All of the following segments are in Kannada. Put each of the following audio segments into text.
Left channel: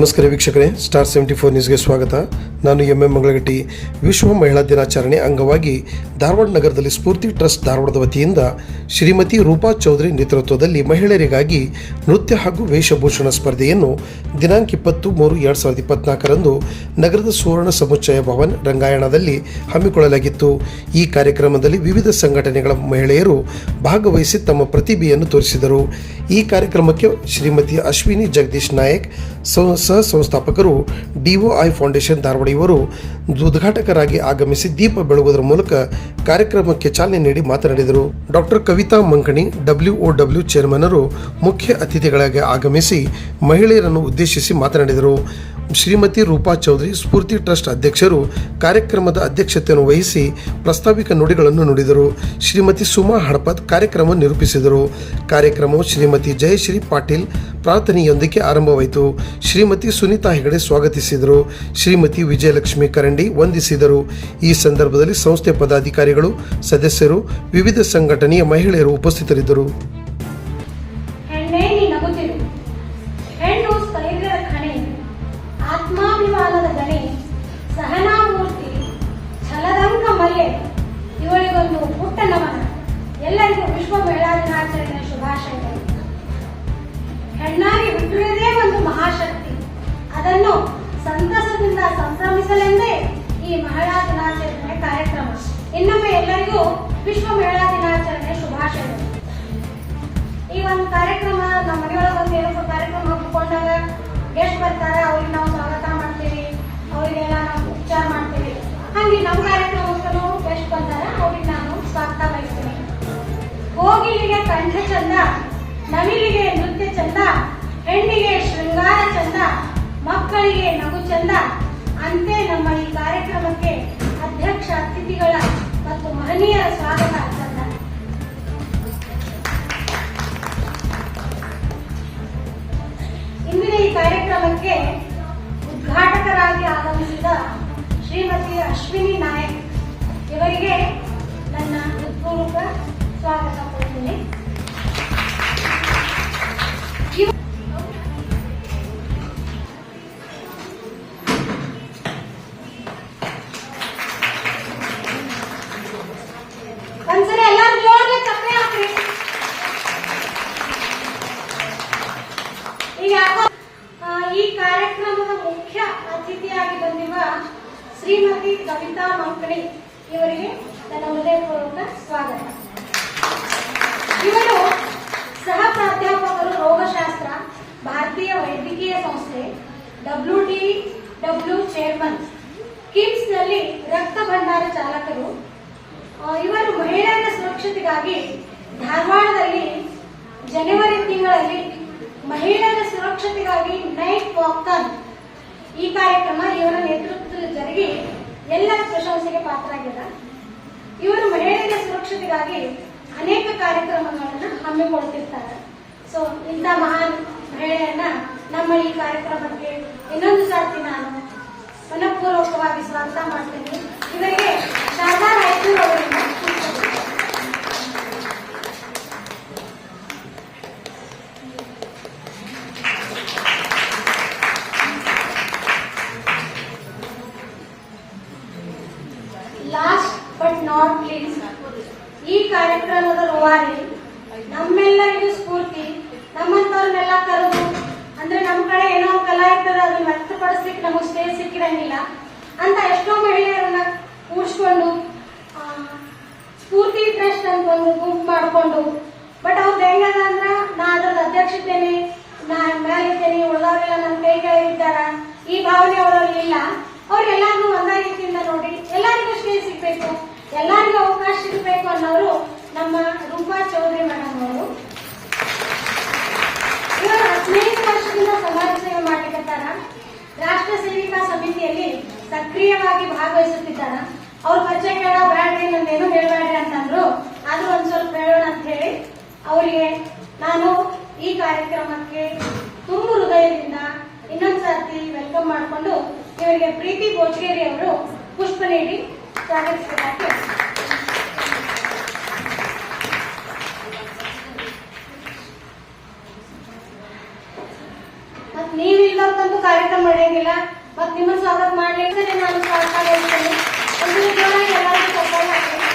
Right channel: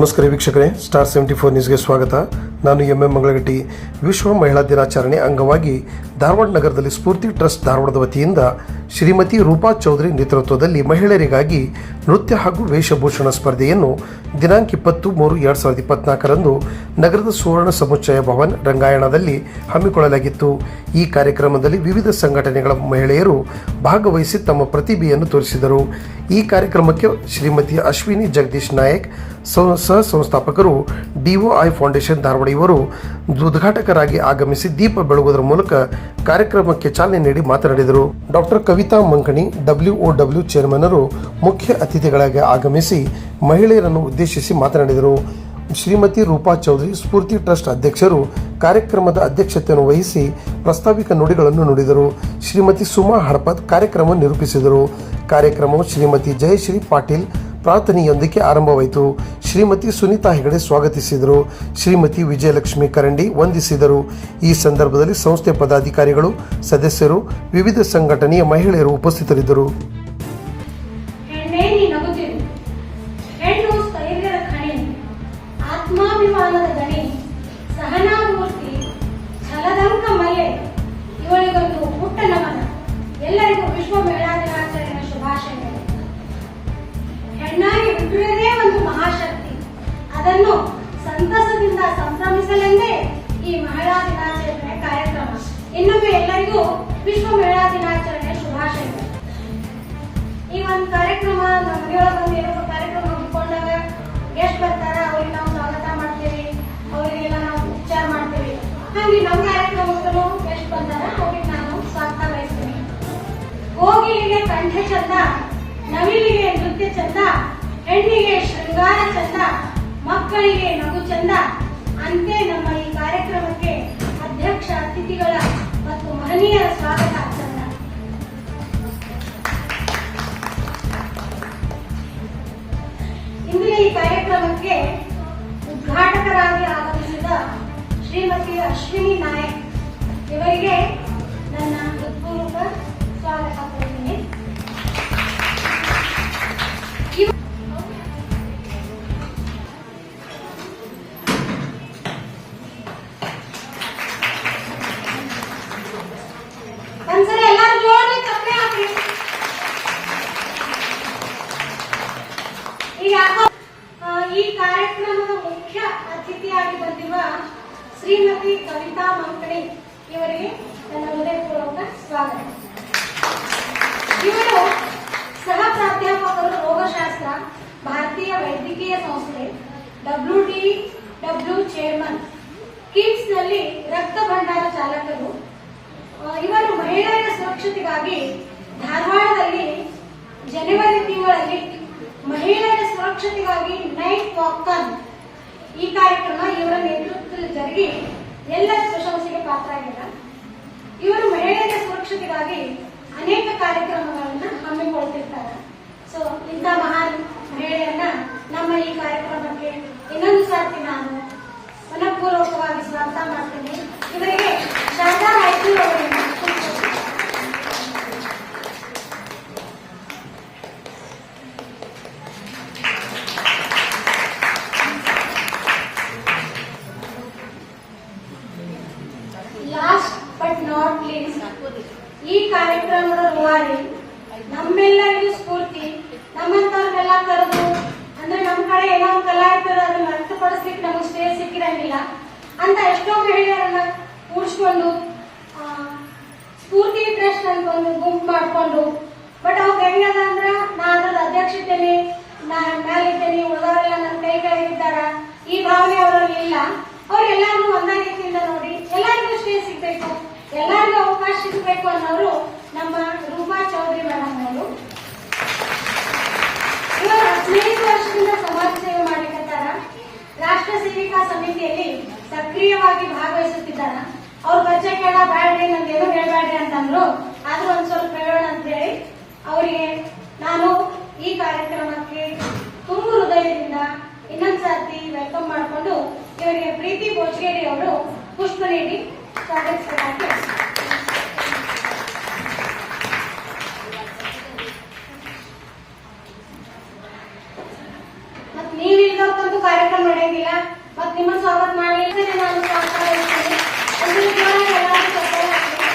ನಮಸ್ಕಾರ ವೀಕ್ಷಕರೇ, ಸ್ಟಾರ್ 74 ನ್ಯೂಸ್ಗೆ ಸ್ವಾಗತ. ನಾನು ಎಂ ಮಂಗಳಗಟ್ಟಿ. ವಿಶ್ವ ಮಹಿಳಾ ದಿನಾಚರಣೆ ಅಂಗವಾಗಿ ಧಾರವಾಡ ನಗರದಲ್ಲಿ ಸ್ಫೂರ್ತಿ ಟ್ರಸ್ಟ್ ಧಾರವಾಡದ ವತಿಯಿಂದ ಶ್ರೀಮತಿ ರೂಪಾ ಚೌಧರಿ ನೇತೃತ್ವದಲ್ಲಿ ಮಹಿಳೆಯರಿಗಾಗಿ ನೃತ್ಯ ಹಾಗೂ ವೇಷಭೂಷಣ ಸ್ಪರ್ಧೆಯನ್ನು ದಿನಾಂಕ 20-3-2024 ನಗರದ ಸುವರ್ಣ ಸಮುಚ್ಚಯ ಭವನ್ ರಂಗಾಯಣದಲ್ಲಿ ಹಮ್ಮಿಕೊಳ್ಳಲಾಗಿತ್ತು. ಈ ಕಾರ್ಯಕ್ರಮದಲ್ಲಿ ವಿವಿಧ ಸಂಘಟನೆಗಳ ಮಹಿಳೆಯರು ಭಾಗವಹಿಸಿ ತಮ್ಮ ಪ್ರತಿಭೆಯನ್ನು ತೋರಿಸಿದರು. ಈ ಕಾರ್ಯಕ್ರಮಕ್ಕೆ ಶ್ರೀಮತಿ ಅಶ್ವಿನಿ ಜಗದೀಶ್ ನಾಯಕ್, ಸಹ ಸಂಸ್ಥಾಪಕರು ಡಿಒಐ ಫೌಂಡೇಶನ್ ಧಾರವಾಡ ಇವರು ಉದ್ಘಾಟಕರಾಗಿ ಆಗಮಿಸಿ ದೀಪ ಬೆಳಗುವುದರ ಮೂಲಕ ಕಾರ್ಯಕ್ರಮಕ್ಕೆ ಚಾಲನೆ ನೀಡಿ ಮಾತನಾಡಿದರು. ಡಾಕ್ಟರ್ ಕವಿತಾ ಮಂಕಣಿ WOW ಚೇರ್ಮನ್ನರು ಮುಖ್ಯ ಅತಿಥಿಗಳಾಗಿ ಆಗಮಿಸಿ ಮಹಿಳೆಯರನ್ನು ಉದ್ದೇಶಿಸಿ ಮಾತನಾಡಿದರು. ಶ್ರೀಮತಿ ರೂಪಾ ಚೌಧರಿ ಸ್ಫೂರ್ತಿ ಟ್ರಸ್ಟ್ ಅಧ್ಯಕ್ಷರು ಕಾರ್ಯಕ್ರಮದ ಅಧ್ಯಕ್ಷತೆಯನ್ನು ವಹಿಸಿ ಪ್ರಾಸ್ತಾವಿಕ ನುಡಿಗಳನ್ನು ನುಡಿದರು. ಶ್ರೀಮತಿ ಸುಮಾ ಹಡಪದ್ ಕಾರ್ಯಕ್ರಮ ನಿರೂಪಿಸಿದರು. ಕಾರ್ಯಕ್ರಮವು ಶ್ರೀಮತಿ ಜಯಶ್ರೀ ಪಾಟೀಲ್ ಪ್ರಾರ್ಥನೆಯೊಂದಿಗೆ ಆರಂಭವಾಯಿತು. ಶ್ರೀಮತಿ ಸುನೀತಾ ಹೆಗಡೆ ಸ್ವಾಗತಿಸಿದರು. ಶ್ರೀಮತಿ ವಿಜಯಲಕ್ಷ್ಮಿ ಕರಂಡಿ ವಂದಿಸಿದರು. ಈ ಸಂದರ್ಭದಲ್ಲಿ ಸಂಸ್ಥೆ ಪದಾಧಿಕಾರಿಗಳು, ಸದಸ್ಯರು, ವಿವಿಧ ಸಂಘಟನೆಯ ಮಹಿಳೆಯರು ಉಪಸ್ಥಿತರಿದ್ದರು. ಆತ್ಮಾಭಿಮಾನದ ಗಣಿ, ಸಹನಾಮೂರ್ತಿ, ಛಲದಂಕ ಮಲ್ಲೆ, ಇವಳಿಗೊಂದು ಪುಟ್ಟ ನಮನ. ಎಲ್ಲರಿಗೂ ವಿಶ್ವ ಮಹಿಳಾ ದಿನಾಚರಣೆಯ ಶುಭಾಶಯಗಳು. ಹೆಣ್ಣಾಗಿ ಹುಟ್ಟಿರುವುದೇ ಒಂದು ಮಹಾಶಕ್ತಿ. ಅದನ್ನು ಸಂತಸದಿಂದ ಸಂಭ್ರಮಿಸಲೆಂದೇ ಈ ಮಹಿಳಾ ದಿನಾಚರಣೆ ಕಾರ್ಯಕ್ರಮ. ಇನ್ನೊಮ್ಮೆ ಎಲ್ಲರಿಗೂ ವಿಶ್ವ ಮಹಿಳಾ ದಿನಾಚರಣೆ ಶುಭಾಶಯಗಳು. ಈ ಒಂದು ಕಾರ್ಯಕ್ರಮ ನಮ್ಮ ಮನೆಯೊಳಗೆ ಏನಪ್ಪ ಕಾರ್ಯಕ್ರಮ ಹಮ್ಮಿಕೊಂಡಾಗ ಗೆಸ್ಟ್ ಬರ್ತಾರ, ಅವ್ರಿಗೆ ನಾವು ಸ್ವಾಗತ ಮಾಡ್ತೀವಿ, ಅವರಿಗೆಲ್ಲ ನಾವು ಉಪಚಾರ ಮಾಡ್ತೀವಿ. ಹಾಗೆ ನಮ್ಮ ಕಾರ್ಯಕ್ರಮಕ್ಕೂ ಗೆಸ್ಟ್ ಬಂದಾರ, ಅವ್ರಿಗೆ ನಾನು ಸ್ವಾಗತ ಬಯಸ್ತೀನಿ. ಕೋಗಿಲಿಗೆ ಕಂಠ ಚಂದ, ನವಿಲಿಗೆ ನೃತ್ಯ ಚಂದ, ಹೆಣ್ಣಿಗೆ ಶೃಂಗಾರ ಚಂದ, ಮಕ್ಕಳಿಗೆ ನಗು ಚಂದ. ಅಂತೆ ನಮ್ಮ ಈ ಕಾರ್ಯಕ್ರಮಕ್ಕೆ ಅಧ್ಯಕ್ಷ, ಅತಿಥಿಗಳ ಮತ್ತು ಮಹನೀಯರ ಸ್ವಾಗತ ಚಂದ. ಇಂದಿನ ಈ ಕಾರ್ಯಕ್ರಮಕ್ಕೆ ಉದ್ಘಾಟಕರಾಗಿ ಆಗಮಿಸಿದ ಶ್ರೀಮತಿ ಅಶ್ವಿನಿ ನಾಯಕ್ ಇವರಿಗೆ ನನ್ನ ಹೃತ್ಪೂರ್ವಕ ಸ್ವಾಗತ ಕೊಡುತ್ತೇನೆ. ಒಂದ್ಸಲ ಎಲ್ಲರೂ ಜೋರಾಗಿ ಚಪ್ಪಾಳೆ ಹಾಕ್ರಿ. ಈಗ ಈ ಕಾರ್ಯಕ್ರಮದ ಮುಖ್ಯ ಅತಿಥಿಯಾಗಿ ಬಂದಿರುವ ಶ್ರೀಮತಿ ಕವಿತಾ ಮಂಕಣಿ ಇವರಿಗೆ ನನ್ನ ಹೃದಯಪೂರ್ವಕ ಸ್ವಾಗತ. ಇವರು ಸಹ ಪ್ರಾಧ್ಯಾಪಕರು ರೋಗಶಾಸ್ತ್ರ, ಭಾರತೀಯ ವೈದ್ಯಕೀಯ ಸಂಸ್ಥೆ, WTW ಚೇರ್ಮನ್, ಕಿಮ್ಸ್ ನಲ್ಲಿ ರಕ್ತ ಭಂಡಾರ ಚಾಲಕರು. ಇವರು ಮಹಿಳೆಯರ ಸುರಕ್ಷತೆಗಾಗಿ ಧಾರವಾಡದಲ್ಲಿ ಜನವರಿ ತಿಂಗಳಲ್ಲಿ ಮಹಿಳೆಯರ ಸುರಕ್ಷತೆಗಾಗಿ ನೈಟ್ ವಾಕಥಾನ್ ಈ ಕಾರ್ಯಕ್ರಮ ಇವರ ನೇತೃತ್ವದಲ್ಲಿ ಜರುಗಿ ಎಲ್ಲರ ಪ್ರಶಂಸೆಗೆ ಪಾತ್ರರಾಗಿದ್ದಾರೆ. ಇವರು ಮಹಿಳೆಯರ ಸುರಕ್ಷತೆಗಾಗಿ ಅನೇಕ ಕಾರ್ಯಕ್ರಮಗಳನ್ನು ಹಮ್ಮಿಕೊಳ್ತಿರ್ತಾರೆ. ಸೊ ಇಂಥ ಮಹಾನ್ ಮಹಿಳೆಯನ್ನ ನಮ್ಮ ಈ ಕಾರ್ಯಕ್ರಮಕ್ಕೆ ಇನ್ನೊಂದು ಸರ್ತಿ ನಾನು ಮನಪೂರ್ವಕವಾಗಿ ಸ್ವಾಗತ ಮಾಡ್ತೀನಿ. ಇವರಿಗೆ ಶಾರದಾ ರಾಯಚೂರು ಅವರಿಂದ ಲಾಸ್ಟ್ ಬಟ್ ನಾಟ್ ಲೀಸ್ಟ್, ಈ ಕಾರ್ಯಕ್ರಮದ ರೂವಾರಿ, ನಮ್ಮೆಲ್ಲರಿಗೂ ಸ್ಫೂರ್ತಿ, ನಮ್ಮಂತವ್ರನ್ನೆಲ್ಲ ಕರೆದು ಅಂದ್ರೆ ನಮ್ಮ ಕಡೆ ಏನೋ ಒಂದು ಕಲಾ ಇರ್ತದೆ, ಅದನ್ನ ವ್ಯಕ್ತಪಡಿಸ್ಲಿಕ್ಕೆ ನಮಗೆ ಸ್ಟೇಜ್ ಸಿಕ್ಕಿರಂಗಿಲ್ಲ ಅಂತ ಎಷ್ಟೋ ಮಹಿಳೆಯರನ್ನ ಕೂಡಿಸ್ಕೊಂಡು ಸ್ಫೂರ್ತಿ ಟ್ರಸ್ಟ್ ಅಂತ ಒಂದು ಗುಂಪು ಮಾಡಿಕೊಂಡು, ಬಟ್ ಅವ್ರು ಹೆಂಗದ ಅಂದ್ರ ನಾ ಅದ್ರದ್ದು ಅಧ್ಯಕ್ಷತೆನಿ, ನಾ ಮೇಲಿದ್ದೇನೆ, ಉಳಿದವರೆಲ್ಲ ನನ್ನ ಕೈ ಕೆಳಗಿದ್ದಾರ, ಈ ಭಾವನೆ ಅವರಲ್ಲಿ ಇಲ್ಲ. ಅವ್ರಿಗೆಲ್ಲಾರು ಒಂದೇ ರೀತಿಯಿಂದ ನೋಡಿ ಎಲ್ಲರಿಗೂ ಸ್ಟೇಜ್ ಸಿಗ್ಬೇಕು, ಎಲ್ಲರಿಗೂ ಅವಕಾಶ ಸಿಗಬೇಕು ಅನ್ನೋರು ನಮ್ಮ ರೂಪಾ ಚೌಧರಿ ಮೇಡಮ್ ಅವರು. ಇವರು 15 ವರ್ಷದಿಂದ ಸಮಾಜ ಸೇವೆ ಮಾಡ್ಲಿಕ್ಕತ್ತಾರ. ರಾಷ್ಟ್ರ ಸೇವಿಕಾ ಸಮಿತಿಯಲ್ಲಿ ಸಕ್ರಿಯವಾಗಿ ಭಾಗವಹಿಸುತ್ತಿದ್ದಾರ. ಅವ್ರ ಪರಿಚಯ ಕೇಳ ಬ್ಯಾಡ್ರಿ, ನಮ್ಗೇನು ಹೇಳ್ಬೇಡ್ರಿ ಅಂತಂದ್ರು, ಆದ್ರೂ ಒಂದ್ ಸ್ವಲ್ಪ ಹೇಳೋಣ ಅಂತ ಹೇಳಿ ಅವರಿಗೆ ನಾನು ಈ ಕಾರ್ಯಕ್ರಮಕ್ಕೆ ತುಂಬ ಹೃದಯದಿಂದ ಇನ್ನೊಂದ್ಸರ್ತಿ ವೆಲ್ಕಮ್ ಮಾಡಿಕೊಂಡು ಇವರಿಗೆ ಪ್ರೀತಿ ಬೋಜ್ಗೇರಿ ಅವರು ಪುಷ್ಪ ನೀಡಿ ಸ್ವಾಗತಿಸಬೇಕಾಗಿ. ಮತ್ ನೀವಿಲ್ಲ ಇಲ್ಲದಂತೂ ಕಾರ್ಯಕ್ರಮ ನಡೆಯೋದಿಲ್ಲ. ಮತ್ತೆ ನಿಮ್ಮ ಸ್ವಾಗತ ಮಾಡಲಿಕ್ಕೆ ನಾನು ಸ್ವಾಗತ ಮಾಡ್ತೇನೆ. ಒಂದು ಜನ ಎಲ್ಲರೂ ಸಫಲ ಆಗಲಿ.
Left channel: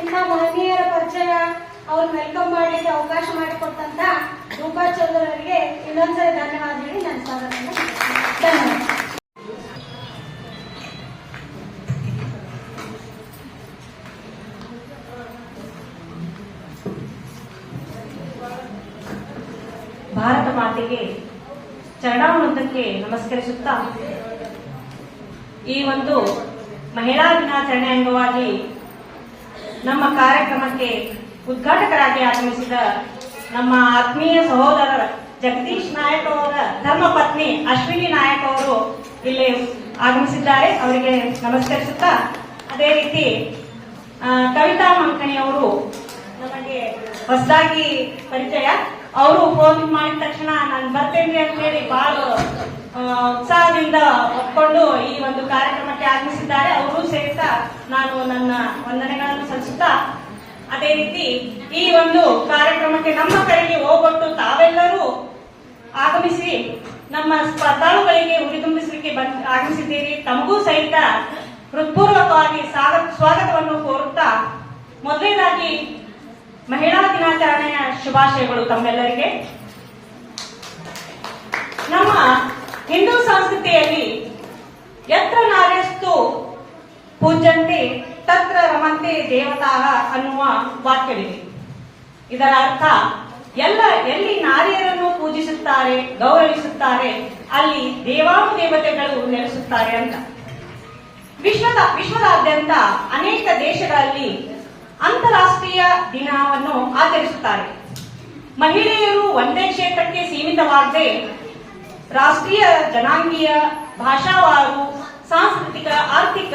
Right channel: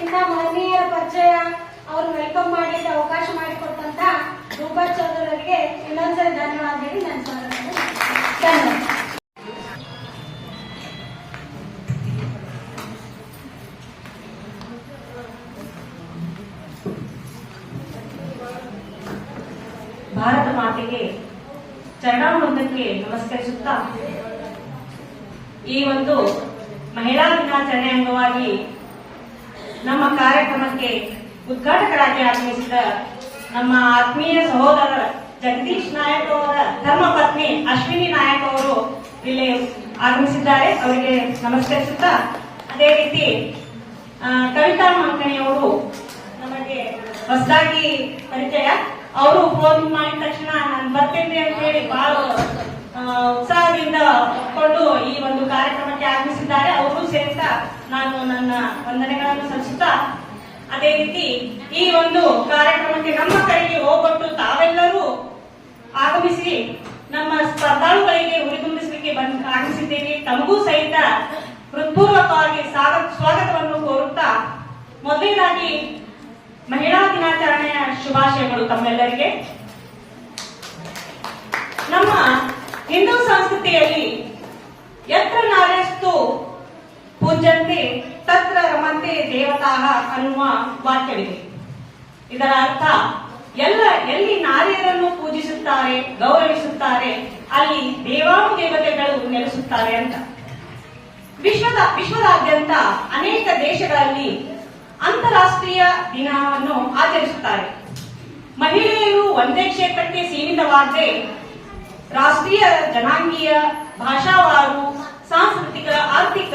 ಇಂಥ ಮಹನೀಯರ ಪರಿಚಯ ಅವ್ರು ವೆಲ್ಕಮ್ ಮಾಡಲಿಕ್ಕೆ ಅವಕಾಶ ಮಾಡಿಕೊಟ್ಟಂತ ರೂಪಾ ಚೌಧರಿ ಅವರಿಗೆ ಇನ್ನೊಂದ್ಸರಿ ಧನ್ಯವಾದ ಹೇಳಿ ನನ್ನ ಸ್ವಾಗತ ಧನ್ಯವಾದ. ಭಾರತ ಮಾತೆಗೆ ಚರಣಾಮೃತಕ್ಕೆ ನಮಸ್ಕರಿಸುತ್ತಾ ಈ ಒಂದು ಮಹಿಳಾ ದಿನಾಚರಣೆ ಅಂಗವಾಗಿ ನಮ್ಮ ಕಾರ್ಯಕ್ರಮಕ್ಕೆ ಉದ್ಘಾಟಕರಾಗಿ ಆಗಮಿಸಿದ ನಮ್ಮ ಆತ್ಮೀಯ ಸಹೋದರ ಜಗದೀಶ್ ನಾಯಕ್ ಅವರ ಧರ್ಮಪತ್ನಿ ಅಶ್ವಿನಿ ನಾಯಕ್ ಅವರು ಇಲ್ಲಿ ಆಗಮಿಸಿದ್ದಾರೆ. ಅವರಿಗೆ ನಮಸ್ಕರಿಸುತ್ತಾ ಅದೇ ರೀತಿ ಕವಿತಾ ಮಂಕಣಿಯವರು ನಮಗೆ ಹೊಸದಾಗಿ ಪರಿಚಯ. ಅವರು ಫೋನ್ ಮಾಡಿದ ತಕ್ಷಣ ನಾನು ಬರ್ತೇನೆ ಅಂತ ಹೇಳಿ ಬಹಳ ಉತ್ಸಾಹದಿಂದ ಒಪ್ಪಿಕೊಂಡು ಈ ಒಂದು ಕಾರ್ಯಕ್ರಮಕ್ಕೆ ಆಗಮಿಸಿದ್ದಾರೆ. ಅವರು ಸೇರಿಸ ನಾನು ನನ್ನ ವಂದನೆಗಳನ್ನು ಸಲ್ಲಿಸುತ್ತಾ ಅದೇ ರೀತಿ ಈ ಒಂದು ಕಾರ್ಯಕ್ರಮಕ್ಕೆ ನಮ್ಮ ಕಡೆಗೆ ಹೋಗ್ಬಿಟ್ಟು ತಾವೆಲ್ಲರೂ ಆಗಮಿಸಿ ನಮ್ಮ ಸ್ಪರ್ಧಾಳುಗಳಿಗೆ ಹುರಿದುಂಬಿಸಲಿಕ್ಕೆ ಆಗಮಿಸಿದ್ದೀರಿ. ತಮಗೂ ಸಹಿತ ಹೃತ್ಪೂರ್ವಕವಾಗಿ ಸ್ವಾಗತವನ್ನು ಕೋರುತ್ತಾ ಮೊದಲನೇದಾಗಿ ಮಹಿಳಾ ದಿನಾಚರಣೆಯ ಶುಭಾಶಯಗಳು ತಮ್ಮೆಲ್ಲರಿಗೆ. ನಮ್ಮ ಹಿಂದೂ ಸಂಸ್ಕೃತಿಯಲ್ಲಿ ಯತ್ರ ನಾರ್ಯಸ್ತು ಪೂಜ್ಯಂತೆ ತತ್ರ ರಮಂತೆ ದೇವತಾಃ ಅನ್ನುವ ವಾಕ್ಯವಿದೆ. ಇದರ ಅರ್ಥ ಎಲ್ಲಿ ನಾರಿಯರನ್ನು ಪೂಜಿಸುತ್ತಾರೆ, ಗೌರವಿಸುತ್ತಾರೆ, ಅಲ್ಲಿ ದೇವಾನುದೇವತೆಗಳು ನೆಲೆಸುತ್ತಾರೆ ಅಂತ. ವಿಶ್ವದಾದ್ಯಂತ ಅನೇಕ ದೇಶಗಳಲ್ಲಿ ಅಂತಾರಾಷ್ಟ್ರೀಯ ದಿನವನ್ನು ಆಚರಿಸುತ್ತಾರೆ. ಮಹಿಳೆಯರು ಒಂದೇ ಕ್ಷೇತ್ರಕ್ಕೆ ಸೀಮಿತವಾಗದೆ ರಾಷ್ಟ್ರೀಯ, ಜನಾಂಗೀಯ, ಭಾಷಾವಾರು, ಸಾಂಸ್ಕೃತಿಕ, ಆರ್ಥಿಕ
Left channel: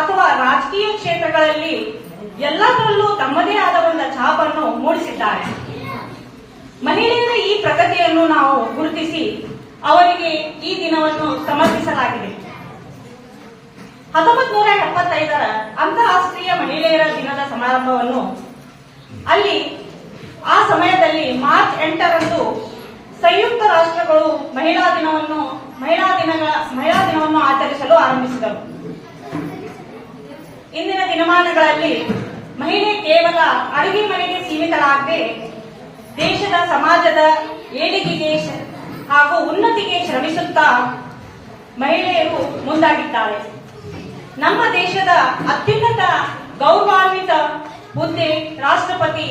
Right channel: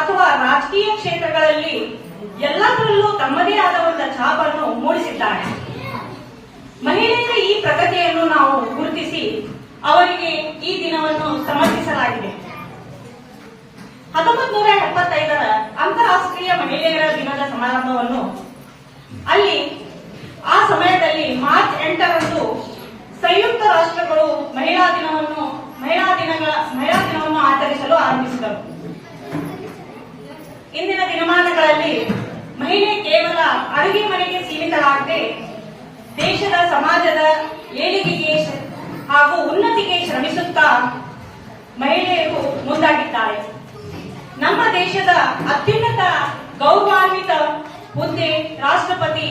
ಅಥವಾ ರಾಜಕೀಯ ಕ್ಷೇತ್ರಗಳಲ್ಲಿ ಎಲ್ಲದರಲ್ಲೂ ತಮ್ಮದೇ ಆದ ಒಂದು ಛಾಪನ್ನು ಮೂಡಿಸಿದ್ದಾರೆ. ಮಹಿಳೆಯರ ಈ ಪ್ರಗತಿಯನ್ನು ನಾವು ಗುರುತಿಸಿ ಅವರಿಗೆ ಈ ದಿನವನ್ನು ಸಮರ್ಪಿಸಲಾಗಿದೆ. 1975ರ ಅಂತಾರಾಷ್ಟ್ರೀಯ ಮಹಿಳೆಯರ ದಿನದ ಸಮಾರಂಭವನ್ನು ಅಲ್ಲಿ ಆ ಸಮಯದಲ್ಲಿ ಮಾರ್ಚ್ 8ರಂದು ಸಂಯುಕ್ತ ರಾಷ್ಟ್ರಗಳು ಮಹಿಳಾ ದಿನವನ್ನು ಆಚರಿಸಲು ಆರಂಭಿಸಿದರು. ಇಂದಿನ ದಿನಮಾನಗಳಲ್ಲಿ ಮಹಿಳೆ ಕೇವಲ ಅಡುಗೆ ಮನೆಗೆ ಸೀಮಿತರಾಗದೆ ದೇಶದ ಸಮಾಜದ ಏಳಿಗೆಗೆ ಹಾಗೂ ಉನ್ನತಿಗೆ ಶ್ರಮಿಸುತ್ತಾ ಮಹಿಳೆಯರು ಮುಂದಾಗಿದ್ದಾರೆ. ನಮ್ಮ ದೇಶದ ಅತ್ಯುನ್ನತ ಗೌರವಾನ್ವಿತ ಹುದ್ದೆ ರಾಷ್ಟ್ರಪತಿ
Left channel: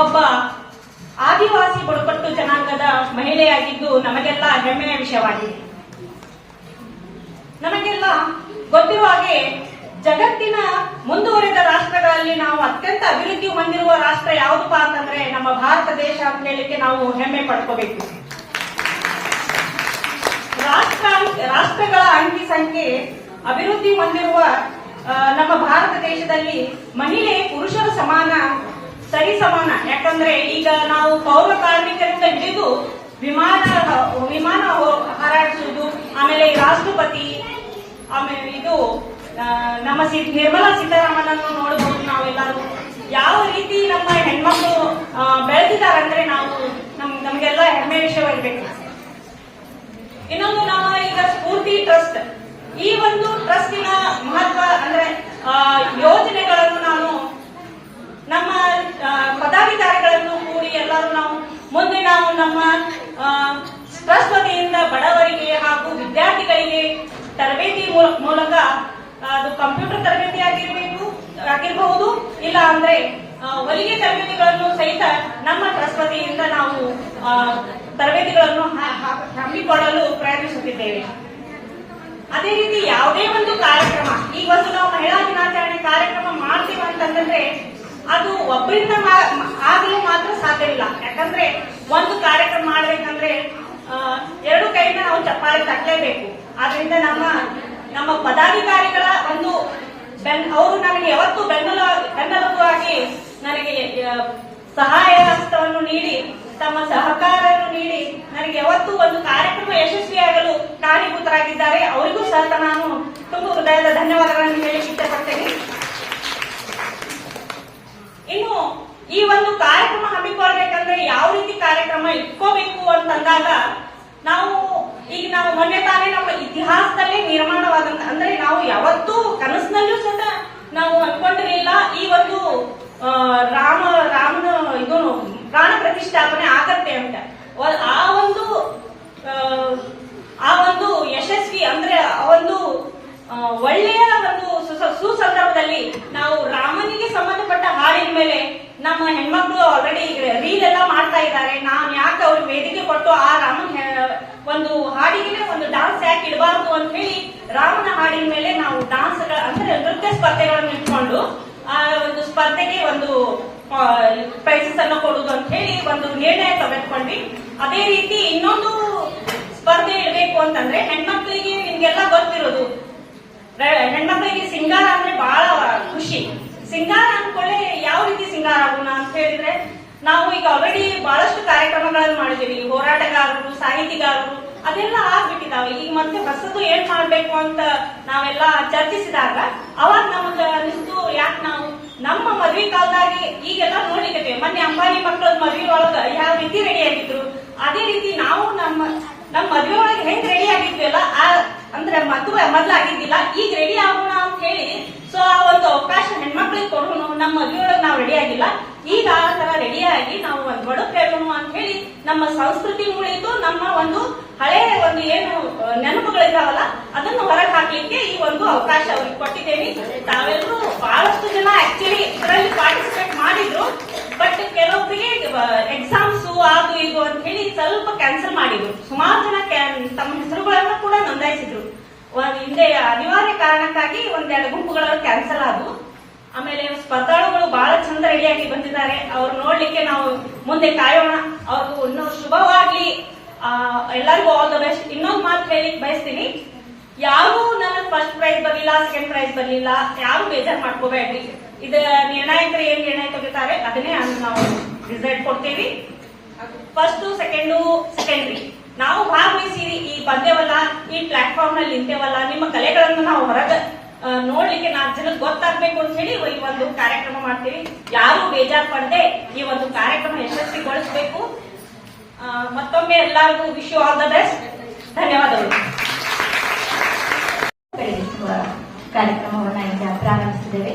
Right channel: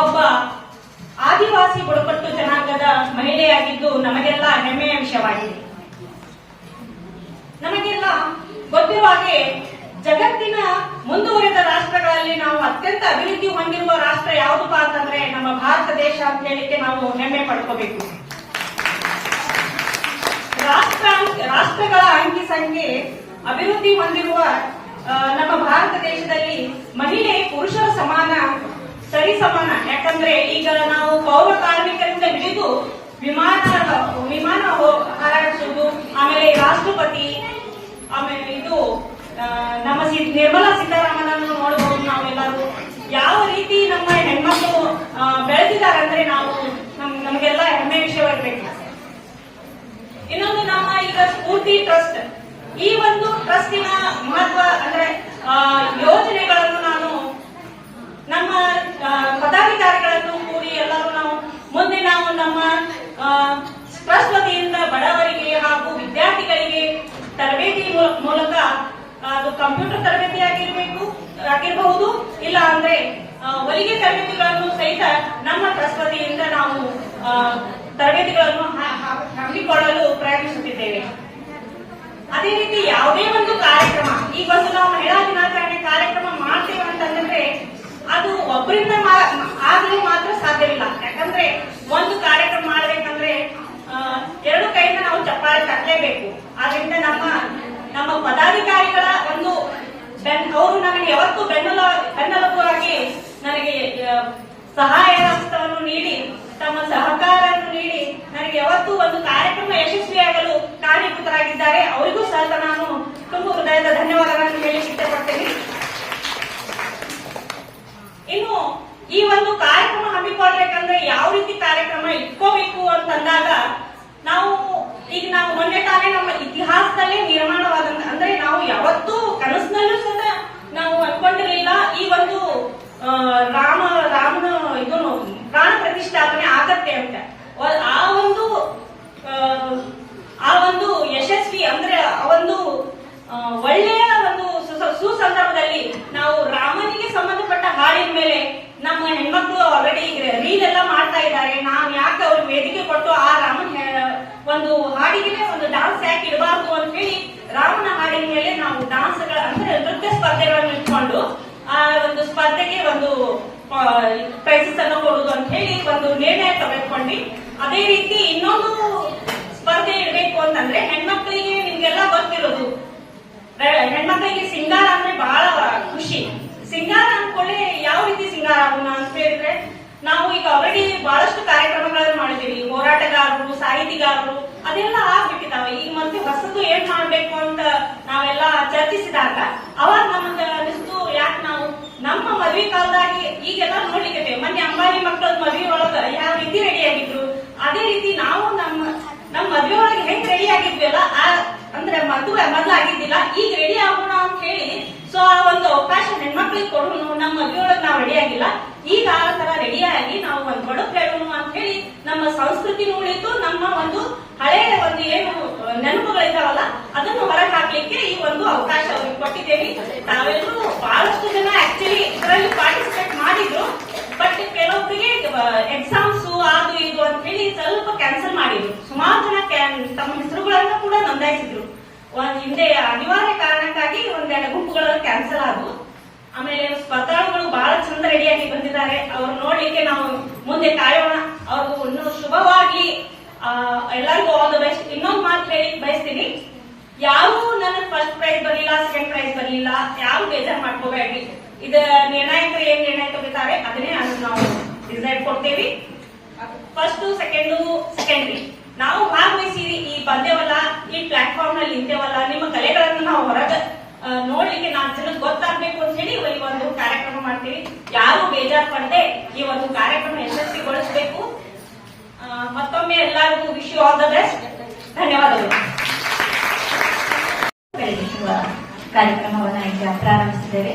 ಒಬ್ಬ ಆದಿವಾಸಿ ಬುಡಕಟ್ಟು ಜನಾಂಗದ ಮಹಿಳೆಯಾಗಿದ್ದು ನಮಗೆಲ್ಲ ಹೆಮ್ಮೆಯ ವಿಷಯವಾಗಿದೆ. ನಮಗೆಲ್ಲ ಗೊತ್ತಿರುವ ಹಾಗೆ ಜಗತ್ತಿನ ಮುಂದುವರೆದ ರಾಷ್ಟ್ರಗಳಲ್ಲಿ ನಾವು ಅತ್ಯಂತ ಅಭಿವೃದ್ಧಿ ಹೊಂದಿರುವ ರಾಷ್ಟ್ರ ಯಾವುದಪ್ಪ ಅಂತಂದ್ರೆ ನಮ್ಮ ಭಾರತ ದೇಶ ಅಂತ ಹೇಳಿಕ್ಕೆ ನಾವು ಹೆಮ್ಮೆ ಪಡ್ಕೋಬೇಕು. ರಾಷ್ಟ್ರಗಳ ಅಂಕಿ ಸಂಖ್ಯೆ ಅಭಿವೃದ್ಧಿ ಹೊಂದಿರುವ ನಮ್ಮ ಭಾರತ ದೇಶದಲ್ಲಿ ಮಹಿಳೆ ಪುರುಷರ ಸರಿಸಮಾನ. ಯಾಕಂದ್ರೆ ಈಗ ನಾವು ಪೌರ ಕಾರ್ಮಿಕರಿಂದ ಹಿಡಿದು ವಿಮಾನ ಹಾರಾಡಿಸುವುದು, ಆಮೇಲೆ ರಾಷ್ಟ್ರಪತಿ, ಆಮೇಲೆ ಇದು ನಮ್ಮ ನಿರ್ಮಲಾ ಸೀತಾರಾಮನ್ ನೋಡಬಹುದು. ನಾವೆಲ್ಲರೂ ಯಾವ ರೀತಿ ನಮ್ಮ ಹೆಣ್ಮಕ್ಳು ಬೆಳೆದಿದ್ದಾರಂದ್ರೆ ನಮಗೆಲ್ಲ ಹೆಮ್ಮೆ ವಿಷಯವಾಗಿರ್ಬೇಕು. ಇನ್ನೊಂದು ನಮ್ಮ ಈಗ ಸ್ಫೂರ್ತಿ ಟ್ರಸ್ಟ್, ಈ ಒಂದು ಟ್ರಸ್ಟಿನ ಮಹತ್ವ ಅಂದ್ರೆ ಯೋಜನೆಗಳನ್ನು ನಾನು ನಮ್ಮ ಪದಾಧಿಕಾರಿಗಳನ್ನು ಕೂಡಿ ಎಲ್ಲರೂ ನಾವು ಮುಂದೆ ನಮ್ಮ ಟ್ರಸ್ಟ್ ವತಿಯಿಂದ ಬಡವರಿಗೆ ಹಾಗೂ ವಿದ್ಯಾರ್ಥಿಗಳಿಗೆ ತರಬೇತಿ ಮೂಲಕ ಅದು ಕಂಪ್ಯೂಟರ್ ತರಬೇತಿ ಆಗಿರಬಹುದು, ಇಲ್ಲ ಅಂದ್ರೆ ಹೊಲಿಗೆ ತರಬೇತಿಗಳನ್ನು ಸಹಿತ ನಮ್ಮ ಟ್ರಸ್ಟ್ ವತಿಯಿಂದ ನಾವು ತರಬೇತಿಗಳನ್ನು ಹಮ್ಮಿಕೊಳ್ಳಲು ಪ್ರಯತ್ನಿಸುತ್ತಿದ್ದೇವೆ. ಅದೇ ರೀತಿ ಯಾವುದೇ ಒಂದು ಕಾರ್ಯಕ್ರಮ, ಈಗ ಒಂದು ನಾವು ಮಹಿಳಾ ದಿನಾಚರಣೆ ಕಾರ್ಯಕ್ರಮ ಮಾಡ್ತೀವಿ ಅಂತಂದ್ರೆ ಅದು ಒಬ್ಬರಿಂದ ಆಗಲು ಮಾತ್ರ ಸಾಧ್ಯವಿಲ್ಲ. ಯಾಕಂದ್ರೆ ಒಂದು ಕಾರ್ಯಕ್ರಮ ಮಾಡಬೇಕಂದ್ರೆ ಎರಡು ಕೈಯಿಂದ ನಾವು ಚಪ್ಪಾಳೆ ತಟ್ಟಲೇಬೇಕು. ಆದ್ರಿಂದ ನಮ್ಮ ಪದಾಧಿಕಾರಿಗಳ ಒಂದು ಅವರು ನನಗೆ ಯಾವತ್ತೂ ಬೆನ್ನೆಲುಬಾಗಿ ನನಗೆ ಸಹಾಯ ಹಸ್ತವನ್ನು ನೀಡಿ, ತಮ್ಮ ಸಹಕಾರವನ್ನು ನೀಡಿ ನನಗೆ ಯಾವತ್ತೂ ಒಂದು ಕಾರ್ಯಕ್ರಮ ಯಶಸ್ವಿಯಾಗಲು ಕಾರಣೀಭೂತರಾಗಿದ್ದಾರೆ. ಅವರಿಗೂ ಸಹ ನಾನು ತುಂಬ ಹೃದಯದ ಧನ್ಯವಾದಗಳನ್ನು ಹೇಳಿ ಇಷ್ಟಪಡ್ತೇನೆ. ಇನ್ನು ಈ ಒಂದು ಕಾರ್ಯಕ್ರಮ ಹಮ್ಮಿಕೊಳ್ಬೇಕಂದ್ರೆ ಯಾವ ರೀತಿ ಕಾರ್ಯಕ್ರಮ ಇಟ್ಕೋಬೇಕು ಅಂತ ಅಂದಾಗ ನಾವು ಮೊನ್ನೆ ತಾನೇ ನಮ್ಮ ಇತಿಹಾಸದಲ್ಲೇ ನಿರ್ಮಾಣವಾದಂತ, ಅಂದ್ರೆ ನಾವು ಯಾವತ್ತೂ ಕನಸಿನಲ್ಲೂ ಸಹ ನಾವು ಅನ್ಕೊಂಡಿರಲಿಲ್ಲ ಈ ಒಂದು ರಾಮನ ಇದು ಪ್ರಾಣ ಪ್ರತಿಷ್ಠಾಪನೆ ಆಗತ್ತೆ ಅಂತ. ಆ ಒಂದು ಯಶಸ್ವಿ ಅಂದ್ರೆ ಆ ಒಂದು ಒಳ್ಳೆಯ ಒಂದು ಸುಸಂದರ್ಭದಲ್ಲಿ ನಾವು ರಾಮನಿಗೆ ಸಂಬಂಧಪಟ್ಟ ಹಾಡಿನ ಮೇಲೆ ನಮ್ಮ ಹೆಣ್ಮಕ್ಳು ಆಲ್ರೆಡಿ ರೀಲ್ ಎಲ್ಲ ಮಾಡ್ತಾ ಇದ್ದಾರೆ. ನಾನು ಯಾಕೆ ಅವ್ರಿಗೆ ವೇದಿಕೆ ಕೊಟ್ಟು ಆ ರಾಮನ ಒಂದು ಹಾಡಿಗೆ ಒಂದು ಡಾನ್ಸ್ ಯಾಕೆ ಇಡಬಾರ್ದು ಅಂತ ಹೇಳಿ ರಾಮನ ಹಾಡಿನ ಮೇಲೆ ನಾವು ಡಾನ್ಸ್ ಅಂದ್ರೆ ನೃತ್ಯ ಸ್ಪರ್ಧೆಗಳನ್ನು ಇಟ್ಕೊಂಡು ಆ ಒಂದು ಸ್ಪರ್ಧೆಗೆ ಒಂದು ಪ್ರೈಸಸ್ ಅನ್ನು ಕೊಡುದು ಅಂತ ಹೇಳಿ ಒಂದು ನಿರ್ಣಯ ತೆಗೆದುಕೊಂಡ್ವಿ. ಅದೇ ರೀತಿ ಇನ್ನೊಂದು ಸ್ಪರ್ಧೆ ಇಡಬೇಕು ಅಂತಂದ್ರೆ ಹೆಣ್ಮಕ್ಳಿಗೆ ನಿಮ್ಗೆಲ್ಲ ಗೊತ್ತಿರೋದು, ಹೆಣ್ಮಕ್ಳಿಗೆ ಸಿಂಗಾರ ಅಂದ್ರೆ ಬಹಳ ಖುಷಿ. ಸಿಂಗಾರ ಅನ್ಕೊಂಡೆ ಯಾವ ರೀತಿ ಸಿಂಗಾರ ಆಗೋಣ ಅಂತ ಹೇಳಿದ್ರೆ ನಾವು ಈಗ ಆಲ್ರೆಡಿ ಬಹಳಷ್ಟು ಕಾರ್ಯಕ್ರಮಗಳನ್ನು ಮಾಡಿದೀವಿ. ಹೋರಾಟಗಾರರು, ಸಾಹಿತಿಗಾರರು ಅದೆಲ್ಲ ಆಗ್ಬಿಟ್ಟಿದಾವೆ. ಈಗ ಮತ್ತೆ ಹೊಸದು ಏನ್ ಮಾಡ್ಬೇಕು ಅಂತ ನಾವೆಲ್ಲ ಚರ್ಚಿಸಿದಾಗ ಅವಾಗ ನಮ್ಗೆ ಅನಿಸ್ತು, ಯಾಕೆ ನಾವು ನಮ್ಮ ಮದ್ವೆ ಕಾಲದಾಗಿ ಈಗೆಲ್ಲ ನೋಡ್ಲಿಕ್ಕೆ ಮೊನ್ನೆ ಅಂಬಾನಿ ಮಕ್ಕಳ ಮದ್ವೆ ಒಳಗ ಯಾವ ರೀತಿ ರೆಡಿ ಆಗಿದ್ರು, ಅದೇ ರೀತಿ ನಾವು ನಮ್ಮ ಮದ್ವೆ ಒಳಗೆ ಹೆಂಗ್ ರೆಡಿ ಆಗಿದ್ವಿಲ್ಲ, ಅಂದ್ರೆ ಮೊದ್ಲಾಗಿದ್ದಿಲ್ಲ, ಈಗ ರೆಡಿ ಆಗೋಣ ಅಂತ ಹೇಳಿ ಸೊ ಆ ಒಂದು ಅವಕಾಶ ಹೆಣ್ಮಕ್ಳಿಗೆ ಕೊಡೋಣ. ನಮ್ಮ ಮದ್ವೆ ಒಳಗೆ ನಾವು ರೆಡಿ ಆಗಿಲ್ಲ, ಈಗ ಆ ತರ ರೆಡಿ ಆಗಿ ನಾವು ಒಂದು ಬಡಕ್ ಹೇಳೋಣ ಅಂತ ಹೇಳಿ ನಮ್ಮ ಸಂಸ್ಕೃತಿ ಉಳಿತು, ನಮ್ಮ ಒಂದು ಹಳೆ ಒಂದು ಏನು ನೆನಪುಗಳಿದಾವಲ್ಲ ಅದನ್ನು ಹೊರಗೆ ಹಾಕ್ಲಿಕ್ಕೆ ಈ ಒಂದು ಅವಕಾಶ ಅವ್ರಿಗೆ ಕೊಟ್ಟಿದ್ದೇವೆ. ತಾವೆಲ್ಲರೂ ಬಹಳಷ್ಟು ಜನ ಆಕ್ಚುಲಿ ಇದರಲ್ಲಿ ಪಾರ್ಟಿಸಿಪೇಟ್ ಮಾಡಿದ್ರು, ಬಟ್ ಕೆಲವೊಬ್ಬರಿಗೆ ಎಕ್ಸಾಮ್ಸ್ ಅದು ಇದು ಅಂತ ಹೇಳಿ ಸ್ವಲ್ಪ ಕ್ಯಾನ್ಸಲ್ ಮಾಡಿದ್ರು. ಸುಮಾರು ಜನ ತಮ್ಮ ಹೆಸರುಗಳನ್ನ ಕೂಡ ನೋಂದಾಯಿಸಿದ್ರು. ಹಿಂದೆ ಅನಿವಾರ್ಯ ಕಾರಣಕ್ಕಾಗಿ ಒಂದೆರಡು ಗುಂಪುಗಳ ಕ್ಯಾನ್ಸಲ್ ಆದವು. ಆಮೇಲೆ ಸ್ಪರ್ಧಾಳುಗಳು ಬಹಳ ಚಂದ ರೆಡಿಯಾಗಿ ಬಂದಿದ್ದಾರೆ. ಅವ್ರು ನೋಡ್ಲಿಕ್ಕೆ ನಾವು ಮುಂದೆ ಕಾಯೋಣ. ಅವ್ರಿಗೂ ಇನ್ನೂ ಶುಭವಾಗ್ಲಿ, ಎಲ್ಲರಿಗೂ ಆಲ್ ದ ಬೆಸ್ಟ್. ಇನ್ನೊಂದು ಮಾತು ಹೇಳಿ ಬಯಸ್ತೀನಿ, ಯಾರು ನನಗೆ ಫಸ್ಟ್ ಪ್ರೈಸ್ ಬರ್ಲಿಲ್ಲ, ಸೆಕೆಂಡ್ ಪ್ರೈಸ್ ಬರ್ಲಿಲ್ಲ, ಯಾರು ಬೇಜಾರು ಮಾಡ್ಕೋಬೇಡ್ರಿ. ಇದು ನಿರ್ಣಾಯಕರು ಏನ್ ನಿರ್ಣಯ ತೆಗಿತಾರೆ ಅದನ್ನೇ ನಾವು ರಿಸಲ್ಟ್ ಕೊಡ್ತೇವಿ. ಫಸ್ಟ್ ಸೆಕೆಂಡ್ರಿ ನಾವು ಭಾಗವಹಿಸಿರಿ, ಈ ಬಂದೇವಲ್ಲ, ಈ ಪ್ಲಾಟ್ಫಾರ್ಮ್ ನಲ್ಲಿ ನಿಂತೇವಲ್ಲ, ನಿಮ್ಮ ಕಲೆಗಳನ್ನು ನಾವು ಹೊರಗೆ ನೋಡ್ಲಿಕ್ಕೆ 4 ಜನಕ್ಕೆ ಗೊತ್ತಾಗ್ಬೇಕು ಅಂತ ಹೇಳಿ ಈ ಒಂದು ಕಾರ್ಯಕ್ರಮ ಮಾಡ್ತೀವಿ. ಯಾರು ಬೇಜಾರು ಪಡದೆ ಈ ಒಂದು ಕಾರ್ಯಕ್ರಮ ಯಶಸ್ವಿಗೊಳಿಸಬೇಕು. ಮತ್ತೊಮ್ಮೆ ಎಲ್ಲರಿಗೂ wish you all the best. ಧನ್ಯವಾದಗಳು. ಕಾರ್ಯಕ್ರಮವನ್ನು ಈಗ ಪ್ರಾರಂಭಿಸಿದ್ದೇವೆ.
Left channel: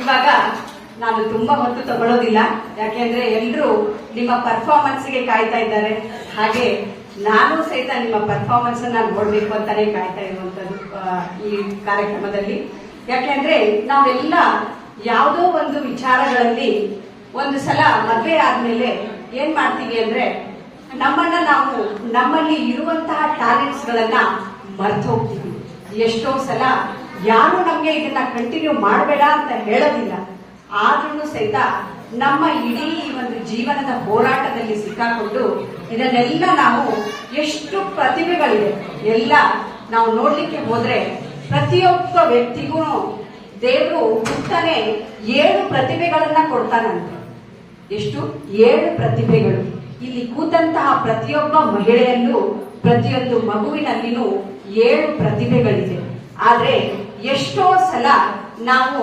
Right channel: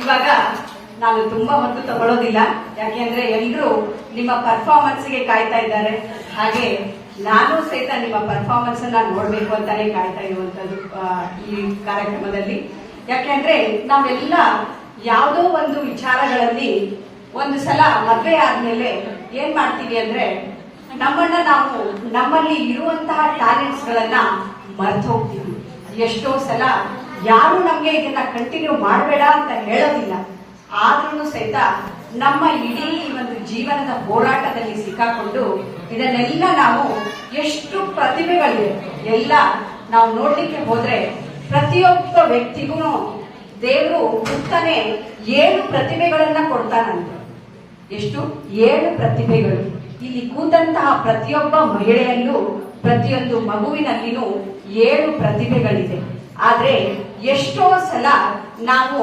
ಇವಾಗ ನಾನು ತುಂಬಾ ಹೊತ್ತು ತಗೊಳ್ಳೋದಿಲ್ಲ, ಯಾಕೆಂದ್ರೆ ಎಲ್ಲರೂ ನಿಮ್ಮ ಪರ್ಫಾರ್ಮೆನ್ಸ್ ಗೆ ಕಾಯ್ತಾ ಇದ್ದಾರೆ. ಹಾಗೆ ನಾನು ಸಹಿತ ನಿಮ್ಮ ಪರ್ಫಾರ್ಮೆನ್ಸ್ ನಾನು ನೋಡ್ಬೇಕು ಅಂತಾನೆ ಕಾಯ್ತಾ ಇರುವಂತದ್ದು ಈ ಕಾರ್ಯಕ್ರಮದಲ್ಲಿ. ಯಾಕೆಂದ್ರೆ ನಾವೆಲ್ಲ ಯಾವುದೋ ಒಂದು ವಿಚಾರಗಳಲ್ಲಿ ಒಂದು ಸಲ ಮದುವೆ ಆದ್ಮೇಲೆ ಏನ್ ಮಾಡ್ತೀವಿ ಅಂದ್ರೆ ನಾವು ನಮ್ಮಲ್ಲಿ ಇರುವಂತಹ ಟ್ಯಾಲೆಂಟ್ಸ್ ಗಳನ್ನ ಮರ್ತು ಹೋಗ್ತೀವಿ. ಎಷ್ಟೋ ಸಲ ಯಾರು ನಮ್ಗೆ ಇದನ್ನ ಕಂಟಿನ್ಯೂ ಮಾಡಬೇಡ ಅಂತ ಹೇಳೋದಿಲ್ಲ, ಆದ್ರೂ ಸಹಿತ ನಮ್ಮ ಇಡೀ ಒಂದು ಜೀವನದ ಹೋರಾಟದಲ್ಲಿ ಸಿಕ್ಕಾಕೊಂಡು ಇದನ್ನೆಲ್ಲ ನಾವು ಎಷ್ಟು ಪ್ರತಿಭೆಗಳಿವೆ ಎಲ್ಲ ನಾವು ನೋಡ್ಲಿಕ್ಕೆ ಹೋದ್ರೆ ಪ್ರತಿಯೊಬ್ಬ ವ್ಯಕ್ತಿಗೂ ದೇವರು ಹುಟ್ಟನೆ 7 ಪ್ರತಿಭೆಗಳನ್ನ ಕೊಡ್ತಾನಂತೆ. ಎಷ್ಟು? 7 ಪ್ರತಿಭೆಗಳು. ಇಲ್ಲಿ ಕೂತಂತಹ ಪ್ರತಿಯೊಬ್ಬ ಮಹಿಳೆಯಲ್ಲೂ ಪ್ರತಿಯೊಂದು ಮಗುವಿನಲ್ಲಿನೂ 7 ಪ್ರತಿಭೆಗಳಿವೆ. ಆದ್ರೆ ಎಷ್ಟೋ ಸಲ ನಾವು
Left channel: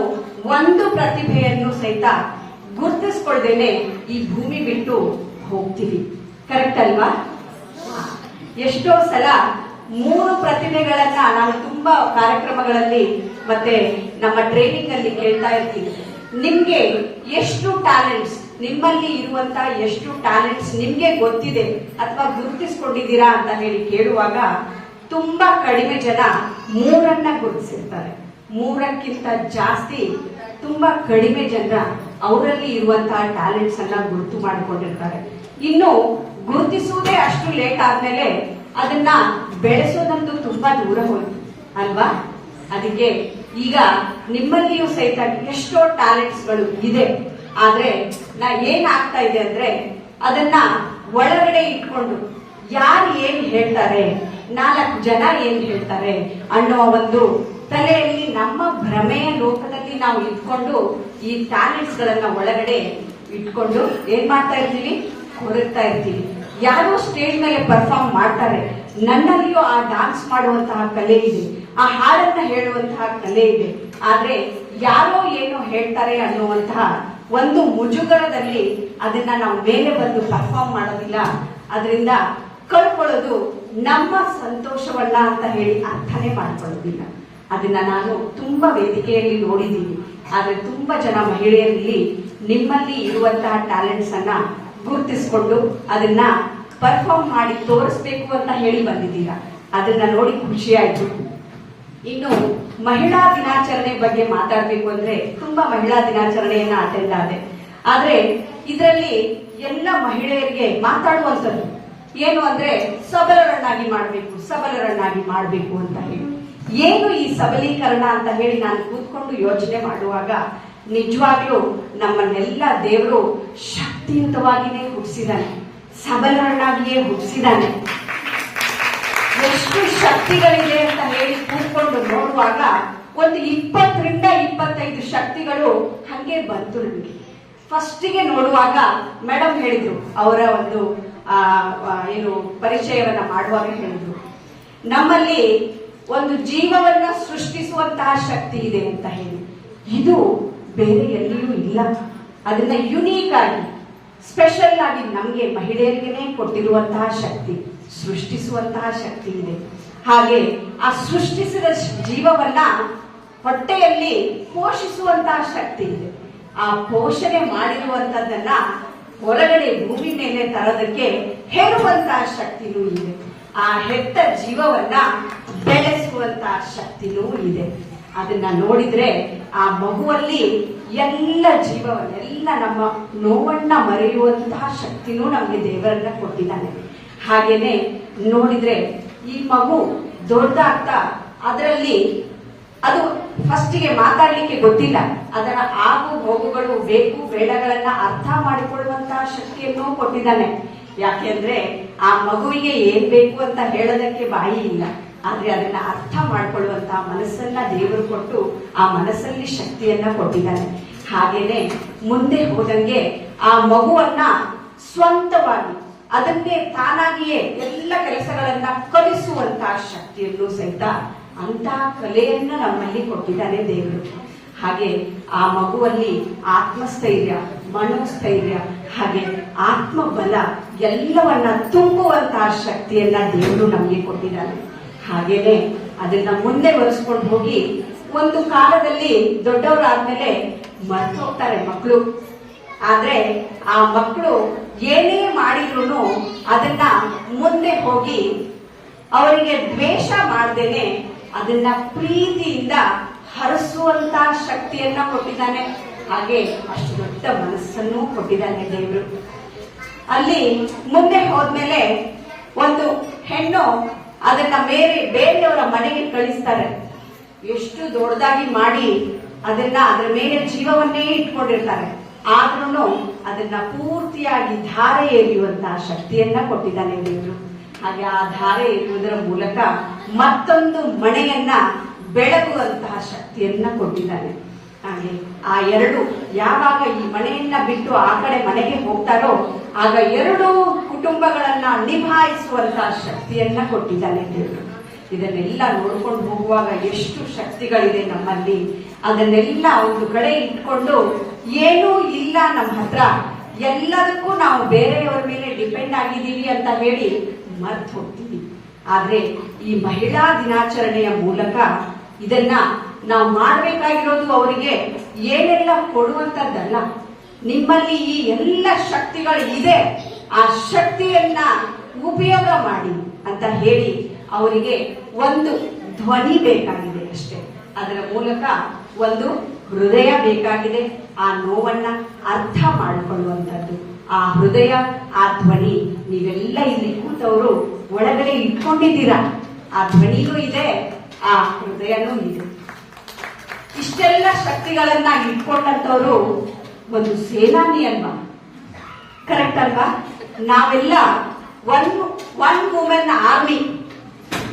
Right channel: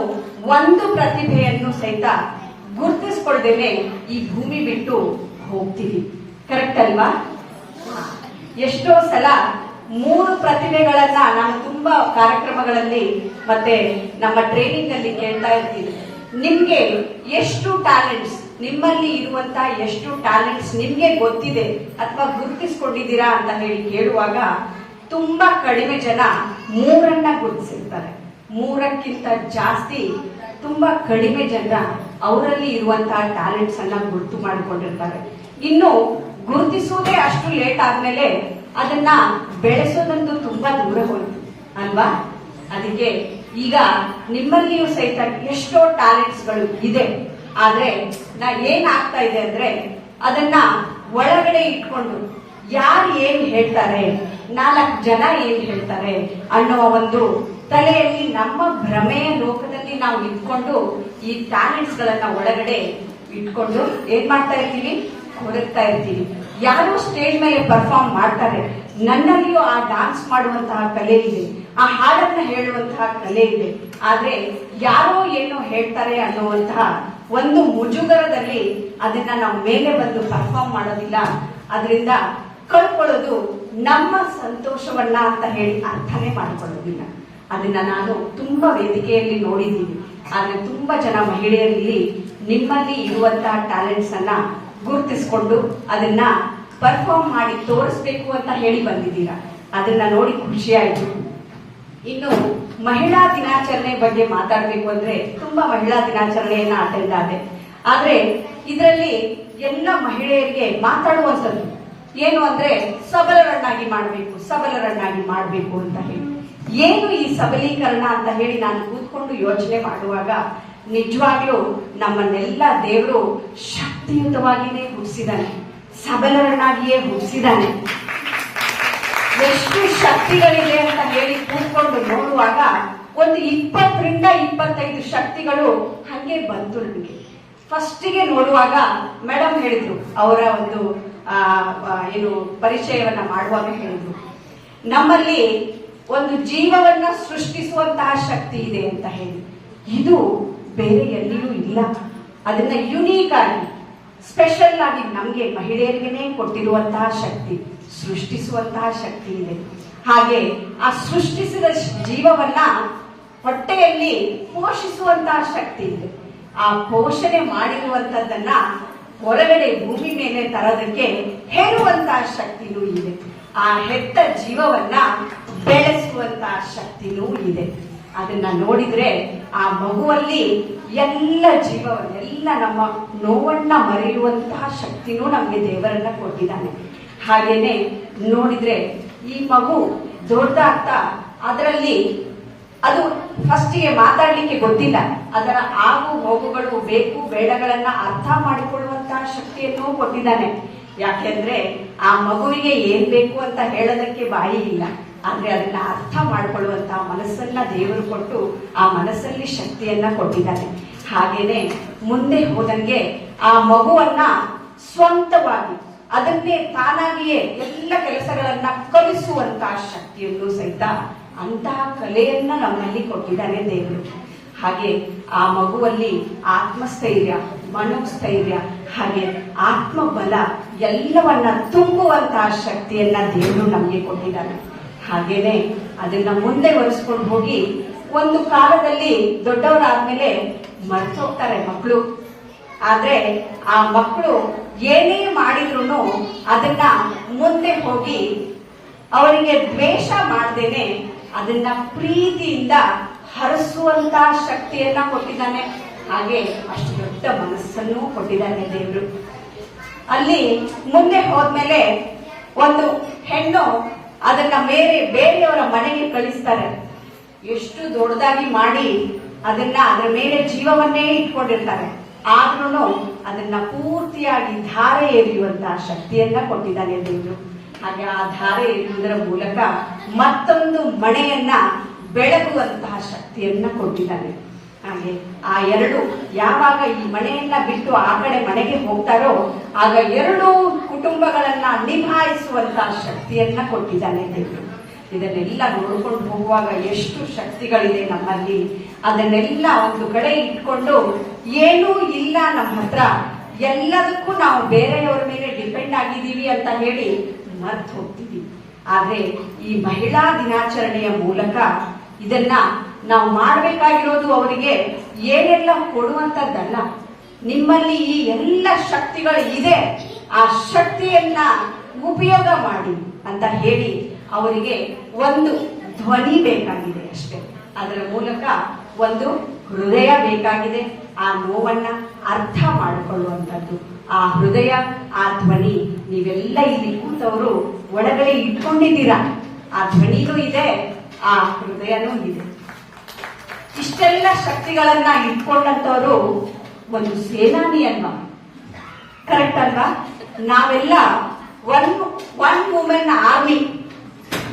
ಒಂದು ಪ್ರತಿಭೆಯನ್ನು ಸಹಿತ ಗುರುತಿಸ್ಕೊಳ್ದೇನೆ ಈ ಭೂಮಿ ಬಿಟ್ಟು ಹೋಗ್ತೀವಿ. ಕರೆಕ್ಟ್ ಅಲ್ವಾ? ಎಷ್ಟೋ ಸಲ 3 ಪ್ರತಿಭೆಗಳನ್ನ ನಾನು ತುಂಬಾ ಕಾರ್ಯಕ್ರಮಗಳಲ್ಲಿ ಮತ್ತೆ ನಮ್ಮ ಟ್ರೈನಿಂಗ್ ಅಲ್ಲಿ ಕೇಳ್ತಾ ಇರ್ತೀನಿ. ನಿಮ್ಗೆ ಎಷ್ಟು ಟ್ಯಾಲೆಂಟ್ಸ್, ನಿಮ್ಮಲ್ಲಿ ಇರುವಂತಹ ಎಷ್ಟು ಟ್ಯಾಲೆಂಟ್ಸ್ ನಿಮ್ಗೆ ಗೊತ್ತಿದೆ ಅಥವಾ ಗುರುತಿಸ್ಕೊಂಡಿದ್ದೀರಾ ಅಂತ ಹೇಳಿ ಕೇಳುವಾಗ ತುಂಬಾ ಕಡಿಮೆ ಜನ 3 ಗುರುತಿಸಿರ್ತಾರೆ. 3ಕ್ಕಿಂತ ಜಾಸ್ತಿ ತುಂಬಾ ಕಡಿಮೆ ಜನ ಅವರಲ್ಲಿ ಇರುವಂತಹ ಟ್ಯಾಲೆಂಟ್ಸ್ ಅನ್ನ ಗುರುತು ಮಾಡಿಕೊಂಡಿರ್ತಾರೆ. ಇನ್ನು ಗುರುತಿಸುವುದೇ ಅಷ್ಟು ಲೇಟ್ ಆದ್ಮೇಲೆ ಅದನ್ನ ಬೆಳೆಸೋದಂತೂ ತುಂಬಾ ದೂರ ಹೋಯ್ತು ಅಲ್ವಾ? ಅದಕ್ಕೆ ಈಗ ನಿಮ್ಮಲ್ಲಿಯೂ ಸಹಿತ ಎಷ್ಟೋ ಟ್ಯಾಲೆಂಟ್ಸ್ ಗಳು ಇದೆ. ಆದ್ರೆ ಏನಾಗ್ತಾ ಇದೆ ಅಂದ್ರೆ ಅದನ್ನ ಒಳಗಡೆ ಇಟ್ಕೊಂಡು ಯಾರು ಏನ್ ಹೇಳ್ತಾರೆ, 4 ಜನ ಏನ್ ಹೇಳ್ತಾರೆ ಅನ್ನೋ ಒಂದು ತಲೆಯಲ್ಲಿ ನಮ್ಮ ಭ್ರಮೆಯ ಲೋಕದಲ್ಲಿ ನಾವು ಇಟ್ಕೊಂಡು ಈ ಟ್ಯಾಲೆಂಟ್ಸ್ ಗಳನ್ನ ಒಳಗಡೆ ಇಟ್ಕೊಂಡು ಏನ್ ಮಾಡ್ತಾ ಇರ್ತೀವಿ, ಕೊರಗ್ತಾ ಇರ್ತೀವಿ. ಯಾರೋ ಸ್ಟೇಜ್ ಮೇಲೆ ಪರ್ಫಾರ್ಮ್ ಮಾಡ್ತಾರೆ, ನನ್ನಲ್ಲಿಯೂ ಆ ಡಾನ್ಸ್ ಮಾಡುವಂತಹ ಕಲೆ ಇದೆ, ಆ ಹಾಡನ್ನ ಹೇಳುವಂತಹ ಕಲೆ ಇದೆ. ಆದ್ರೆ ಯಾರೋ ಏನೋ ಹೇಳ್ತಾರೆ ಅನ್ನುವಂತಹ ಒಂದು ಮುಜುಗರದಲ್ಲಿ ಅದನ್ನ ನಾವು ಮೇಲೆ ಬಂದು ಪರ್ಫಾರ್ಮ್ ಮಾಡೋದಿಲ್ಲ. ಅದರಿಂದ ಕಳ್ಕೊಳ್ಳೋದು ನಮ್ಮ ಸಂತೋಷವನ್ನ ಅಂತ ಹೇಳಿ ಅರ್ಥನೇ ಮಾಡ್ಕೊಳ್ಳೋದಿಲ್ಲ. ಅದನ್ನ ನಾನು ತುಂಬಾ ವೇದಿಕೆಯಲ್ಲಿ ನೋಡಿದ್ದೀನಿ. ಆದ್ರೆ ತುಂಬಾ ಜನ ಮಹಿಳೆಯರಲ್ಲಿ ನಿಮ್ಮಲ್ಲಿ ಇರುವಂತಹ ಟ್ಯಾಲೆಂಟ್ಸ್ ಅನ್ನ ಗುರುತಿಸಿಕೊಂಡು ಅದನ್ನ ಪರ್ಫಾರ್ಮ್ ಮಾಡಿ ತೋರಿಸ್ಬೇಕು ಅಂತ ಹೇಳಿ ಬಂದಿದ್ದೀರಾ. ಅದನ್ನ ನೋಡಿ ಖುಷಿ ಆಯ್ತು. ಇನ್ನು ಮಹಿಳಾ ದಿನಾಚರಣೆ ಬಗ್ಗೆ ಮಾತಾಡ್ಬೇಕು ಅಂದ್ರೆ ತುಂಬಾ ಮಹಿಳಾ ದಿನಾಚರಣೆಯನ್ನ ಅಟೆಂಡ್ ಆದೆ. ಆದ್ರೆ ಇದರಲ್ಲಿ ಎಲ್ಲ ಮಹಿಳೆಯರಿಗೆ ಮಾತಾಡುವಂಥದ್ದು ಏನು ಅಂದ್ರೆ ಸಬಲರನ್ನಾಗಿ ಮಾಡಬೇಕು ಅಂತ ಹೇಳಿ. ಏನು ಈ ಸಬಲೀಕರಣ ಅಂತ ಹೇಳಿ ನಾನು ಕೂತ್ಕೊಂಡು ಯೋಚನೆ ಮಾಡುವಾಗ ನಿಜವಾಗ್ಲೂ ನಮ್ಮನ್ನೆಲ್ಲ ದೇವರು ಶಕ್ತಿಯುತವಾಗಿಯೇ ಹುಟ್ಟಿಸಿದಾನೆ, ಸಬಲರನ್ನಾಗಿಯೇ ಹುಟ್ಟಿಸಿದಾನೆ. ಎಷ್ಟು ಶಕ್ತಿಗಳಿದೆ ಅಂತ ಹೇಳಿ ಕೂತ್ಕೊಂಡು ನೋಡುವಾಗ ಒಂದು 20ರಿಂದ 25 ಶಕ್ತಿಗಳು ಹಂಗೆ ಬಂತು ನನಗೆ. ಫಸ್ಟಿಗೆ ನೋಡುವಾಗ ಮೇಡಮ್ ಹೇಳಿದ್ರು, ಅವರ ಒಂದು ಏನು ಪರಿಚಯವನ್ನ ಮಾಡುವಾಗ ಹೇಳಿದ್ರು, ನಮ್ಮಲ್ಲಿ ಒಂದು ಜೀವವನ್ನ ಸೃಷ್ಟಿಸುವಂತಹ ಶಕ್ತಿ ಇದೆ ಅಂತ ಹೇಳಿ. ಇದು ಬೇರೆ ಎಲ್ಲಿಯೂ ಇಲ್ಲ. ಅದನ್ನ ಯುನೀಕ್ ಆಗಿ ಸ್ಪೆಷಲ್ ಆಗಿ ನಮ್ಗೆ ಮಹಿಳೆಯರಿಗೇನೆ ಕೊಟ್ಟಿರುವಂತಹ ಶಕ್ತಿ, ಸೃಷ್ಟಿಸುವಂತಹ ಶಕ್ತಿ ಇದೆ. ಹಾಗೆ ಆ ಸೃಷ್ಟಿಸಿದ ಜೀವವನ್ನ ಹೊಟ್ಟೆಯಲ್ಲಿ ಪೋಷಿಸುವಂತಹ ಶಕ್ತಿ ಇದೆ. ಆ ಪೋಷಣೆ ಮಾಡಿರುವಂತದ್ದನ್ನ ಹೊರಗಡೆ ಭೂಮಿ ಮೇಲೆ ತರೋದಕ್ಕೆ ಹೇರುವಂತಹ ಶಕ್ತಿನೂ ಇದೆ. ಆ ಹೆತ್ತ ಜೀವವನ್ನ ಬೆಳೆಸುವಂತಹ ಶಕ್ತಿನೂ ಇದೆ. ಅದನ್ನ ನೋಡಿದ್ರೆ ಆ ಮಗುವಲ್ಲಿ ಎಲ್ಲ ಜೀವವನ್ನ, ಎಲ್ಲ ನಮ್ಮ ನೋವನ್ನ ಮರೆಯುವಂತಹ ಶಕ್ತಿನೂ ನಮ್ಗೆ ದೇವರನ್ನ ಕೊಟ್ಟಿದ್ದಾನೆ. ಹಾಗೇನೆ ನೋಡಿದ್ರೆ ಈ ಮಗು ದೊಡ್ಡದಾಗ್ತಾ ಅದರಲ್ಲಿ ಅದು ಫಸ್ಟಿಗೆ ಮಾತಾಡ್ಲಿಕ್ಕೆ ಗೊತ್ತಿಲ್ಲ, ಅದರ ಆಗು ಹೋಗುಗಳು, ಬೇಕು ಬೇಡಗಳನ್ನ ಅರ್ಥ ಮಾಡಿಕೊಳ್ಳುವಂತಹ ಶಕ್ತಿಯನ್ನು ಕೊಟ್ಟಿದ್ದಾನೆ. ಯಾಕೆಂದ್ರೆ ಆ ಮಗುವಿಗೆ ಏನ್ ಬೇಕು ಅಂತ ಹೇಳೋದಕ್ಕೆ ಬಾಯಿ ಇಲ್ಲ, ಆದ್ರೆ ಅದನ್ನ ಅರ್ಥ ಮಾಡಿಕೊಳ್ಳುವಂತಹ ಮನಸ್ಸನ್ನ ದೇವರು ಕೊಟ್ಟು ಆ ಮನಸ್ಸಲ್ಲಿ ಶಕ್ತಿಯನ್ನ ಕೊಟ್ಟಿದ್ದಾನೆ. ಹಾಗೇನೆ ಮುಂದೆ ಹೋದಂಗೆ ಆ ಮಗುವನ್ನ ಸ್ವಂತವಾಗಿ ಅದನ್ನೇ ತಾನಾಗಿಯೇ ಎಲ್ಲ ಕೆಲಸಗಳನ್ನ ಕಲಿಸುವಂತಹ ಶಕ್ತಿಯನ್ನು ಸಹಿತ ಅಂತಹ ಕಲೆಯನ್ನ ನಮ್ಮಲ್ಲಿ ಕೊಟ್ಟಿದ್ದಾನೆ ದೇವರು. ಹಾಗೆ ಆ ಮಗುವಲ್ಲಿ ಆತ್ಮಸ್ಥೈರ್ಯ, ಮನೋಸ್ಥೈರ್ಯ, ಹಾಗೆ ಆತ್ಮಬಲ ಎಲ್ಲವನ್ನ ತುಂಬುವಂತಹ ಶಕ್ತಿಯನ್ನ ದೇವರು ನಮಗೆ ಕೊಟ್ಟಿದ್ದಾನೆ. ಹಾಗೇನೆ ಅದನ್ನ ಮುಂದೆ ಒರೆಸ್ಕೊಂಡು ಹೋಗಿ ಒಂದು ಕಾಲದಲ್ಲಿ ದೊಡ್ಡವರಾದ್ಮೇಲೆ ಮರ್ತು ಹೋಗ್ತಾರೆ ಮಕ್ಕಳು. ಆದ್ರೆ ಆ ಮಕ್ಕಳು ಏನೇ ಮಾಡಿದ್ರು ಅದನ್ನ ಮುಂದೆ ಹೋಗಿ ಅವರಿಗೆ ದ್ವೇಷ ಮಾಡದೇನೆ ಅದನ್ನ ಪ್ರೀತಿಯಿಂದ ಹರಿಸುವಂತಹ ಶಕ್ತಿಯನ್ನ ಕೊಟ್ಟಿದ್ದಾನೆ. ಹಾಗೆ ಅಷ್ಟು ದೊಡ್ಡ ಮನಸ್ಸನ್ನು ಕೊಟ್ಟಿದ್ದಾನೆ ದೇವರು. ಅಲ್ಲಿ ಮುಂದೆ ಹೋದ್ಮೇಲೆ ಒಂದು ಹೆಣ್ಣು ಅದನ್ನ ಬೇರೆಯವರ ಮನೆಗೆ ಕಳಿಸ್ತಾರೆ. ಎಷ್ಟು ದೊಡ್ಡದಾಗಿ ಮಾಡಿ ಅದನ್ನ ಅದರ ಮೇಲೆ ಜೀವವನ್ನೇ ಇಟ್ಕೊಂಡಿರ್ತಾರೆ. ಆದ್ರೂ ಅದನ್ನ ಪೂರ್ತಿಯಾಗಿ ಧಾರೆ ಎರೆಯುವಂತಹ ಶಕ್ತಿಯನ್ನ ಕೊಟ್ಟಿದ್ದಾನೆ ದೇವರು. ಹಾಗೆ ಆ ಧಾರೆ ಎರೆಯುವುದರ ಮೂಲಕ ಮತ್ತೊಂದು ಮನೆಯನ್ನ ಬೆಳಗುವಂತಹ ಶಕ್ತಿಯನ್ನ ಕೊಟ್ಟಿದ್ದಾನೆ. ಹಾಗೆ ಆ ಎರಡು ಯಾವಾಗ ಈ ಮನೆಯನ್ನ ಬಿಟ್ಟು ಆ ಕಡೆ ಮನೆಗೆ ಹೋಗ್ತಾರೋ ಆಗ 2 ಕುಟುಂಬಗಳನ್ನ ನಿಭಾಯಿಸುವಂತಹ ಶಕ್ತಿಯನ್ನ ಕೊಟ್ಟಿದ್ದಾನೆ ದೇವರು. ಇದನ್ನೆಲ್ಲ ನೋಡ್ಕೊಂಡು ಹೋಗುವಾಗ ಎಷ್ಟು ಶಕ್ತಿಗಳಿದೆ ನಮ್ಮಲ್ಲಿ, ಅದನ್ನೆಲ್ಲ ಒಂದು ಕಡೆ ಇಟ್ಕೊಂಡು ಏನೂ ಇಲ್ಲ ನಮ್ಮ ಹತ್ರ, ಎಲ್ಲದಕ್ಕೂ ನಾವು ಬೇರೆಯವರ ಮೇಲೆ ಡಿಪೆಂಡ್ ಆಗಿದ್ದೀವಿ ಅಂತ ಹೇಳಿ ಮರ್ತು ಹೋಗ್ತೀವಿ. ಆದ್ರೆ ಈ ಮಹಿಳಾ ದಿನಾಚರಣೆಯ ಮೂಲಕ ಇದನ್ನ ನಾವು ಮಾಡಬೇಕಾಗಿರೋದು ಅವರಿಗೆ ಏನೆಲ್ಲ ಕೊಡುವಂತದ್ದಲ್ಲ, ನಿಮ್ಮಲ್ಲಿ ಈ ಎಲ್ಲ ಶಕ್ತಿಗಳು ಇದೆ, ಆ ಶಕ್ತಿಯನ್ನ ಉಪಯೋಗ ಮಾಡಿ ಅಂತ ಹೇಳಿ ಅವರಿಗೆ ಒಂದು ಧ್ವನಿ ಬೇಕಾಗಿದೆ ಅಷ್ಟೇ. ಅದರ ಮೂಲಕ ಒಂದು ಹೃದಯ ಬೇಕಾಗಿದೆ, ಆ ನೋವನ್ನ ಅರ್ಥ ಮಾಡಿಕೊಳ್ಳುವಂಥದ್ದು. ಆ ಹೃದಯ, ಆ ಧ್ವನಿ ನೀವೆಲ್ಲ ಇಲ್ಲಿ ಕೂತವರು ಒಳಗಡೆ ಇಟ್ಕೊಂಡಿದ್ದೀರಾ. ಆ ಧ್ವನಿನೂ ಇದೆ, ಆ ಹೃದಯನೂ ಇದೆ. ಇಷ್ಟೆಲ್ಲ ಶಕ್ತಿಗಳನ್ನ ಇಟ್ಕೊಂಡಂತವರು ಒಂದು ಸೇನಾನಿ ಅಲ್ವಾ? ಕರೆಕ್ಟ್ ಅಲ್ವಾ? ನಾವೆಲ್ಲ ಒನ್ ವುಮೆನ್ ಆರ್ಮಿ.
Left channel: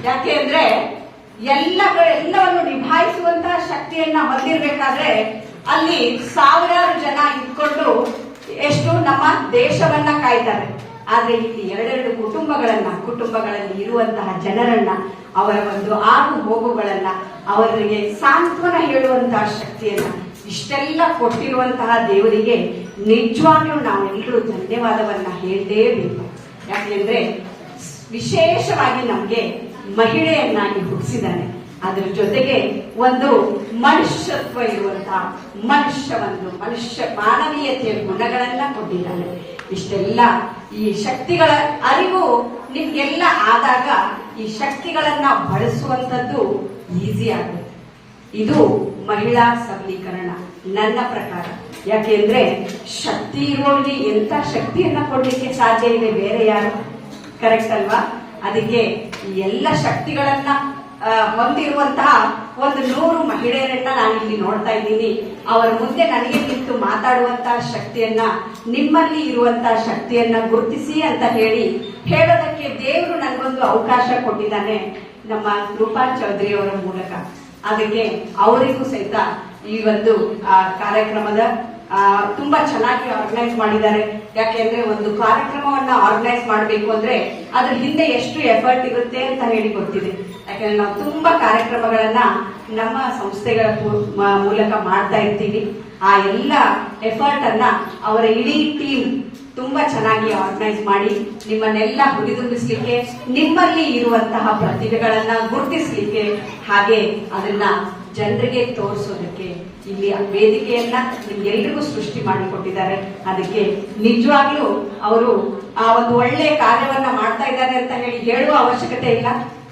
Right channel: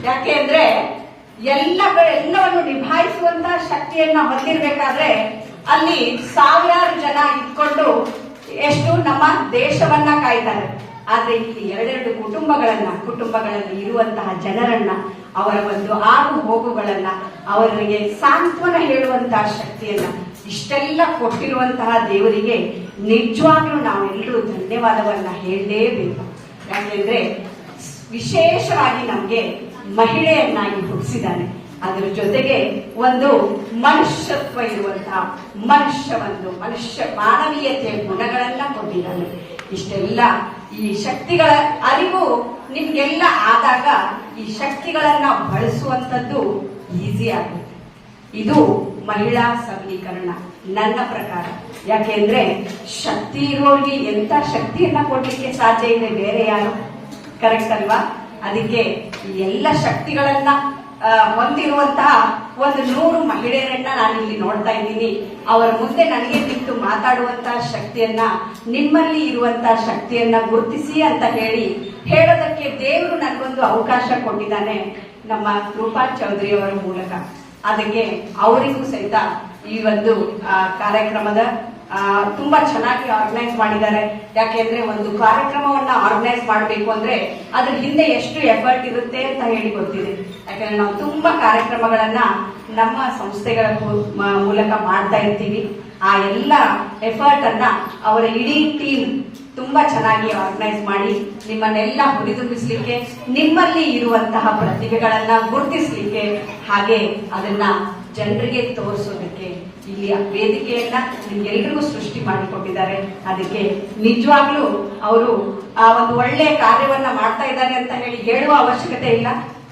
ಯಾಕೆ ಅಂದ್ರೆ ಎಲ್ಲವನ್ನು ನಿಭಾಯಿಸುವಂತಹ ಶಕ್ತಿಯನ್ನ ಹೊಂದಿರಬೇಕಾದ್ರೆ ಅಲ್ಲಿ ಸಾವಿರಾರು ಜನ ಇಟ್ಕೊಂಡು ಎಷ್ಟು ನಮ್ಮ ದೇಶವನ್ನ ಕಾಯ್ತಾರೆ. ಆದ್ರೆ ಇಲ್ಲಿ ಎರಡೆರಡು ಕುಟುಂಬಗಳಲ್ಲಿ ಇರುವಂತಹ ಜನರನ್ನ, ಅವರ ಒಂದು ಆಗು ಹೋಗುಗಳನ್ನ, ಅವರಿಗೆ ಸಾಂತ್ವನ ಹೇಳುವಂತಹ ಶಕ್ತಿಯನ್ನ ಇಷ್ಟೆಲ್ಲ ಕೊಟ್ಟಿರುವಂತಹ ದೇವರಿಗೆ ನಿಜವಾಗ್ಲೂ ನಾವೆಲ್ಲರೂ ಧನ್ಯವಾದವನ್ನ ಹೇಳಲೇಬೇಕು. ಯಾಕೆಂದ್ರೆ ವಿಶೇಷವಾಗಿ ನಮ್ಗೆ ಮಹಿಳೆಯನ್ನಾಗಿ ಹುಟ್ಟಿಸಿದ್ದಾನೆ. ಅದರ ಜೊತೆಗೆ ಒಂದು ಮನುಷ್ಯತ್ವ ಇರುವಂತಹ ಮನುಷ್ಯ ಮಾನವೀಯತೆಯ ಗುಣಗಳನ್ನ ಕೊಟ್ಟಿದ್ದಾನೆ. ಇಷ್ಟೆಲ್ಲ ಈ ಶಕ್ತಿಗಳ ಅರಿವು ನಿಮ್ಗೆಲ್ಲ ಆದಾಗ ಈ ಶಕ್ತಿಗಳನ್ನ ಬಳಸುವಂತದ್ದು ಈಸಿ ಆಗುತ್ತೆ. ಇದು ಮಹಿಳಾ ಸಬಲೀಕರಣ ನನ್ನ ಪ್ರಕಾರ. ಯಾಕೆಂದ್ರೆ ಶಕ್ತಿ ಇರೋರಿಗೆ ಎಂತ ಶಕ್ತಿಯನ್ನ ಕೊಡ್ಲಿಕ್ಕೆ ಸಾಧ್ಯ ಇದೆ ಬೇರೆ ಯಾರು? ಕರೆಕ್ಟ್ ಅಲ್ವಾ? ಅದಕ್ಕೆ ಈ ಎಲ್ಲ ಶಕ್ತಿಗಳನ್ನ ಹೊಂದಿರುವಂತಹ ಒಂದು 100 ಮಹಿಳೆಯರನ್ನ ನಾನಿಲ್ಲಿ ನೋಡ್ತಾ ಇದ್ದೀನಿ. ಅವರ ಮುಂದೆ ನನಗೆ ನಿಂತು ಮಾತಾಡುವಂತಹ ಶಕ್ತಿಯನ್ನ, ನಿಮ್ಮಲ್ಲಿ ಇರುವಂತಹ ಶಕ್ತಿಯನ್ನ ಗುರುತಿಸಿ ಅಂತ ಹೇಳೋದಕ್ಕೆ ದೇವರು ನನಗೊಂದು ಅವಕಾಶ ಕೊಟ್ಟಿದ್ದಾನೆ ನಮ್ಮ ರೂಪಾ ಚೌಧರಿ ಅವರ ಮೂಲಕ. ಅದಕ್ಕೆ ಅವರಿಗೂ ಸಹಿತ ಈ ಒಂದು ಕಾರ್ಯಕ್ರಮದ ತುಂಬಾ ಚೆನ್ನಾಗಿ ಆರ್ಗನೈಸ್ ಮಾಡಿದ್ದಾರೆ. ಯಾಕೆಂದ್ರೆ ಒಂದು ಕಾರ್ಯಕ್ರಮವನ್ನ ಆರ್ಗನೈಸ್ ಮಾಡಬೇಕು ಅಂದ್ರೆ ಅದ್ರ ಹಿಂದೆ ಎಷ್ಟು ಎಫರ್ಟ್ ಇರುತ್ತೆ ಅಂತ ಹೇಳಿ ಗೊತ್ತಿದೆ. ಯಾಕಂದ್ರೆ ನಾವು ತುಂಬಾ ಕಾರ್ಯಕ್ರಮಗಳನ್ನ ನಮ್ಮ ಸಂಸ್ಥೆಗಳ ಮೂಲಕ ಮಾಡ್ತಾ ಇರ್ತೀವಿ. ಆ ಎಲ್ಲ ಎಫರ್ಟ್ ಅನ್ನ ಅವರ ಇಡೀ ಟೀಮ್ ತುಂಬಾ ಚೆನ್ನಾಗಿ ಆರ್ಗನೈಸ್ ಮಾಡಿ ನಿಮ್ಮನ್ನೆಲ್ಲ ಹುರಿದುಂಬಿಸ್ಲಿಕ್ಕೆ, ನಿಮ್ಮಲ್ಲಿ ಇರುವಂತಹ ಪ್ರತಿಭೆಗಳನ್ನ ಗುರುತಿಸ್ಲಿಕ್ಕೆ, ಹಾಗೆ ಅದನ್ನ ಜನರಿಗೆ ತೋರಿಸೋದಕ್ಕೆ ಇಲ್ಲಿಯ ವೇದಿಕೆಯನ್ನ ನಿಮ್ಗೆಲ್ರಿಗೂ ಸೃಷ್ಟಿ ಮಾಡಿಕೊಟ್ಟಿದ್ದಾರೆ. ಅದಕ್ಕೆ ನಿಜವಾಗ್ಲೂ ಅವರು ಆ ಒಂದು ಒಳ್ಳೆ ಕಾರ್ಯವನ್ನ ಮಾಡ್ತಾ ಇದ್ದಾರೆ ಅಂತ ಹೇಳುವ ಅವಶ್ಯಕತೆ ಇಲ್ಲ,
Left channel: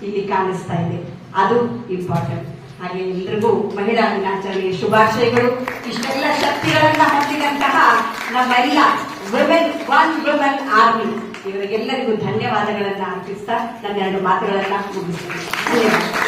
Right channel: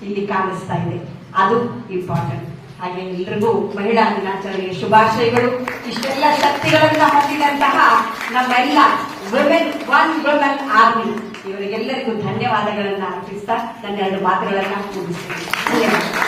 ಇಲ್ಲಿ ಕಾಣಿಸ್ತಾ ಇದೆ. ಅದು ಇಂಪಾರ್ಟೆಂಟ್. ಹಾಗೆ ಎಲ್ರಿಗೂ ಮಹಿಳಾ ದಿನಾಚರಣೆಗೆ ಶುಭಾಶಯಗಳು. ಇಷ್ಟೆಲ್ಲ ಶಕ್ತಿಗಳನ್ನ ಹೊಂದಿದಂತಹ ನಮ್ಮೆಲ್ಲ ಒನ್ ವುಮೆನ್ ಆರ್ಮಿ ಇವರಿಗೆಲ್ಲರಿಗೂ ಧನ್ಯವಾದಗಳನ್ನ ಅರ್ಪಿಸ್ತಾ ನನ್ನ 2 ಮಾತುಗಳನ್ನ ಮುಗಿಸ್ತೀನಿ. ಧನ್ಯವಾದ.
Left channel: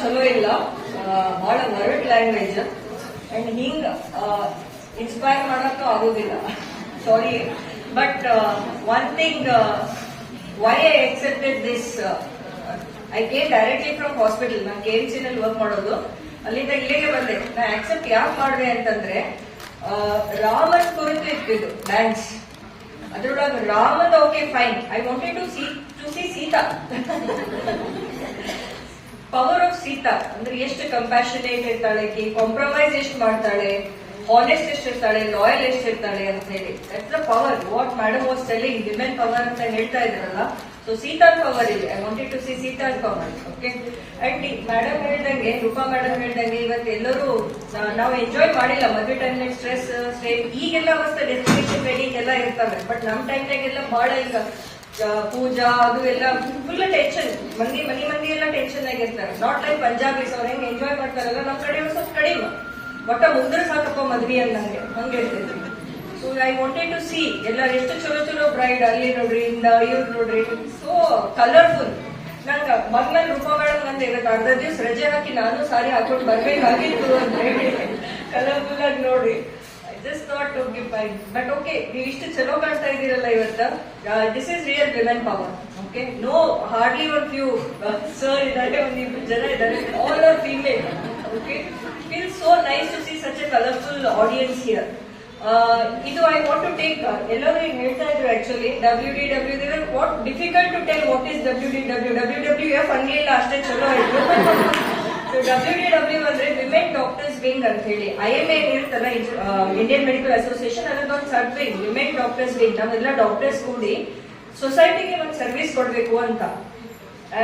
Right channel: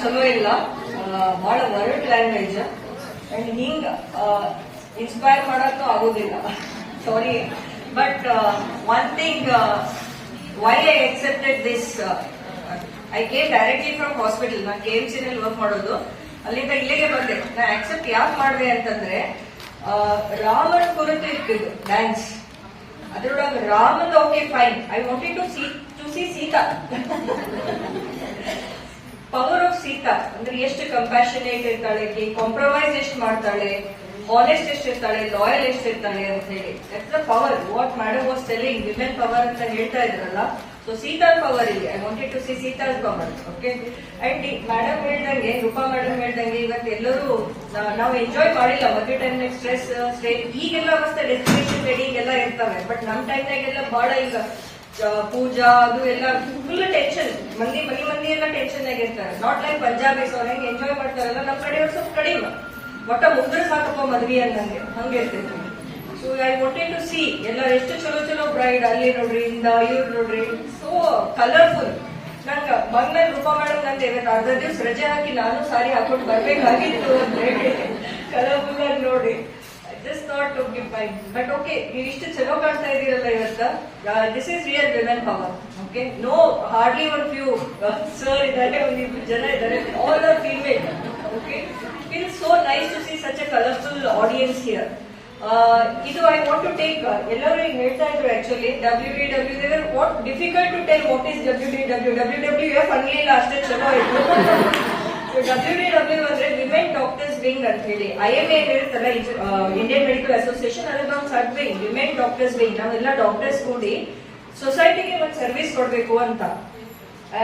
ಚಲೋ ಇಲ್ಲ, ಬಹಳ ವರ್ಡ್ ಲ್ಯಾಂಗ್ವೇಜ್ ಅಂಡ್ ಹಿಂಗ್ ಇನ್ಸ್ಪೈರ್ ಮಾಡಕ್ಕೂ ಆಗೋದಿಲ್ಲ. Sorry, but one thing, why I accepted this, I came directly from hospital. ನಾನು KMC ನಲ್ಲಿ ವರ್ಕ್ ಮಾಡೋದು, ಅಲ್ಲಿಂದ ಇಲ್ಲಿಗೆ ಬಂದೆ. ನಾನು ಆಕ್ಸೆಪ್ಟ್ ಯಾಕೆ ಮಾಡಿದೆ ಅಂತಂದ್ರೆ, ರಾಮನ್ ಕುರಿತು ಇಟ್ಟಿದ್ದು ಡ್ಯಾನ್ಸ್, ಅದರೊಳಗೆ ರಾಮನ್ okay fine, I wanted to see Sita. Power of Sita ಅಂದ್ರೆ ಎಷ್ಟು ಕಂಪ್ಯಾಷನೇಟ್ ಇರ್ತಾಳೆ, ಕಾಂಪ್ರಮೈಸ್ ಎಷ್ಟು ಮಾಡ್ತಾಳೆ, ಹಾನೆಸ್ಟ್ ಎಷ್ಟಿರ್ತಾಳೆ, ಲಾಯಲ್ ಎಷ್ಟಿರ್ತಾಳೆ ಅಂತ ಹೇಳಿ. That's the power what madam was telling, women power ಅಂತ ಹೇಳ್ತಾ ಇದ್ರಲ್ಲ. ಸೊ ಸೀತಾನ್ ಪವರ್ ಇದೆ. I wanted to see Sita's power. Okay. And madam ಹೇಳ್ದಂಗೆ, ರೂಪಾ ಮೇಡಮ್ ಹೇಳ್ದಂಗೆ, ಇವತ್ತು ಎಲ್ಲರೂ ನಾವು ಎಂಜಾಯ್ ಮಾಡಿಲ್ಲ ಮದುವೆ ಟೈಮ್ ಸ್ಟ್ರೆಸ್ ಈಗೆಲ್ಲ ಮಸ್ತ್ ಡೆಸ್ಟಿನೇಷನ್ ವೆಡ್ಡಿಂಗ್ ಎಲ್ಲ ಇರ್ತಾರೆ. ಬಟ್ ನಮ್ ಟೈಮ್ನಾಗೆಲ್ಲ ಬಹಳ ಈಗ ಪೂಜಾ ಅದು ಎಲ್ಲ ಫುಲ್ ಟೆನ್ಷನ್, ಮಂದಿ ಎಲ್ಲ ಟೆನ್ಷನ್ ಆಗಿರ್ತಾರೆ. ನಾಟ್ ಲೈಕ್ ಪಂಜಾಬೀಸ್ ಅವ್ರು ಹೆಂಗ್ ಎಂಜಾಯ್ ಮಾಡ್ತಾರಲ್ಲ, ನಮ್ ಕಡೆ ಸ್ವಲ್ಪ ಕಡಿಮೆ, ಒಟ್ಟ ಮುಗ್ದ್ರೆ ಸಾಕಪ್ಪ ಮದ್ವಿ ಅನ್ನಂಗೆ ಹಂಗಿರ್ತೈತಿ. So I wanted to see ಎಲ್ಲ ಎಷ್ಟು ಚಲೋ ಬ್ರೈಡ್, ಅಲ್ಲಿ ನೋಡ್ರಿ, ಇವ್ರು ನೋಡ್ರಿ, ಸೋ ಕಲರ್ಫುಲ್. ನಂಗ ಬಂದ್ಮೇಲೆ ರೂಪಾ ಮೇಡಮ್ ನಂದು ಇವತ್ತು ಅರ್ಧ ದಿವ್ಸ ರಜೆ ಹಾಕಿ ನಾನು ಸಾರಿ ಹಾಕೊಂಡು ಬರ್ಬೇಕಾಗಿತ್ತು ಅಂತ ಹೇಳಿ ಕಲರ್ಫುಲ್ ಆಗಿ ನೋಡ್ರಿ. Just not to give by. But okay, ನೀವು ಇಷ್ಟು ಚಲೋ ಕಾಣ್ತಾ ಇದೀರಲ್ಲ ಇವತ್ತು. This is real women power. Okay, no, hardly one few sir ಇದ್ದಾರೆ, ಒಂದಿಬ್ರು ಜನ ಇದ್ದಾರೆ. All are female. Okay, feels so nice to see such a colorful audience here. ಇದು ಐ ವಾಂಟ್ ಟು ಟೇಕ್ ಎಲ್ಲರೂ ಈಗ ಹೇಳ್ತಾ ಇದ್ರು actually WDW what difficult to tell what is WWF ಅನ್ಲಿಲ್ಲ ಅಷ್ಟೇ ಚಲೋ ಇತ್ತು. WDW ಅಂದ್ರೆ ವಿಮೆನ್ ಡಾಕ್ಟರ್ಸ್ ವಿಂಗ್ ಅಂತ ಹೇಳಿ IMA ಇರುತ್ತಲ್ಲ ಇಂಡಿಯನ್ ಮೆಡಿಕಲ್ ಅಸೋಸಿಯೇಷನ್ ಅನ್ನೋದೊಂದು sub wing women doctors wing. ನಾವೆಲ್ಲ ಡಾಕ್ಟರ್ಸ್ ಕೂಡಿ ಸೊಸೈಟಿಗೆ ಒಂದು ಸರ್ವಿಸ್ ಕೊಡ್ಬೇಕು ಅಂತ.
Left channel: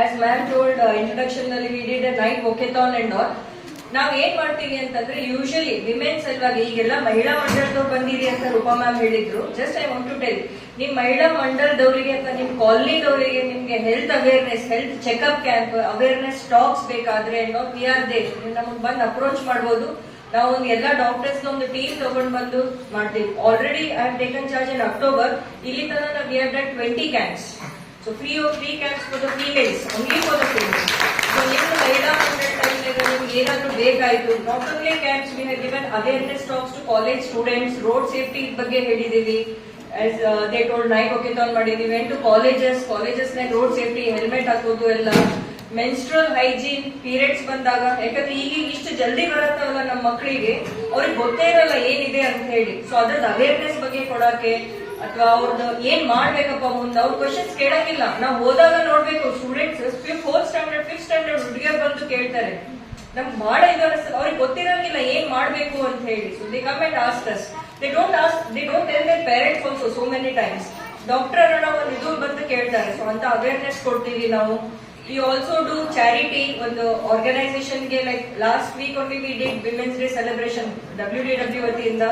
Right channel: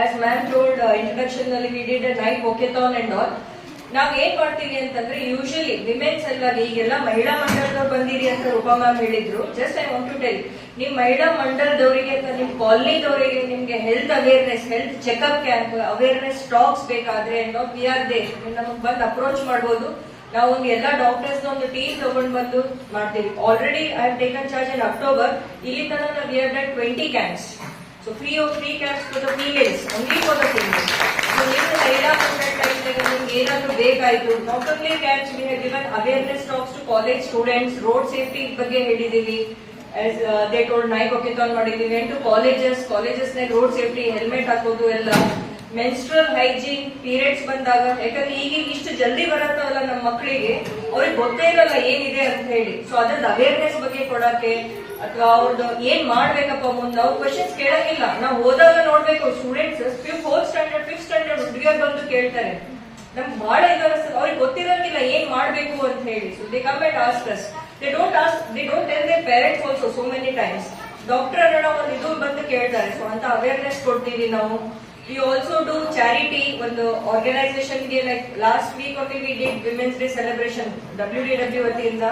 ಆಸ್ ಮ್ಯಾಮ್ ಟೋಲ್ಡ್ ಇಂಟ್ರಡಕ್ಷನ್ ನಲ್ಲಿ we did a night walkathon and all. ನಾವ್ ಏನ್ ಮಾಡ್ತೀವಿ ಅಂತಂದ್ರೆ ಯೂಶಲಿ ವಿಮೆನ್ ಸಲುವಾಗಿ ಈಗೆಲ್ಲ ಮಹಿಳಾ ಮಂಡಲದವ್ರು ಬಂದಿರಿ ಅಂತ ರೂಪಾ ಮ್ಯಾಮ್ ಹೇಳಿದ್ರು. Just I want to tell, ನಿಮ್ ಮಹಿಳಾ ಮಂಡಲದವರಿಗೆ ಅಥವಾ ನಿಮ್ ಕಾಲನಿದವರಿಗೆ ನಿಮ್ಗೆ health awareness, health checkup camp awareness talks ಬೇಕಾದ್ರೆ ವಿ ಆರ್ ದೇ, ನಮಗ್ ಬಂದು ಅಪ್ರೋಚ್ ಮಾಡಬಹುದು. ನಾವು ಒಂದು ಎಲ್ಲ ಡಾಕ್ಟರ್ಸ್ ಒಂದು ಟೀಮ್ ತಗೊಂಡ್ ಬಂದು ಮಾಡ್ತೀವಿ. Already I have taken charge in October. ಇಲ್ಲಿ ತನಕ we have done 20 camps. So free camps for the females, only for the females. So ನಿಮ್ಗೆ ಮಹಿಳಾ ಮಂಡಲ ಟೈಮ್ನಾಗ ನಿಮ್ಗೆ ಏನಾದ್ರು ಬೇಕಾಯ್ತು, not only camps, we have given awareness talks to college students, road safety ಬಗ್ಗೆ ಹೇಳಿದೀವಿ. As they told night walkathon ಮಾಡಿದೀವಿ. ಟು ಕಾಲೇಜಸ್ ನಾಗ ರೋಡ್ ಸೇಫ್ಟಿ, ಹೆಲ್ಮೆಟ್ ಹಾಕೋದು ಎಲ್ಲ, ಮೆನ್ಸ್ಟ್ರಲ್ ಹೈಜೀನ್, ಪೀರಿಯಡ್ಸ್ ಬಂದಾಗ, ಯಾಕಂದ್ರೆ ಈಗ ಇಷ್ಟು ಜಲ್ದಿ ಬರತ್ತಲ್ಲ ನಮ್ಮ ಮಕ್ಕಳಿಗೆ, ಅವ್ರಿಗೆ ಗೊತ್ತೇ ಇರಲ್ಲ ಏನಿದೆ ಅಂತ ಹೇಳಿ. ಸೊ ಅದ್ರದ್ದು ಅವೇರ್ನೆಸ್ ಬಗ್ಗೆ ಕೊಡಕ್ಕೆ ಅಥವಾ ಅವ್ರದ್ದು ಏನ್ ಮಾಡ್ಬೇಕಪ್ಪ ಮುಂದೆ ಅವ್ರ ಕ್ವಶನ್ಸ್ ಕೇಳಂಗಿಲ್ಲ. ನಾವು ಹೋದಾಗ ನೋಡ್ಬೇಕು students 4th standard 5th standard ಹುಡುಗಿಯರ್ ಬಂದು ಕೇಳ್ತಾರೆ. ನಮ್ಗೆ ಬಹಳ ಇದು ಅನಿಸ್ತದೆ, ಅವ್ರಿಗೆ ಗೊತ್ತಿರಂಗಿಲ್ಲ ಏನ್ ಮಾಡ್ಬೇಕು ಅಂತ ಹೇಳಿ. So they come and ask us. They don't tell their parents also so many times. Doctor ಅನ್ನೋ ಒಂದು ಇದು ಬಂದು ಕೇಳ್ತಾರೆ. ಸೊ ಅಂತ ಅವೇರ್ನೆಸ್ ಕೊಡ್ತೀವಿ ನಾವು. We also do charity. ಒಂದು ಆರ್ಗನೈಸೇಷನ್ ಗೆ like last week only we did women's day celebration WDW ವತಿಯಿಂದ.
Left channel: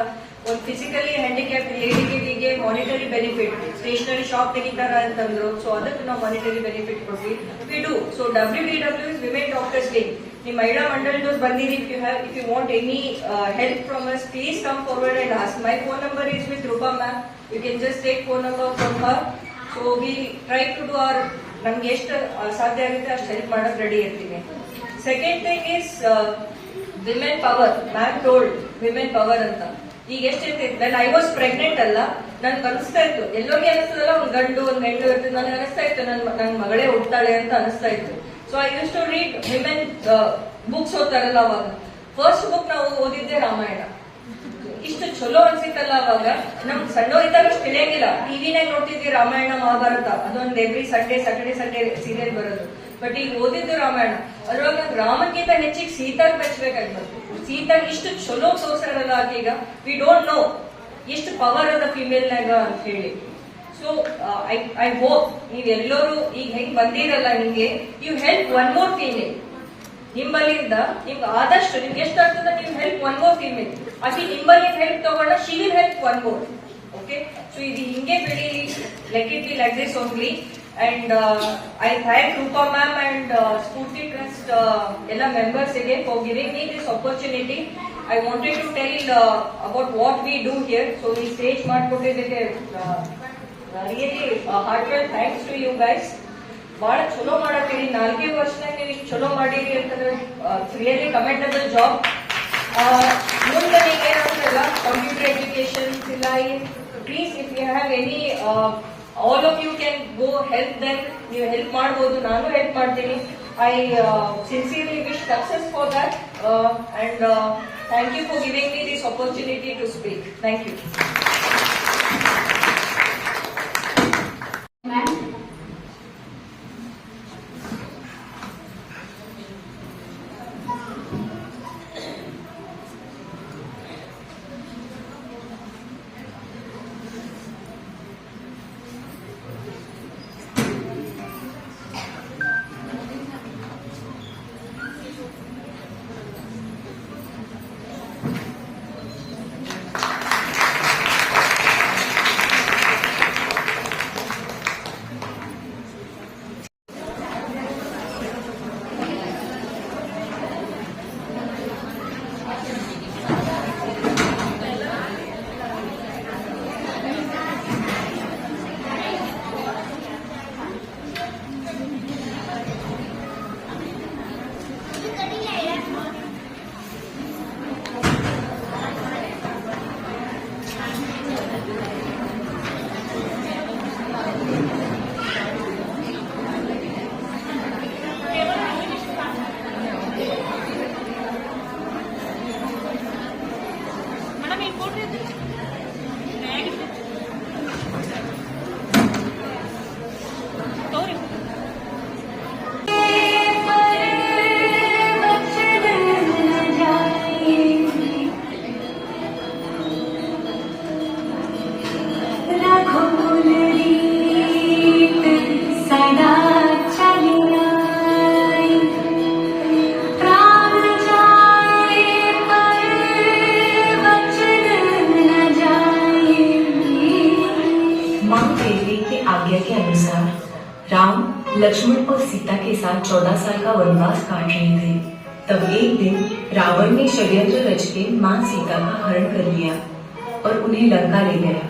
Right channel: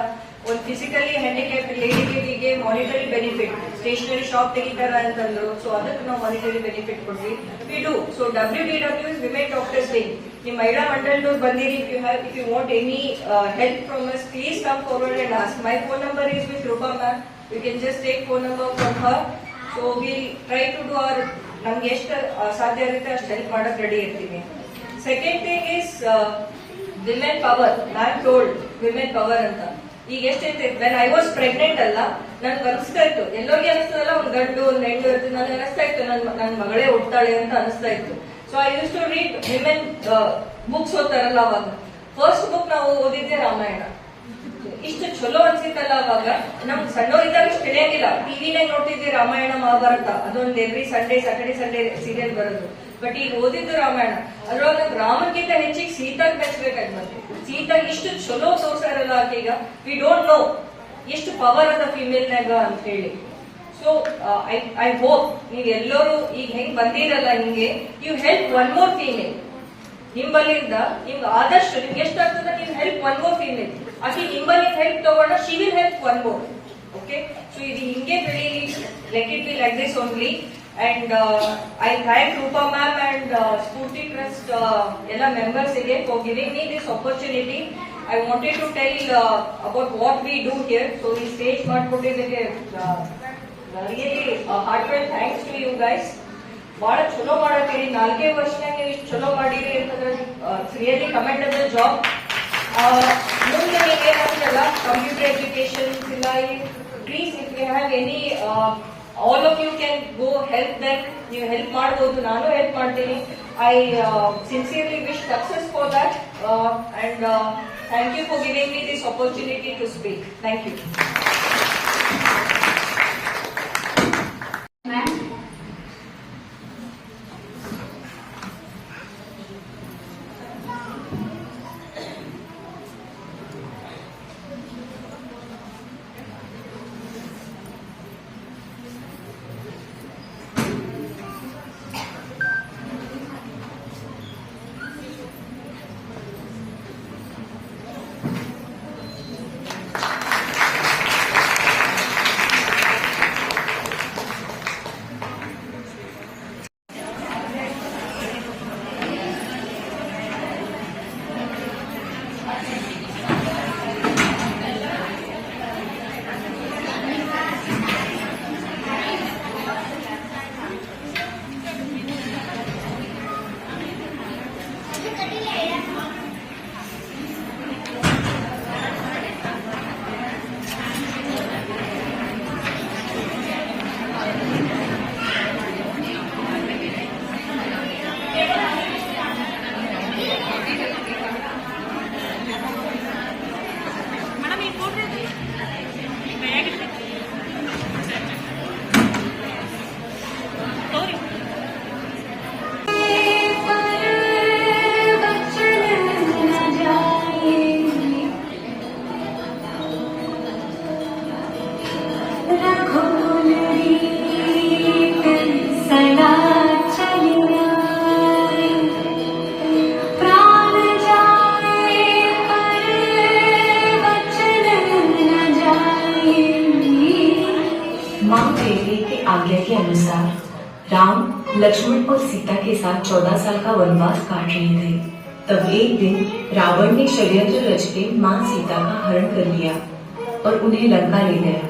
ಒಂದು ಫಿಸಿಕಲಿ ಹ್ಯಾಂಡಿಕ್ಯಾಪ್ಡ್ ಲೇಡಿಗೆ ಮಾನಿಟರಿ ಬೆನಿಫಿಟ್, ಸ್ಟೇಷನರಿ ಶಾಪ್ ತೆಗಿತಾರ ಅಂತಂದ್ರು. ಸೊ ಅದಕ್ಕೆ ನಾವು ಮಾನಿಟರಿ ಬೆನಿಫಿಟ್ ಕೊಡ್ತೀವಿ. We do. So WDW is women doctors day. ನಿಮ್ ಮಹಿಳಾ ಮಂಡಲದವ್ರು ಬಂದಿರಿ. If you want any help from us, please come forward and ask. My phone number is with Rupa ma'am. You can just take phone number from her. So we try to do our, ನಮ್ಗೆ ಎಷ್ಟು ಸಾಧ್ಯ ಆಗುತ್ತೆ ಅಷ್ಟು ಹೆಲ್ಪ್ ಮಾಡಕ್ ರೆಡಿ ಇರ್ತೀವಿ. Second thing is women power. Ma'am told women power ಅಂತ. ಈಗ ಎಷ್ಟೈತೆ, ವೆನ್ ಐ ವಾಸ್ ಪ್ರೆಗ್ನೆಂಟ್ ಅಲ್ಲ, ನನ್ಗೆ ಅನಿಸ್ತಾ ಇತ್ತು, ಎಲ್ಲೋಗಿ ಅನಿಸ್ತದಲ್ಲ ಒಂದ್ ಗಂಡು ಒಂದ್ ಹೆಣ್ಣು ಇರ್ತದೆ, ನನಗೆ ಅನಿಸ್ತಾ ಇತ್ತು ನನ್ ಮಗಳೇ ಹುಡ್ತಾಳೆ ಅಂತ ಅನಿಸ್ತಾ ಇತ್ತು. So I use to read women books ಓದ್ತಾರಲ್ಲ ಅವಾಗ. ಫಸ್ಟ್ ಬುಕ್ ನಾವು ಓದಿದ್ದೆ ರಾಮಾಯಣ. ಇಷ್ಟು ಚಲೋ ಅನ್ಸಿತ್ತಲ್ಲ ಅವಾಗ. ನಮ್ಗೆ ಸಣ್ಣವರಿದ್ದಾಗ ಅಷ್ಟು ತಿಳಿಯಂಗಿಲ್ಲ. ಟಿವಿನಾಗ ನೋಡ್ತಿದ್ವಿ ರಾಮಾಯಣ ಮಹಾಭಾರತ, ಅದೊಂದು ಎವ್ರಿ ಸ್ಯಾಟರ್ಡೆ ಸಂಡೇ ಸೀರಿಯಲ್ ಬರೋದು. ಬಟ್ ಈಗ ಓದಿದ್ದು ರಾಮಾಯಣ. ಅದ್ರೊಳಗೆ ನಂಗೆ ರಾಮನ್ಗಿಂತ ಹೆಚ್ಚಿಗೆ ಸೀತಾಗ್ ಮೆಚ್ಚಬೇಕಾಗಿ ಬಂತು. ಸೀತಾಗ್ ಇಷ್ಟು ಚಲೋ ತೋರ್ಸಾರಲ್ಲ ಆಕೀಗ. ವಿ ಡೋಂಟ್ ನೋ ಎಷ್ಟು ಪವರ್ ಅದ ಫಿಮೇಲ್ ನಾಗ ಅಂತ ಹೇಳಿ. ಸೊ ಐ ಹೋಪ್ ನೀವೆಲ್ಲರೂ ಈಗ ಹೆಂಗ್ ಬಂದಿರಲ್ಲ ಹಿಂಗೆ, you help one more female. ನಿಂಬಲ್ಲಿಂದ ನಿಮ್ಗೆ ಆದಷ್ಟು ನಿಮ್ಗೆ ಎಷ್ಟಾಗ್ತದ ನೀವು ಹೆಲ್ಪ್ ಒನ್ ಮೋರ್ ಫೀಮೇಲ್. ಆಕಿ ನಿಂಬಲ್ಲಿ ಹೆಲ್ಪ್ ತಗೊಂಡ she will help one more. Okay, so ಇದು ಹಿಂಗೆ ಬೆಳೀಲಿ. Let it be like this only. And I thank Rupa ma'am and Spurti Trust ಎಲ್ಲ members again for giving me this opportunity. I wanted to tell about what we do here. So ಈ stage ಮಾಡ್ಕೊಟ್ಟಿದ್ದಕ್ಕೆ really heartfelt thanks to you guys. ಬಹಳ ಚಲೋ ಮಾಡತ್ತೀರಿ. 4 ವರ್ಷನಾಗ ನೀವು ಇಷ್ಟು ಚಲೋ ಮಾಡಿರಿ ಅಂತಂದ್ರೆ ರಿಯಲಿ ಕಮೆಂಡಬಲ್ ಜಾಬ್. ಮುಂದೆ ನೀವು ಏನಾಗ್ತಲ್ಲ ಕಂಪ್ಯೂಟರ್ ಎಜುಕೇಶನ್ ಇಲ್ಲ, please if you have any, all of you can go help them. ನೀವು ಹೆಲ್ಪ್ ಮಾಡಬಹುದು, ನಾನು ಹೆಲ್ಪ್ ಮಾಡ್ತೀನಿ. I sincerely wish success for that and thank you for giving me this opportunity to speak. Thank you. Lakshman और सीता के साथ 14 साल का वनवास काट रहे थे। तब एक दिन रावण ने षड्यंत्र रच के मां सीता का हरण कर लिया और उन्हें लंका ले गया।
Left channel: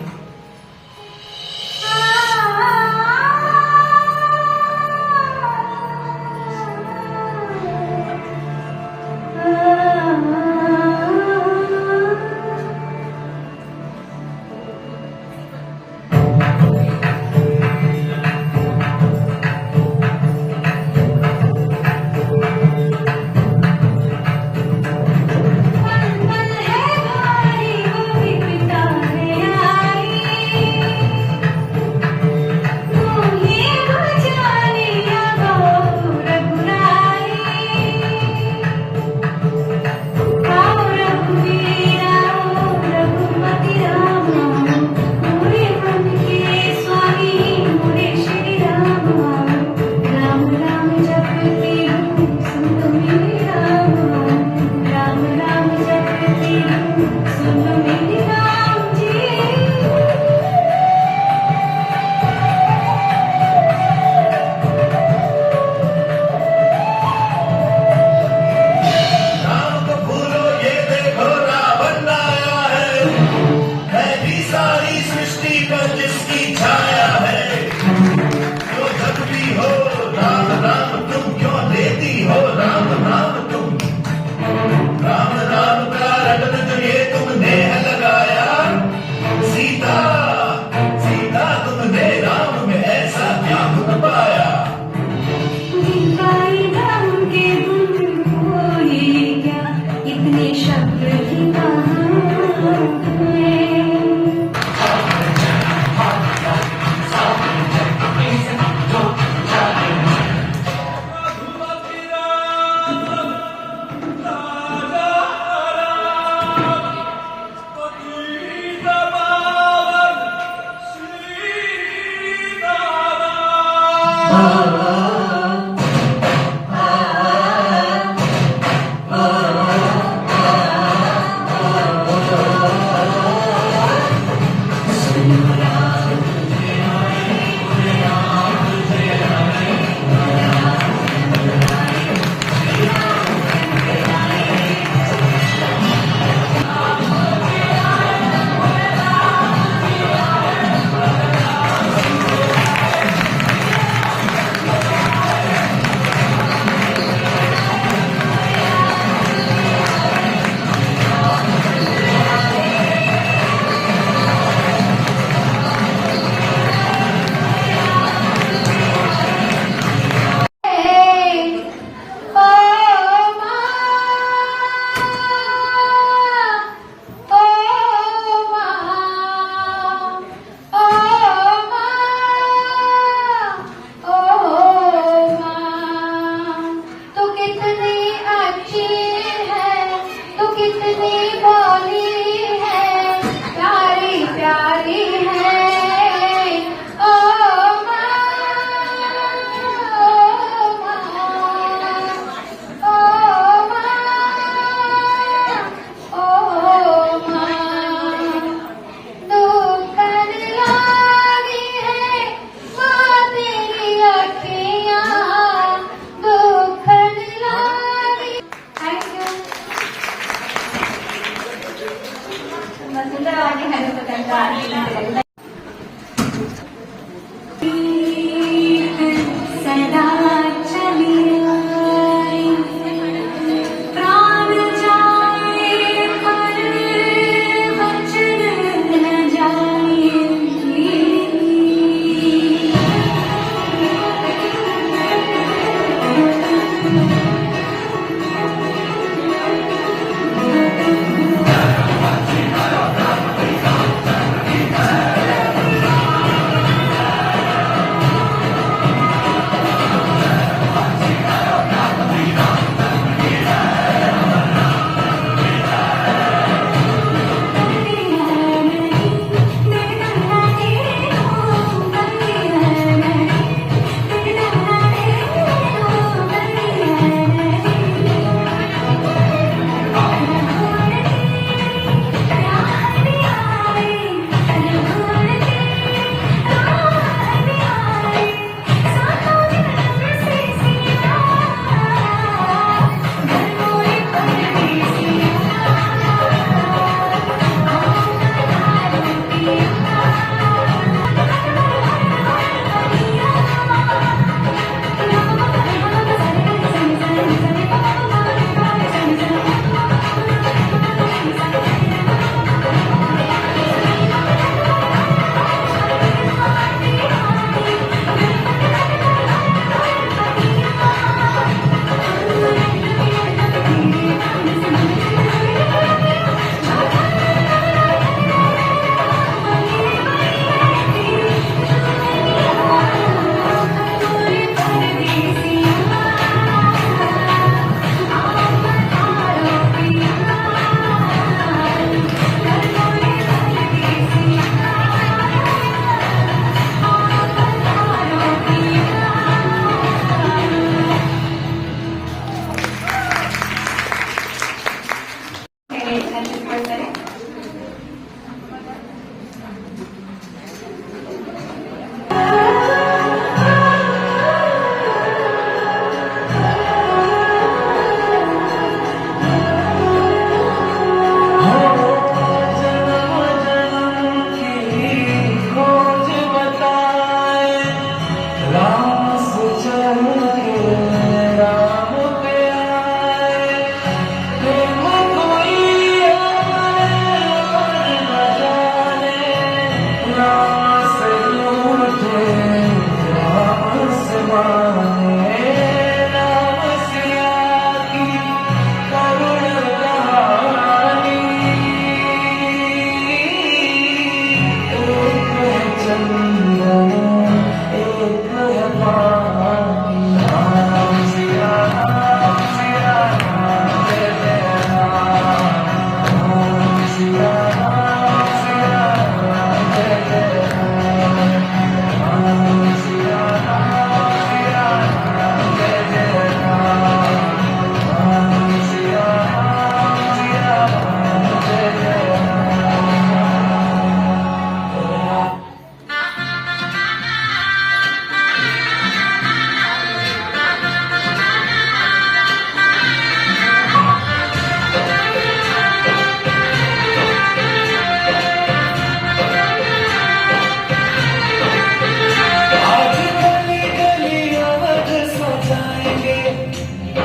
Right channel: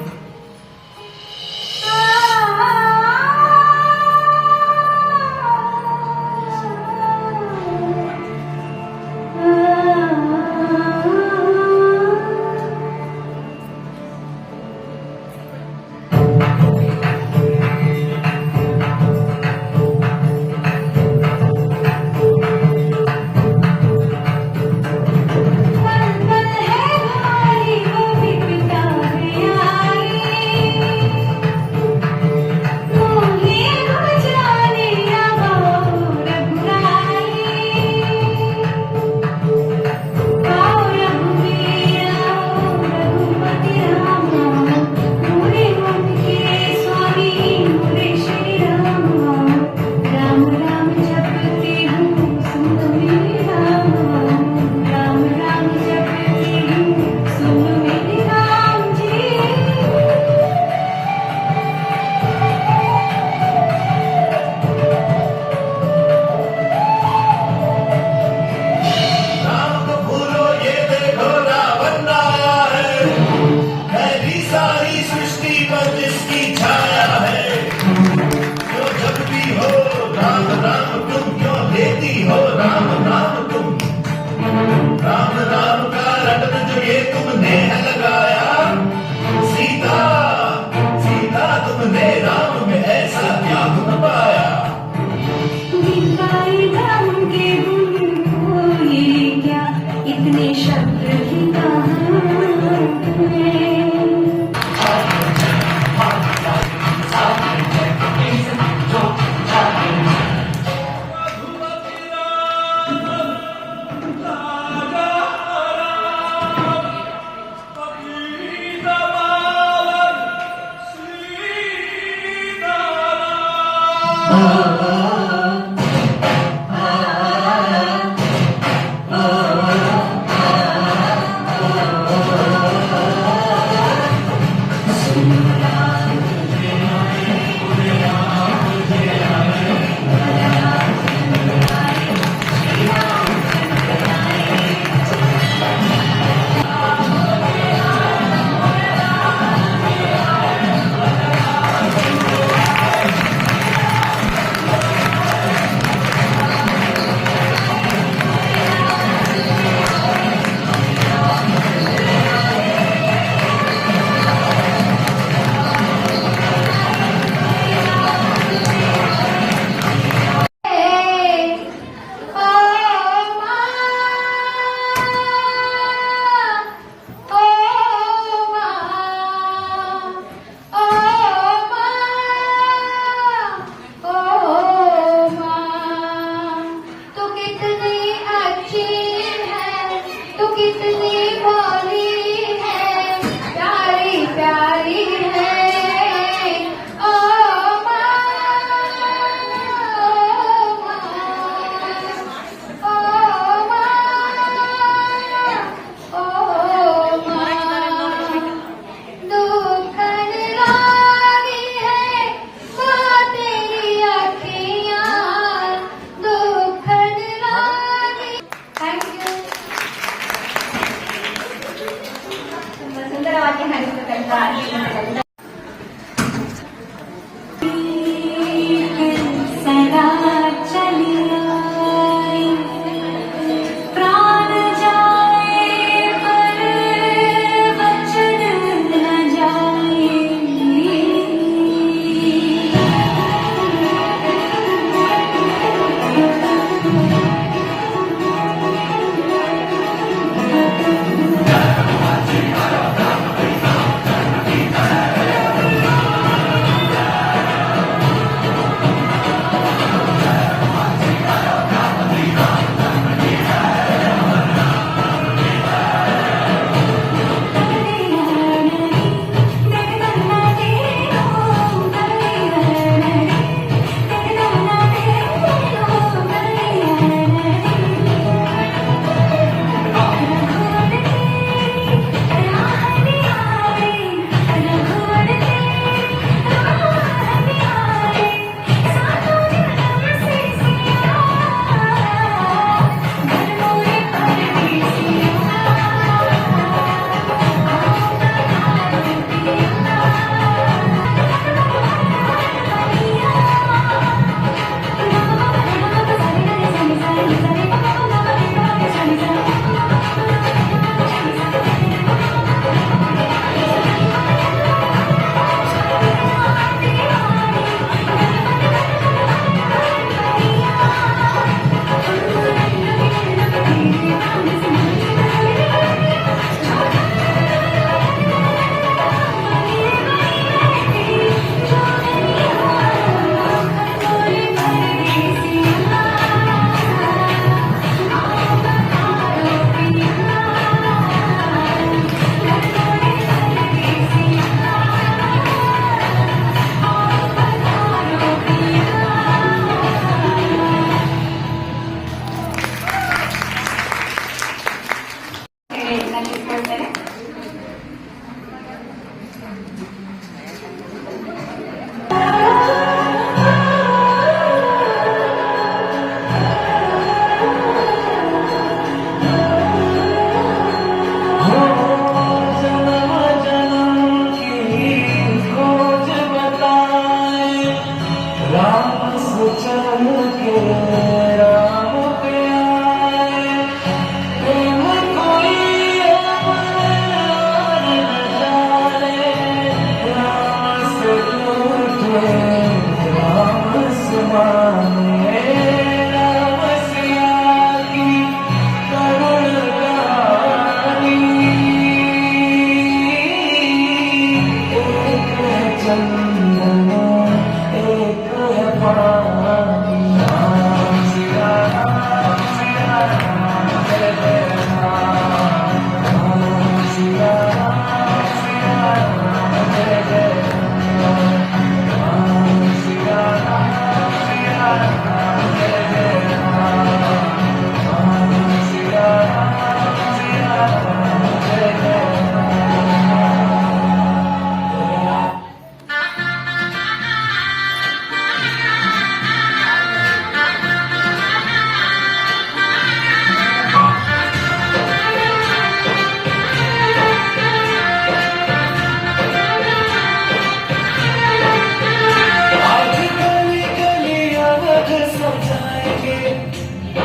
जाएंगे,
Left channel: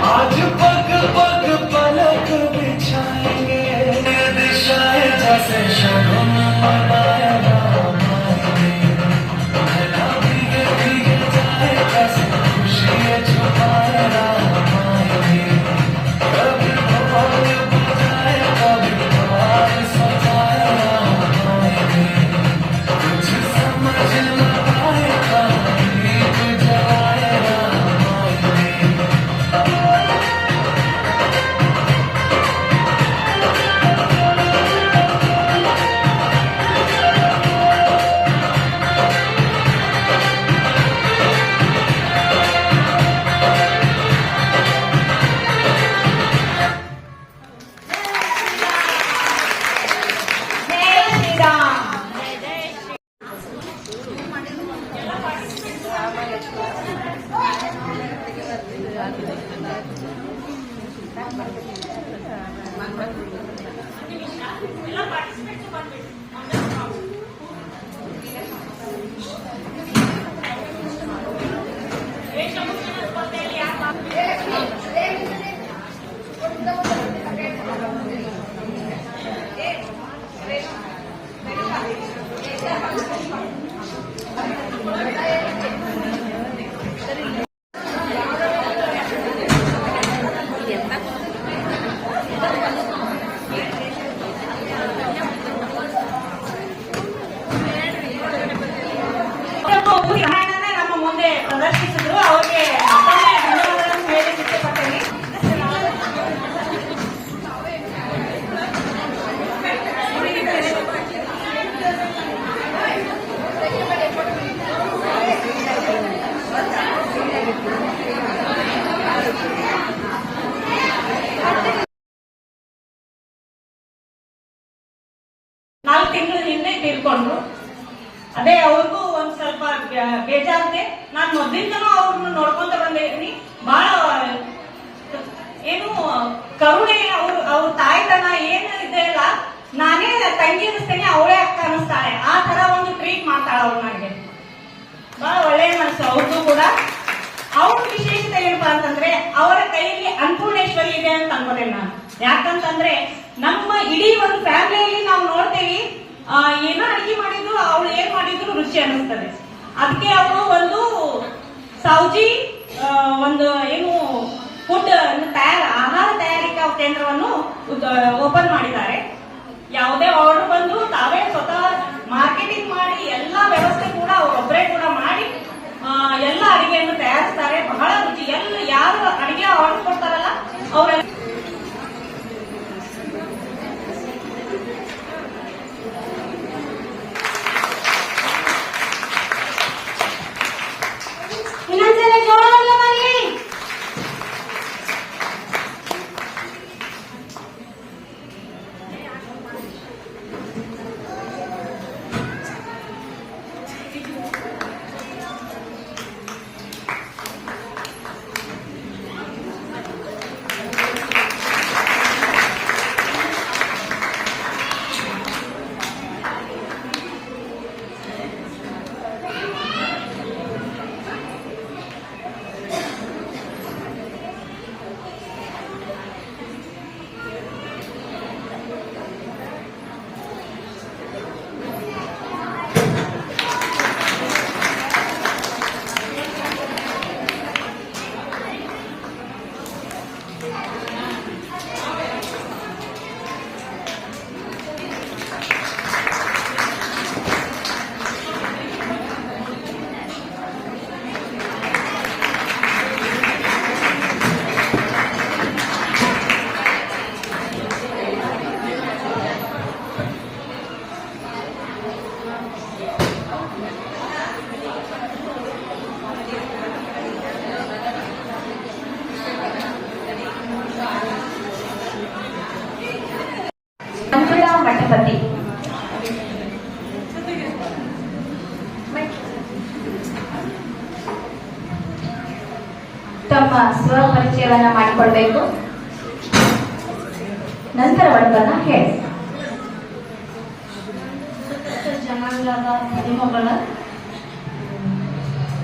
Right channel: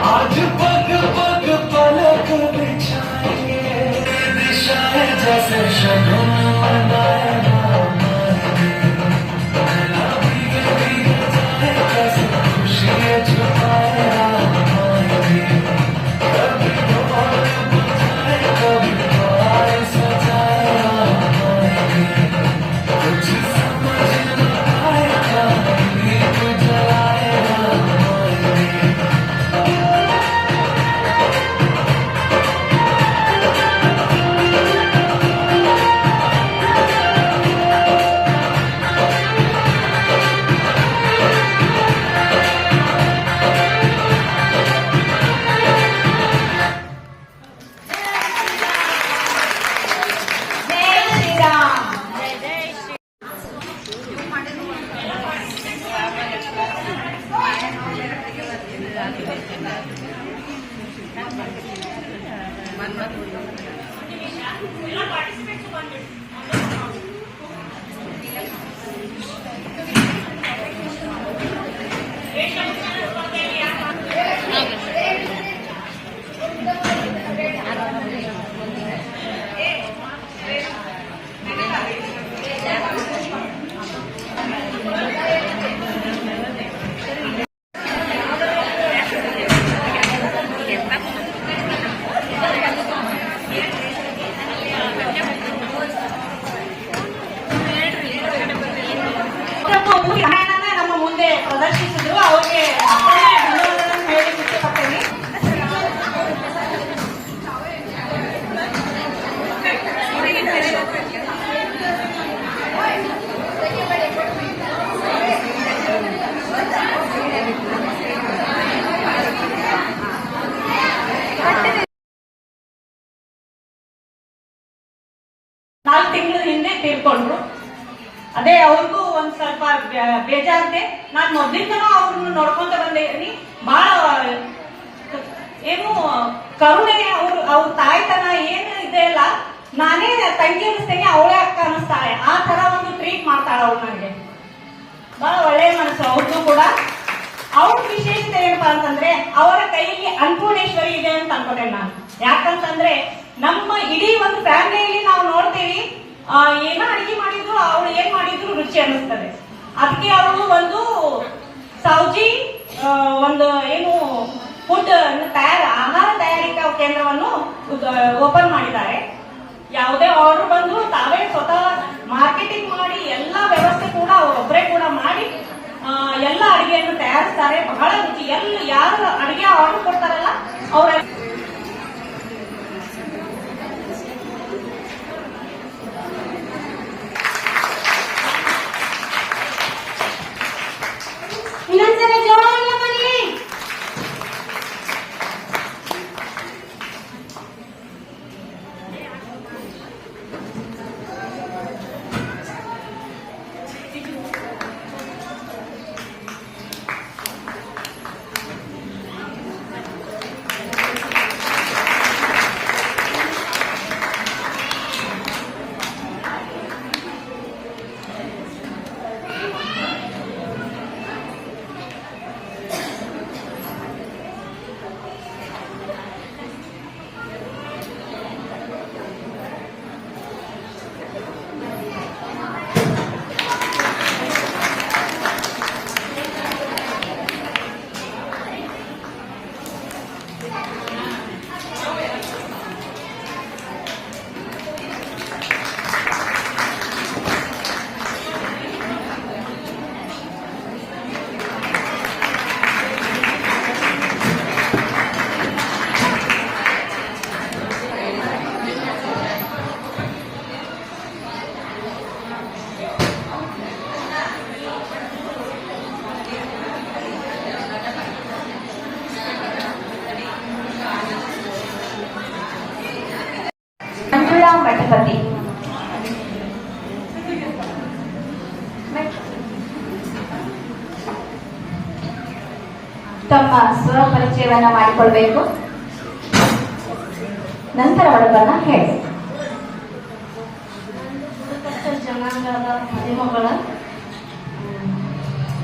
आज पग पग पलक बिछाएंगे, दिशाएं जैसे शगुन मनाएगा, भीगे भीगे जाए कैसे खुशियाँ छुपाएगा, कभी भोर बुझाए कभी द्वार सजाएगा, कुछ समझ न आएगा, दीप जलाएगा। ಎಲ್ಲ ಪಾರ್ಟಿಸಿಪೇಟ್ಸ್ ಬಂದ್ಬಿಡಿ. ವೇಷಭೂಷಣ ಸ್ಪರ್ಧೆಯಲ್ಲಿ ಯಾರು ನಮ್ಮ ಮುಂದೆ ಪ್ರದರ್ಶಿಸಿದ್ರು. ಅವ್ರಿಗೆ ಮತ್ತೊಮ್ಮೆ ಧನ್ಯವಾದಗಳನ್ನು ಹೇಳಿ ಇಷ್ಟಪಡ್ತೇನೆ. ನಾಲ್ಕು ತಿಂಗಳ ಹಿಂದೆ ತೀರ್ಕೊಂಡ್ರು. ಅದೇ ಅವ್ರಿಗೂ ಒಂದ್ ಸ್ವಲ್ಪ ಬೇಜಾರಿದೆ. ನಾನು ಮೊದ್ಲಿಂದನೂ ಅವ್ರನ್ನ ನೋಡ್ಕೊಂತ ಬಂದೇನಿ. ಬಹಳ ಏನು ಕರುಣೆ, ಅವ್ರ ತಾಯ್ತನ ಏನು ಇದೆ ಅಲ್ಲ, ನಾನೇ ತಂಗಿ ಅನಿಸ್ತೇನೆ, ಅವಳೇ ಅಕ್ಕ ಅನಿಸ್ತಾಳೆ. ಆ ತರ ಒಂದು ಟ್ರೀಟ್ ಮಾಡ್ತಾಳೆ ಅವ್ರು. ನನಗೆ ಬಹಳ ಒಳ್ಳೆ ಮನಸ್ಸು ಅವ್ರದ್ದು ಕೂಡ. ಅವ್ರ ವಿಶೇಷತೆ ಏನಪ್ಪಾ ಅಂತಂದ್ರೆ ಅವರ ಕೈಯಲ್ಲಿ ಅನ್ನಪೂರ್ಣೇಶ್ವರಿ ಇದೆ ಅಂತ ಅನ್ಕೊಂಡೆ ನಾನು. ಯಾಕಂತಂದ್ರೆ ನಮ್ಮ ಇಡೀ ಒಂದು ಫ್ಯಾಮಿಲಿಯಲ್ಲಿ ನಾವು ನೋಡ್ತೇವಿ, ಏನೋ ಅಡಿಗೆ ಮಾಡಿದ್ರು ಅವಳು ಏನ್ ಮಾಡಿದ್ರು ರುಚಿ ಅನ್ನಿಸ್ತದೆ. ಅದಕ್ಕೆ ಅವರು ಒಂದು ಸೌಜಿ ಒಂದು ಏನು ಫುಡ್ ಆಹಾರ ತಯಾರಿಕಾ ಕೇಂದ್ರವನ್ನು ಓಪನ್ ಮಾಡಿದ್ದಾರೆ. ಯಾವುದೇ ಆರ್ಡರ್ ಬಂದು ತಾವೇ ಸ್ವತಃ ಮಾರ್ಕೆಟಿಂಗ್ ಮಾಡಿ ಎಲ್ಲ ವ್ಯವಸ್ಥೆ ಕೂಡ ಅವರೊಬ್ಬರೇ ಕೂಡ ಮಾಡಿ ಎಲ್ಲ ಅಡಿಗೆಯನ್ನು ತಯಾರಿಸ್ತಾರೆ. ಬಹಳ ರುಚಿ. ಯಾರು ಅಡಿಗೆ ಆರ್ಡರ್ ಕೊಡ್ತಾರಲ್ಲ ಅವರ ಇನ್ನೊಂದ್ಸಲ ಜೋರಾಗಿ ಮಾಡಿ. ಮಠಪತಿ ತಮ್ಮ ಸ್ವಪರಿಚಯವನ್ನ ಮಾಡಿಕೊಳ್ಬೇಕು. ನಂತರ ಒಳಬನ್ನ ಹೇಳಿ.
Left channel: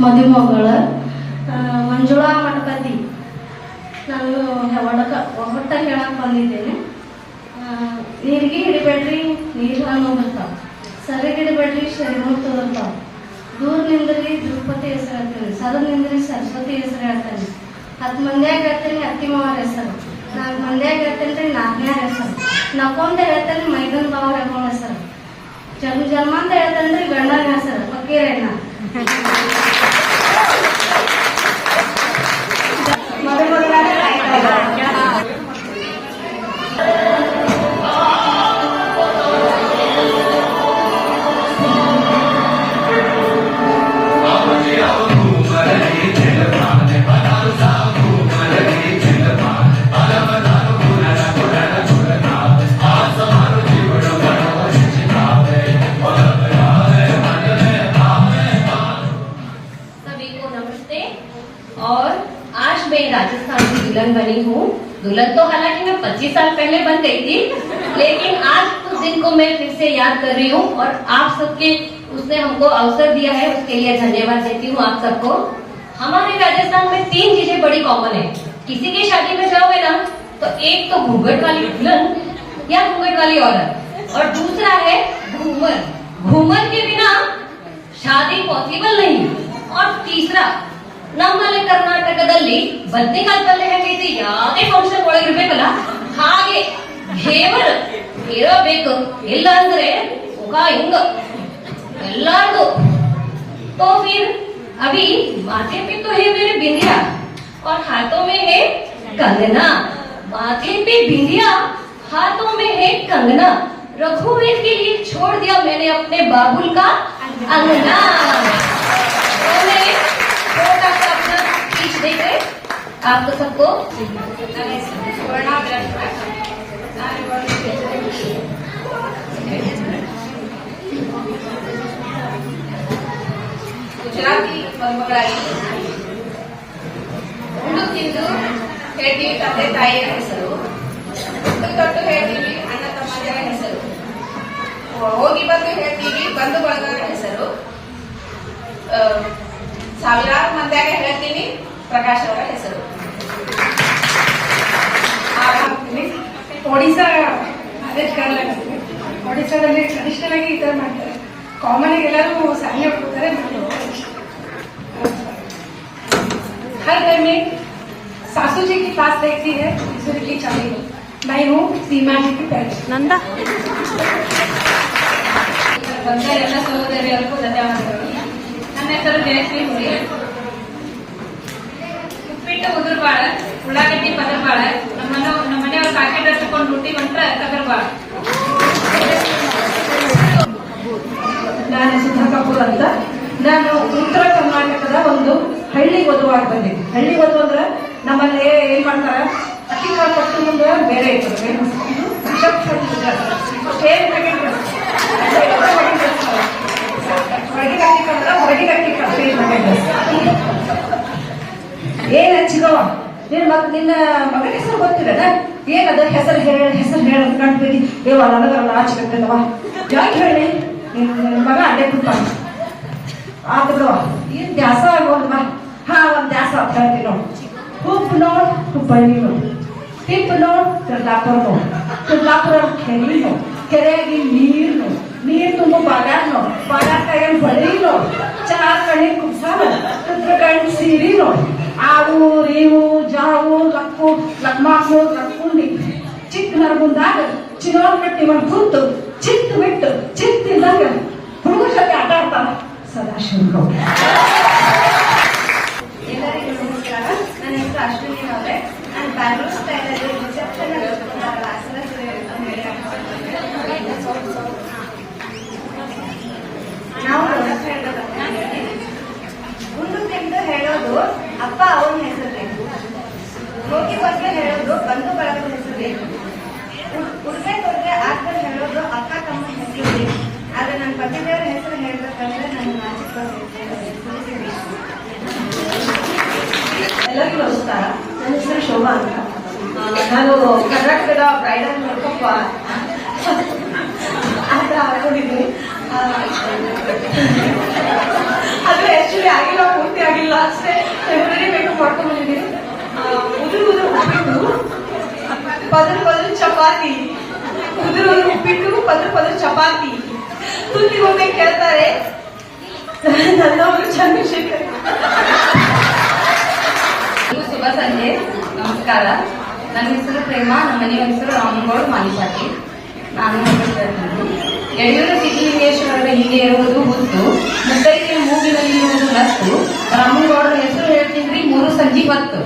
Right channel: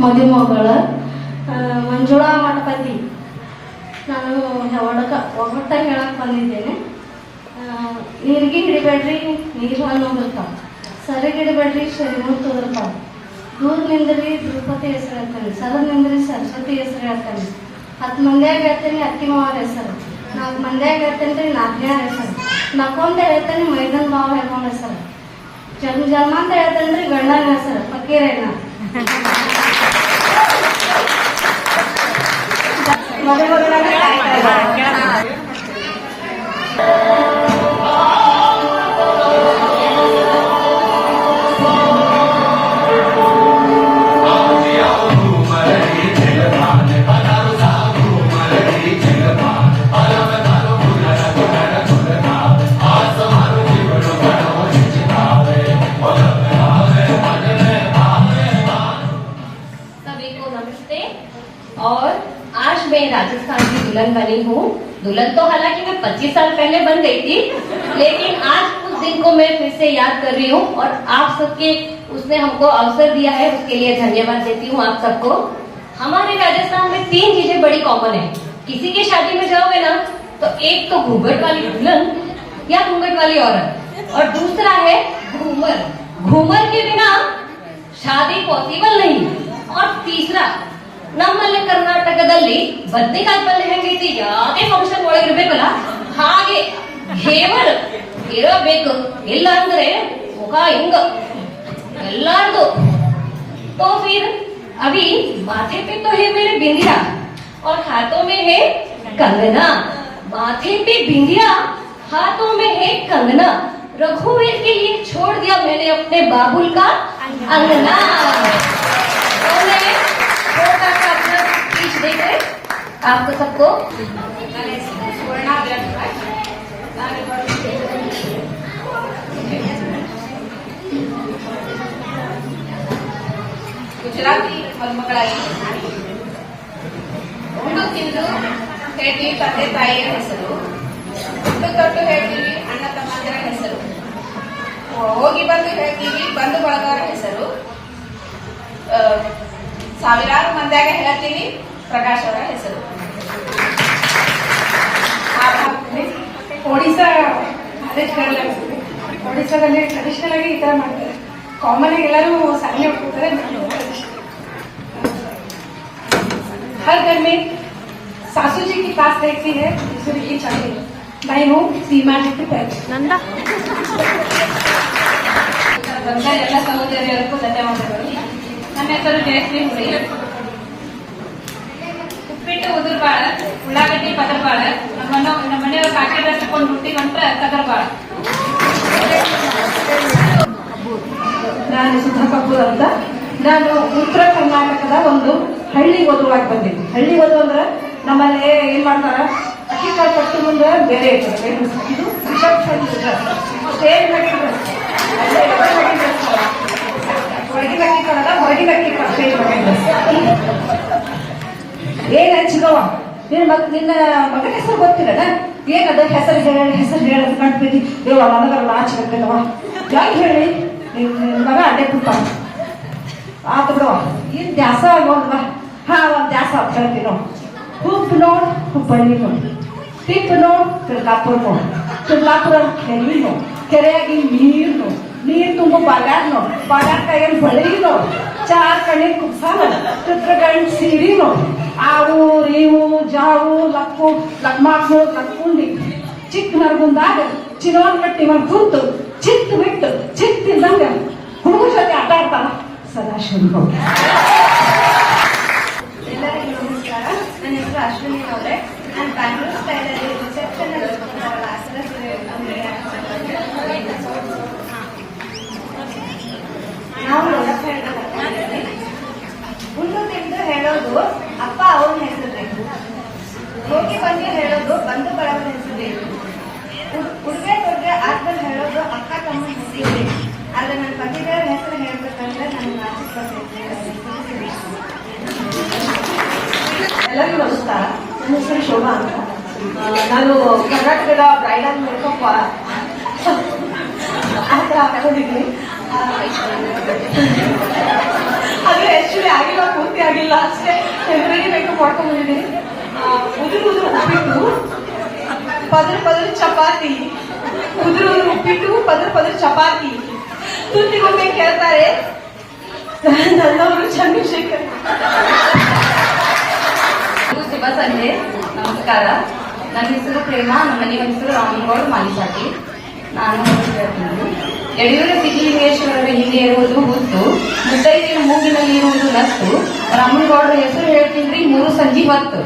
ಮದುಮಗಳ ಮಂಜುಳಾ ಮಠಪತಿ. ನಾನು ಒಗ್ಗಟ್ಟಾಗಿ ಹೇಳಕ್ ಬಂದಿದ್ದೇನೆ. ನೀರಿಗೆ ಹಿಡಿಬೇಡ್ರಿ, ನೀರು ಅನ್ನೋದಿರ್ತಾವ. ಸರಿಗೆ ಹಿಡಿಬೇಡ್ರಿ, ಶರೀರಕ್ಕೆ ತೋದಿರ್ತಾವ. ದೂರ ನಿಂದ್ರಿ, ದ್ರೌಪದಿ ಹೆಸರು ಹೇಳ್ತೇನೆ. ಸರದ ನಿಂದ್ರಿ, ಸರಸ್ವತಿ ಹೆಸರು ಹೇಳ್ತೇನೆ. 10 ಮಂದಿಯಾಗ ಹೇಳ್ತೇನೆ, ಅತ್ತಿ ಮಾವರ ಹೆಸರು. 4 ಮಂದಿಯಾಗ ಹೇಳ್ತೇನೆ, ನಾಲ್ಕನ್ಯಾರ ಹೆಸರು. ನಕ್ಕೊಂತ ಹೇಳ್ತೇನೆ, ಮೈದನ್ ಬಾವ ಹೇಳ್ಕೊಂಡ ಹೆಸರು. ಜನ್ಮ ಅಂತ ಹೇಳ್ತೇನೆ, ಗಂಡನ ಹೆಸರು ಫಕೀರಣ್ಣ. ಮದುಮಗನಾಗಿ ಕಾಯ್ತಾ ಇದ್ದಾರೆ. सभी को नमस्ते। और आज मैं राजस्थान की दुल्हन बनी हूँ। दुल्हन तो हालांकि मैं 25 साल पहले बन गई थी, लेकिन आज उस दिन को मैं फिर से याद कर रही हूँ और आप सबके उसने हमको अवसर दिया है, उसके लिए धन्यवाद देती हूँ आप सबको। हमारे राजस्थान में 3 चीजें बड़ी कॉमन है। किसी की शादी में जाओगे ना तो एक तो घूंघट वाली दुल्हन या घूंघट वाली औरत, और दूसरा है घूमर। घूमर के बिना शादी पॉसिबल नहीं। और तीसरा, ನಮ್ಮಲ್ಲಿ ಕರ್ನಾಟಕದಲ್ಲಿ ಬದ್ನಿಕಾಯಿ ಪಲ್ಯ ಹೆಂಗೈತಿ, ಯಾವುದೇ ಫಂಕ್ಷನ್ ಒಳಗೆ ಇರ್ಬೇಕಲ್ಲ ಹಾಗೆ ಹೇವರ್ ಇರಬೇಕು. ಇಲ್ಲ ಅಂದ್ರೆ ಮುಖ ಹಿಂಗ ಎಲ್ಲಾರ್ದು. तो फिर अभी माथे पे तो है मेरे बिंदिया और हाथों में है कंगना. माथे पे बिंदिया, हाथों में है कंगना. रघुवीर के लिए छोड़ दिया मैंने अपने बाबुल का अंगना. तो मैं छोटा सा अपना स्पीच देकर आपको सबको ಗುಜರಾತಿ ಮದುಮಗಳಾಗಿ ಉಂಡು ತಿಂದು ಹೇಳ್ತೀವಿ ತಂದೆ ತಾಯಿಯ ಹೆಸರು, ಉಂಡು ತೊಟ್ಟು ಹೇಳ್ತೀವಿ ಅಣ್ಣ ತಮ್ಮಂದಿರ ಹೆಸರು, ಹೋಗಿ ಬಂದು ಹೇಳ್ತೀವಿ ಬಂಧು ಬಳಗರ ಹೆಸರು, ಸಾವಿರಾರು ಮಂದಿಯಾಗ ಹೇಳ್ತೀನಿ ಪ್ರಕಾಶ್ ಅವರ ಹೆಸರು. ಒಡಿಶಾ ಮ್ಯಾರೇಜ್ ಕಾರ್ಡ್ಲಾಗ್ತೀವಿ. ಒಡಿಶಾದಲ್ಲಿ ಟ್ರೆಡಿಷನಲ್ ಆಗಿ ಈ ತರ ಮಾಡ್ತಾರೆ. ಕಾಮನ್ ಆಗಿ ಎಲ್ಲರೂ ಸಾರಿ ಹೋಗ್ತಾರೆ. हर घर में सासू जी की पास रहती है दूसरे की चाबी. मैं हूँ सीमा जी की पैर. ಬಂದ ಎಲ್ಲ ಸಹೋದರಿಯರಿಗೂ ಧನ್ಯವಾದಗಳು. ನನ್ನ ಹೆಸರು ಜಯಶ್ರೀ ಹುಡಿ. ಉಪ್ಪಿಟ್ಟು ಉದುರ್ಬಾಳ, ಉಳ್ಳಾಗಡ್ಡಿ ಪದರ್ಬಾಳ, ನಮ್ಮ ಮನೆಯವ್ರ ಪ್ಯಾಕೆಟ್ ಹಚ್ಚಿಕೊಂಡು ರೊಟ್ಟಿ ಬಂತ್ರ ಕದರ್ಬಾಳ. ನಾನು ಸುಧಾ ಕಪೂರ್ ಅಂತ. ನಾನು ಉತ್ತರ ಕರ್ನಾಟಕದ ಒಂದು ಹಳ್ಳಿ ವಧುವಾಗಿ ಬಂದಿದ್ದೆ. ಹಳ್ಳಿ ವಧು ಅಂದ್ರೆ ನಮ್ಮಲ್ಲಿ ಏನ್ ಮಾಡ್ತಾರ, ಅಕ್ಕಿ ಕಾಳು ಕಟ್ಟು ಮುಂದೆ ಬೇರೆ ಇರ್ತದೆ. ಇದು ಹೊರಗಿನ ಅಕ್ಕಿ ಕಾಳದ ಹೊರಗಿನ ಅಕ್ಕಿ ಕಾಳು ಏನ್ ಹಚ್ಚಿಗವ ನಿನ್ನ ಮಗನ ಹೆಸರು ಗೊತ್ತಿಲ್ಲದ ಏನದ ಹೆಸರು ಹೇಳೋದು ಕಂಡ್ಬಿಟ್ಟು ದೇವ ನನಗಲ್ಲ ಆಚೆಗತ್ತವ ಯಾಕೆ ಹೇಳಿ ನಿನ್ನ ಮಗ ಅಡ್ಡೆ ಕೂತಾನ ಆತ ಬಿಡವ ಏನ್ ದ್ಯಾಸ ಆಗೋಲ್ವಾ. ಹಾ ಒಂದ್ ದ್ಯಾಸ ಅಂತ ಹೇಳ್ತೀವಿ ನಾವು. ಹುಬ್ಬ ನೋಡ್ ಹುಬ್ಬಳ್ಳಿ ನೋಡ್, ಟಿಪ್ ನೋಡ್ ತಿರ್ಗಾಪುರ ನೋಡ್, ತಿರ್ಗಾಪುರ ಕೆರೆ ನೋಡ್, ಕೆರೆಯಾಗಿ ನೀರ್ ತುಂಬ ಬಾಗ್ಯಾಗ ನೋಡ್, ಬಾಗ್ಯಾಗ ಕೈಯಲ್ಲಿ ಬಳಿ ನೋಡ್, ಚಾರ್ ಕಣ್ಣಿ ಕುಬ್ಸ ನೋಡ್, ಚಿತ್ರಗಂಡ್ ಸೀರಿ ನೋಡ್, ಆವು ರೇವು ಜಾವು ಲಕ್ಕು ಲಕ್ಮಾಕು ಲಕ್ಕೊಂಡಿ ಚಿಕ್ಕ ನರಗುಂದಾಗ ಚಿನ್ನೋನ್ ಕಟ್ಟಿ ಒಂದ್ ಕುಂತು ಚಿತ್ತಿದ್ದಂಗ ಹುಡುಗ ಜೊತೆ ಆಟ ಆಡ್ತಾನ ಸದಾಶಿವ. ಎಲ್ಲರಿಗೂ ನಮಸ್ಕಾರ. ನನ್ನ ಹೆಸರು ಅಶ್ವಿನಿ ಅವರೇ. ನಾನು ಬ್ಯಾಂಗ್ಳೂರ್ ಸ್ಟೈಲಲ್ಲಿ ರಿಸೆಪ್ಷನ್ ನಾವು ಗುಂಡು ತಿಂದು ಹೇಳೋದು ಅಪ್ಪ ಅವನ ಹೆಸರು ಬೇಕು, ಹೋಗಿ ಬಗ್ಗೆ ಹೇಳೋದು ಬಂಧು ಬಳಗದ ಹೆಸರು ಬೇಕು, ಉಡುಗೆ ತೊಡುಗೆ ಆಟದಲ್ಲಿ ಹೇಳೋದು ಅಕ್ಕ ತಮ್ಮನ ಹೆಸರು ಬೇಕು. ಆದ್ರೆ ನನ್ನ ಪತಿದೇವರ ಹೆಸರು ಹೇಳ್ಬೇಕಂದ್ರೆ ನನಗೆ ನಾಚಿಕೆ ಬರ್ತೈತೆ. ಎಲ್ಲರಿಗೂ ನಮಸ್ಕಾರ. ನನ್ನ ಹೆಸರು ಶೋಭಾ ಅಂತ. ನಾನು ಕರ್ನಾಟಕದ ಬ್ರೈಡಲ್ ಮೇಕಪ್ ಆ ಥರ ಹಾಕೊಂಡಿದ್ದೀನಿ. ಆದ್ರೆ ಆಕ್ಚುಲಿ ಆಗಿಲ್ಲ, ಪೂರ್ತಿ ಆಗಿಲ್ಲ ಅಷ್ಟೇ. ಟೆಂಪ್ರರಿ ಮೇಕಪ್ ಮಾಡ್ಕೊಂಡ್ ಬಂದಿದ್ದೀನಿ. ಉದುರು ಉಪ್ಪಿಟ್ಟು, ಪದರು ಚಪಾತಿ, ಉದುರು ಉಪ್ಪಿಟ್ಟು, ಪದರು ಚಪಾತಿ. ತುತ್ತಿಗೊಂಬೆ ಕೇಳ್ತಾರೆ ನನ್ನವರು ಚಂದ್ರಶೇಖರ್. ಶುಭ ಸಂಜೆ, ನಮಸ್ಕಾರ. ನನ್ನ ಹೆಸರು ಪ್ರೇಮ, ನಮ್ಮ ಮನೆಯ ಹೆಸರು ರಾಮನಗೌಡ ಮಾಲಿಪಾಟಿ. ನಾನು ಯಡಿಯೂರ ಸಿದ್ದಲಿಂಗೇಶ್ವರರ ಹಿಂದೆ ಇರುವುದು ಹುತ್ತು, ಮುದ್ದೈದೆ ಮೂಗಿನಲ್ಲಿ ಇರುವುದು ನತ್ತು. ರಾಮನಗೌಡರ ಹೆಸರು ಹೇಳ್ತೀನಿ, 3 ಸಂಜೆ 10.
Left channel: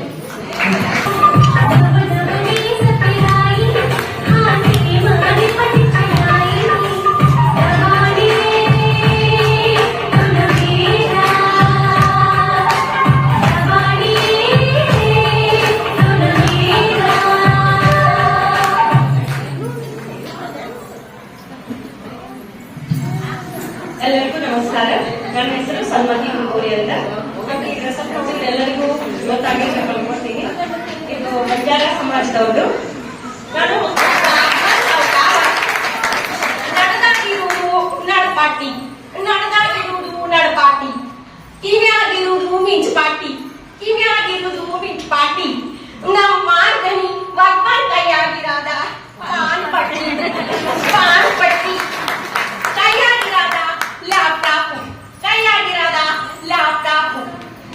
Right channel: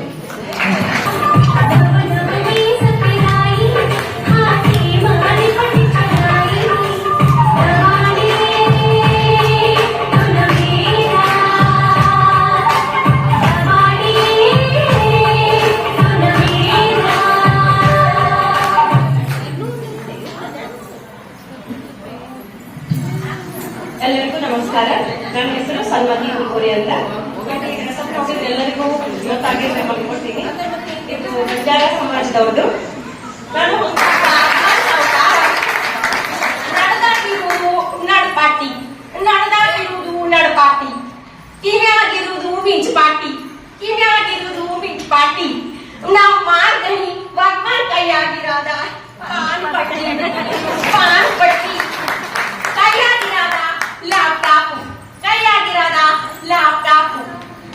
ಎಲ್ಲರಿಗೂ ನಮಸ್ಕಾರ. ನನ್ನ ಹೆಸರು ಸನ್ಮತಿ ಕುಲ್ಕೋರಿ ಅಂತ. ಈ ಡ್ರೆಸ್ಅಪ್ ನೋಡಿದ್ರೆ ಎಲ್ಲರಿಗೂ ಗೊತ್ತಾಗಿರ್ಬೇಕು ಅನ್ಕೊಳ್ತೀನಿ. ಇದು ಬಂಜಾರ ಸಮಾಜದವ್ರದ್ದು. ನಾನು ನಡೆದಾಗಿರುವುದು ನಡಪಾಟಿ, ಕಿವ್ಯಾಗಿರುವುದು ಮಿಂಚಪಾಟಿ, ನಮ್ಮ ಮಾರ್ಗಣಿ ಭಗವಾನ್ ಕೈಯಾಗಿರಾದ ಪಾನ್ ಪಟ್ಟಿ, ಕೈಯಾಗಿರಾದ ಲ್ಯಾಪ್ಟಾಪ್,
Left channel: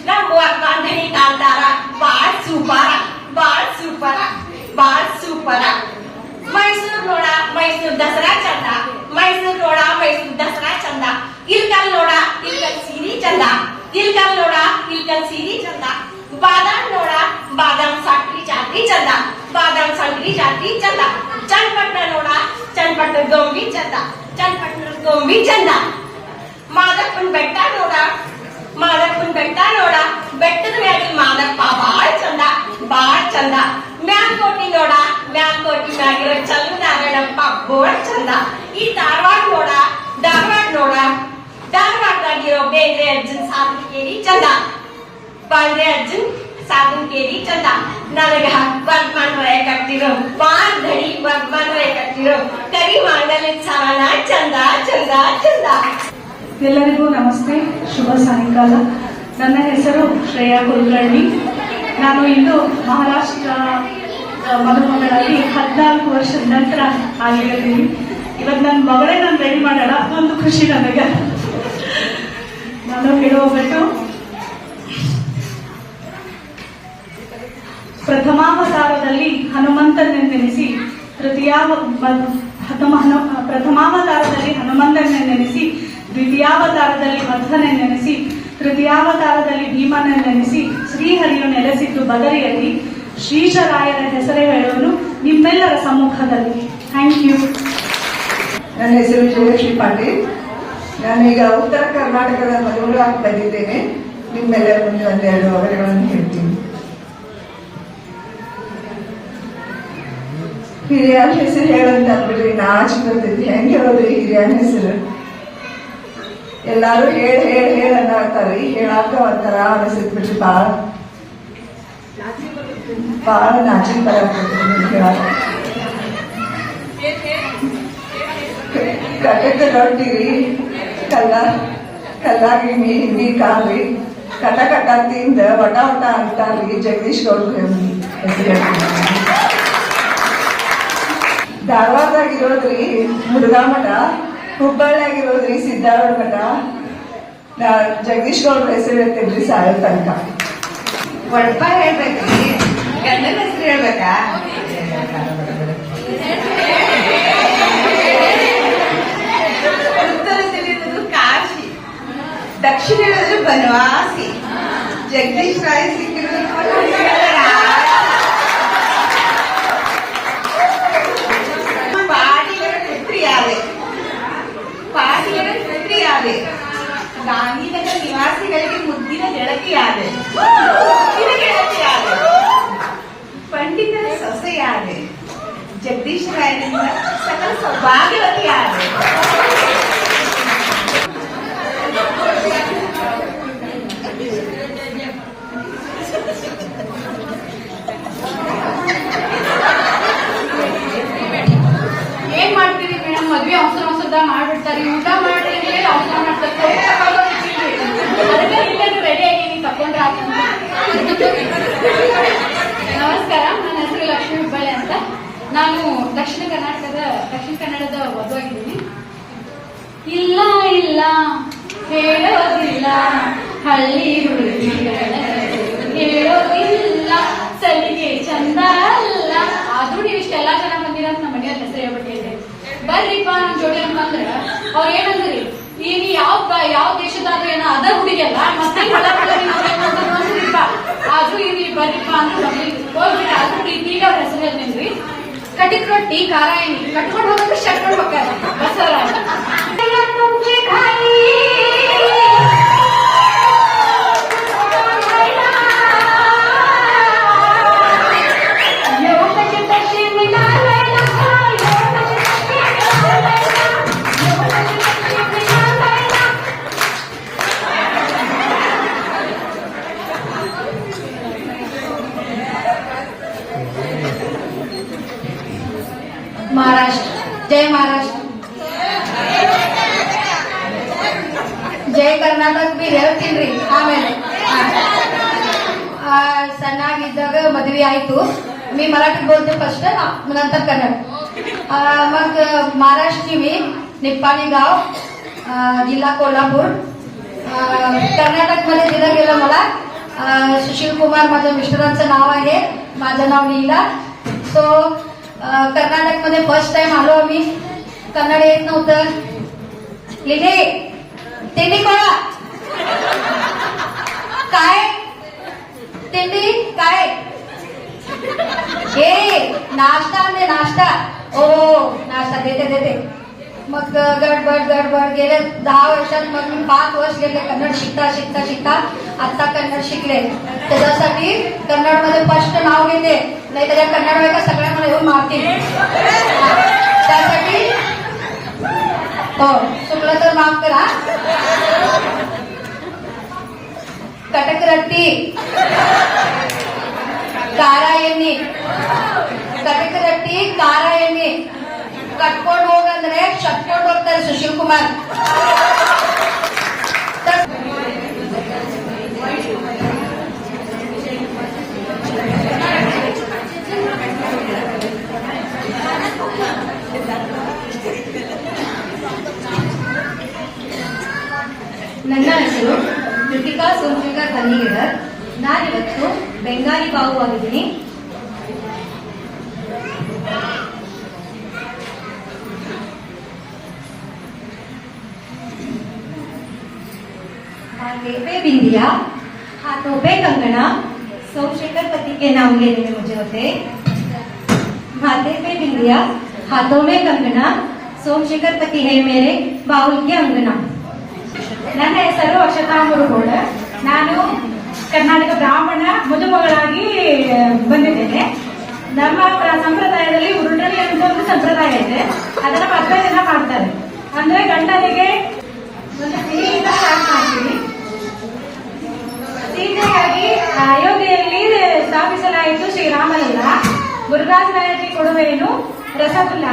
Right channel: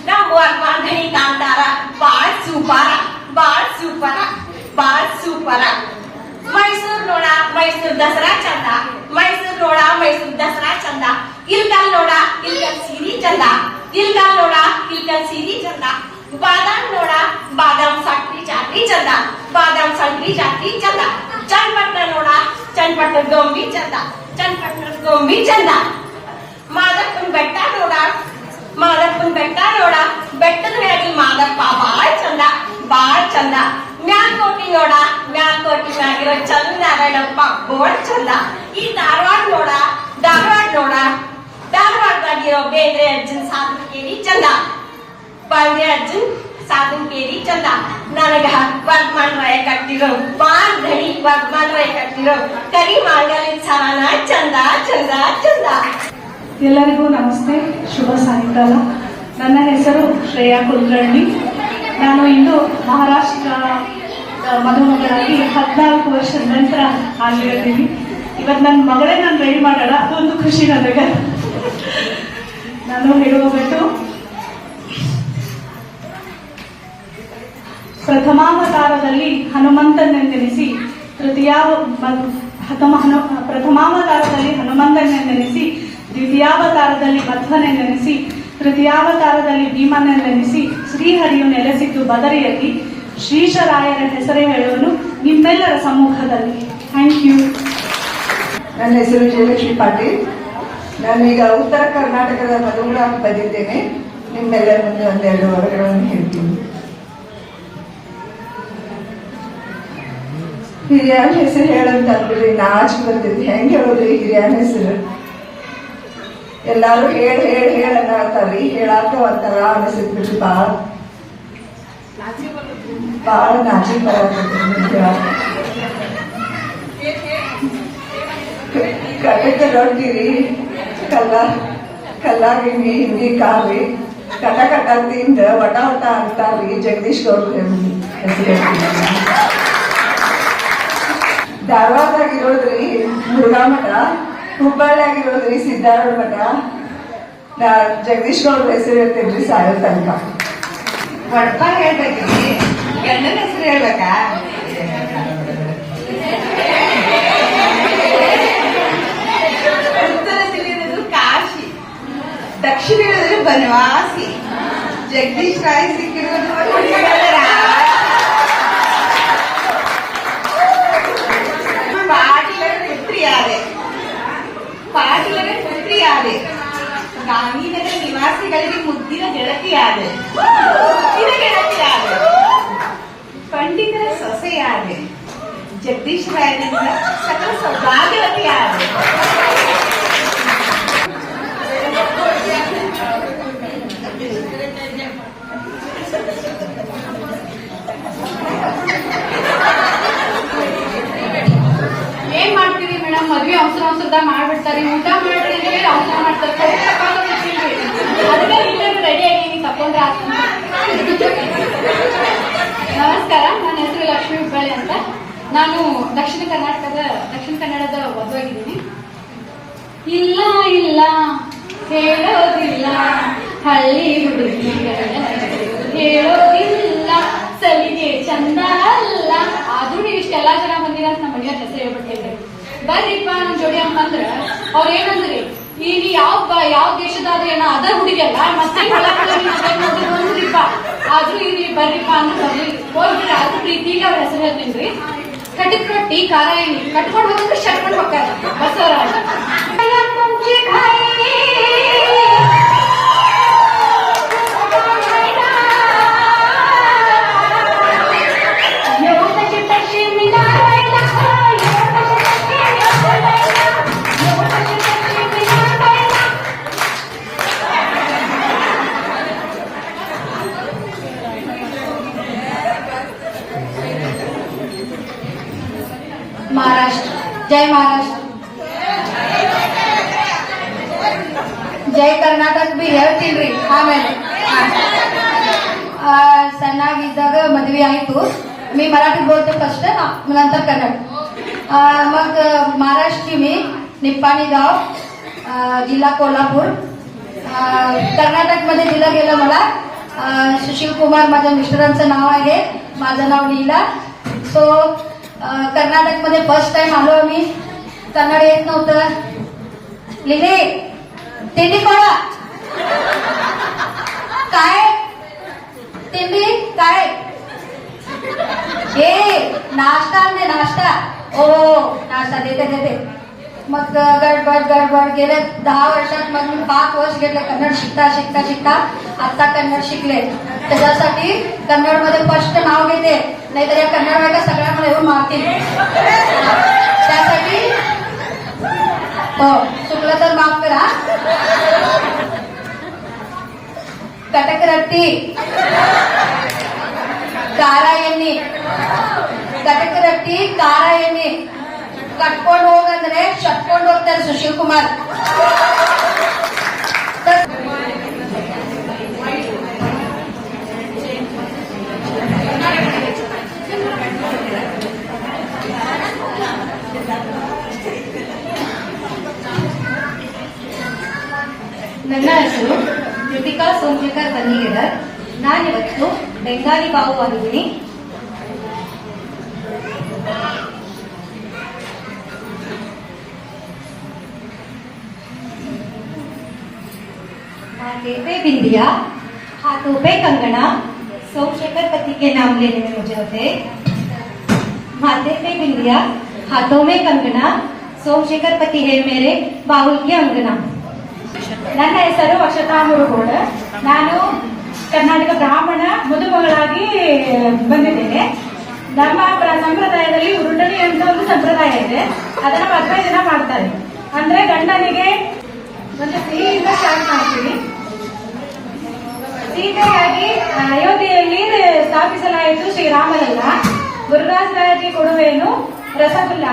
ನಮ್ಮ ವರ್ಗಾಂಧಣಿ ಕಾಂತಾರ ಬಾಳ್ ಸೂಪರ. ಮೈಸೂರು ನೋಡ ಮೈಸೂರು ದಸರಾ ಚಂದ, ಇಲ್ಕಲ್ ನೋಡ ಇಲ್ಕಲ್ ಸೀರಿ ಚಂದ, ಬಾದಾಮ್ ನೋಡ ಬಾದಾಮ್ ಸಂಕ್ರಿ ಚಾಕ್ರಿ ಚಂದ, ಚನ್ನಪಟ್ಟಣ ನೋಡ ಚನ್ನಪಟ್ಟಣ ಗೊಂಬಿ ಚಂದ, ಮಾದಪ್ಪನ ಬೆಟ್ಟ ನೋಡ ಬೆಟ್ಟದ ಮ್ಯಾಗಿ ಮಾದಪ್ಪ ಬಾಳ್ ಚಂದ, ಮ್ಯಾಲ್ಕೋಟಿ ಮ್ಯಾಗಿರೋ ಚಂದ್ರನಾರಾಯಣಪ್ಪ ಬೋಳ್ ಚಂದ. ಈ ಧಾರವಾಡದಾಗಿರೋ ಬೇಂದ್ರೆ ಅರ್ಜುನ್ ಸಾಧನ್ ಕೇರಿ ಚಂದ, ನನಗ ವರ್ಧಮಾನ್ ರಾಯ ಕಟ್ಟಿರೋ ಕರಿ ಮಾಂಗಲ್ಯ ಸಮಾನ ಚಂದ. ಎಲ್ಲರಿಗೂ ನಮಸ್ತೆ, ಶುಭ ಸಾಯಂಕಾಲ. ನನ್ನ ಹೆಸರು ಶ್ರೇಯಾ ಕುಲಕರ್ಣಿ. ನಾನು ಇಂದು ಮಹಾರಾಷ್ಟ್ರ ಮದುಮಗಳಾಗಿ 14 ವರ್ಷದ ನಂತರ ಆಗಿರ್ತೀನಿ. ಇವತ್ತು ನನ್ನ ಮಗಳೇ ನಾನು ರೆಡಿ ಮಾಡೋಣ, ಅದೊಂದು ಖುಷಿ ನನಗೆ. ನಾನು ಹೇಳುವಬಿಟ್ಟು ಪ್ರಥಮಾವತಾರದಲ್ಲಿ ಹನುಮಂತನೆಂದೆನಿಸಿ ದ್ವಿತೀಯಾವತಾರದಲ್ಲಿ ಮಧ್ವನೆಂದೆನಿಸಿ ತೃತೀಯಾವತಾರದಲ್ಲಿ ಭೀಮನೆಂದೆನಿಸಿ ಶ್ರೀಹರಿಯು ನೆಲೆಸಿದ್ದು ಬದರಿಯಲ್ಲಿ ಶ್ರೀಶರಾಯನ ಹೆಸರೇ ಹೇಳುವನು ನಿಮ್ಮೆಲ್ಲರ ಸಮ್ಮುಖದಲ್ಲಿ. Thank you. ನನ್ನ ಹೆಸರು ಜಯಲಕ್ಷ್ಮಿ ಪಾಟೀಲ್. ನಾನೀಗ ಉತ್ತರ ಕರ್ನಾಟಕದ ಮದುವೆಗಳಾಗಿ ಬಂದಿದ್ದೇನೆ. ನಿಮ್ಮೆಲ್ಲರ ಮುಂದೆ ಒಂದೆರಡು ವಿವರಗಳನ್ನು ಹೇಳ್ತೀನಿ. ಹಿರಿಯರ ಹೆಸರು ಹೇಳಂತ ಅಂದ್ಬಿಡ್ರಿ, ನಾಚಿಕೆ ಬರ್ತಿದ್ವಿ. ಹೆಂಗ್ ಹೇಳೋದ್ರಿ ಹಿರಿಯರ ಹೆಸರು? ಎಲ್ಲಾರು ಹೇಳ ಅನ್ನತಾರ್ರಿ, ಹೇಳಾಕ ಒಂಥರ ಅನಿಸಿದ್ ಬಿಡ್ರಿ. ಬಾಳ ನಾಚಿಕೆ ಬರತೈತಿ. ಕಟಕ ರೊಟ್ಟಿರಿ, ಕಲ್ಲಾಗಿಣಿ, ಹಿಂದಿ ಕಾಲ್ರಿ, ಕಟ ತಿಂದ ವಟ ಅಂತಾರ್ರಿ. ಜಗದೀಶ್ ಗೌಡ್ರ ಹೆಸರು. ಧಾರವಾಡದಾಗಿರೋದ್ರಿ ಮುರುಘಾ ಮಠ, ಹುಬ್ಬಳ್ಳಿಯಾಗಿರೋದ್ರಿ ಸಿದ್ದಾರೂಢ ಮಠ. ಜಗದೀಶ್ ಗೌಡ್ರ ಹೆಸರು ಹೇಳ್ತೇನ್ರಿ ಸಾಯೋ ತನಕ. ಒಡಪ ಹೇಳ್ಬೇಕ್ರಿ, ಗಂಡನ ಹೆಸರು ಹೇಳ್ಬೇಕಾ? ಉತ್ತರದಲ್ಲಿರೋದು ಕಾಶಿ, ದಕ್ಷಿಣದಲ್ಲಿ ಬನವಾಸಿ. ಜಗದೀಶ್ ರಾಯ್ ಸಿಕ್ಕಿರೋದು ಪಾಟೀಲರ ಪುತ್ರಿಯಾದೆ. ಗಾಂಧಿನಗರ ನಿವಾಸಿಗಳಿಗೆ ಮುದ್ದಿನ ಗೆಳತಿಯಾದೆ. ಪಂಡಿತರ ಸೊಸೆಯಾದೆ. ಜಗದೀಶ್ ರಾಯನಿಂದ ಸಕಲ ಸೌಭಾಗ್ಯವತಿಯಾದೆ. ಏನ್ ಮಾಡ್ತೀರಿ ಮೇಡಮ್? ಮದ್ವೆ ಅವಸರದಾಗ ಮಾಡ್ಬಿಡ್ತಾರೆ. ಊಟ ಮಾಡ್ರಿ ಊಟ ಮಾಡ್ತಾರೆ ಅದಕ್ಕೆ ಇಲ್ಲೇನು ರೆಡಿ ಆಗಿ ನೀವು ತಕೊಂಡ್ರೆ ಆಗ್ತದೆ. ನಮಸ್ಕಾರ, ನನ್ನ ಹೆಸರು ಲಕ್ಷ್ಮೀ ಹುಬ್ಬಳ್ಳಿ ಅಂತ. ನಾನು ದಕ್ಷಿಣ ಕನ್ನಡದ ವಧುವಾಗಿದ್ದೀನಿ. ಇಲ್ಲ ಇಲ್ಲ ಹೇಳೋದಿಲ್ಲ ಹಳ್ಳಿ ಹುಡುಗಿಗಳ ಹೇಳೋದಿಲ್ಲ ಸಲಿಗೆ ಚಂದ ಅಲ್ಲ. ಆದ್ರೂ ನೀವು ಇಷ್ಟೆಲ್ಲ ಜನ ಬಂದಿರ ಅಂತ ನಮ್ಮ ಮನೆಯವ್ರ ಹೆಸರು ಹೇಳ್ಬಿಟ್ಟಿದ್ರಿ. ಬರ್ರಿಪ್ಪ ನಮ್ ಜೋಡಿ ಅಂತಂದ್ರ ಅವ್ರ ಏನಂದ್ರಿ, ಈಗ ಯಾವ ದೇಶದಾದ್ರೂ ಏನೋ ಅದ ಹುಡುಗಿಯಲ್ಲ ಮತ್ತೆ ಹೊಲ ನೋಡಿದ್ರಿಪ್ಪ. ಆದ್ರೂ ಇಲ್ಲಿ ಬರ್ರಿಪ್ಪ ಅಂದ್ರೆ ಹೋಗ್ಬಿಟ್ರೆ ಅದ್ರ ಪ್ರೀತಿಗೆ ಅವ್ರ ಹೆಸರು ಹೇಳ್ತೀನಿ. ಕಟ್ಟಿದ ರೊಟ್ಟಿ ಖಾರ ಎಣ್ಣೆ ಕಟ್ಕೊಂಡು ಹೋಗ್ಬಿಟ್ಟು ಶಟ್ಕೊಂಡು ಹೋಗ್ತಾರೆ ಬಸವರ. महाराष्ट्र जय महाराष्ट्र जय कर्नाटक भी ಹೇಳ್ತೀನಿ ಆಮೇಲೆ. ಸಣ್ಣಾಗಿದ್ದಾಗ ಮದ್ವೆ ಆಯ್ತು. मी मराठी बोलते फर्स्ट नंतर कन्नड. मग महाराष्ट्र मी निप्पाणी गाव जिल्हा कोल्हापूर. कर्नाटक मध्ये दिलं गेलं मला. सुशील कुमार माझ्या मिस्टरांचं नाव आहे. माझं नाव नीला. सो कर्नाटक मध्ये फर्स्ट टाइम आलो आम्ही. कन्नड येत नव्हतं. लिहिले तिंडी कोणा काय तिंडी काय हे नाश्ता आणले नाश्ता. ओ नाश्ता देते. मग गडबड गेले 10 वर्षात. मग मी 5 वर्ष घेतले कन्नड शिकता आता कन्नड शिकले. त्याच्यासाठी कन्नड मध्ये फर्स्ट नाव घेते, नाही तर या कन्नड बायका सगळ्या मला येऊन मारतील. त्यासाठी हो चुकलं तर माफ करा. कटक रट्टी ಖಾರ ಎಣ್ಣೆ ಕಟಕ ರೊಟ್ಟಿ ಖಾರ ಎಣ್ಣೆ ಕಟ್ಕೊಂಡು ಹೋಗಂದ್ರೆ ಚಟ್ಕೊಂಡು ಹೋಗ್ತಾರೆ ಸುಶೀಲ್ ಕುಮಾರ್. ನನ್ನ ಹೆಸರು ಕೃತಿಕಾ ಸೋಮಶೇಖರ್ ಬನ್ನಿಗೆಡರ್. ನಾನಿವತ್ತು ಬೆಂಗಾಲಿ ಬಾವು ಆಗಿದ್ದೀನಿ. माथे पे बिंदिया, हाथों पे कंगना, सोमशेखर पति के नाम लेने में मुझे होते. माथे पे बिंदिया, हाथों में कंगना, सोमशेखर पति है मेरे बाउल के अंगना. ನನ್ನ ಹೆಸರು ಅಕ್ಷತಾ ಮುರುಗೋಡ. ನಾನು ಕರ್ನಾಟಕ ಬ್ರಾಹ್ಮಣ ಮದುಮಗಳಾಗಿ ಬಂದಿದ್ದೇನೆ. ನಮ್ಮ ಸಂಪ್ರದಾಯದಲ್ಲಿ ಉರುಟಣಿ ಅಂತ ಒಂದು ಸಂಪ್ರದಾಯ ಇದೆ. ಅದನ್ನ ಮದುವೆ ದಿನ ಮಾಡ್ತಾರೆ. ಅಂದ್ರೆ ಗಂಡನಿಗೆ ಒಂದು ಸಿಹಿಯಿಂದ ಸ್ಟಾರ್ಟ್ ಮಾಡ್ತೀವಿ. ಸೀತೆಯಾಗಿ ಅಯೋಧ್ಯೆಯಲ್ಲಿ ಸ್ಥಾಪಿಸಲಾಯಿತು ಶ್ರೀರಾಮನಲ್ಲ. ಮುರುಘಾಸ್ನಾಯಕಿ ಕೊಡುವೇನು ರಸಗುಲ್ಲ.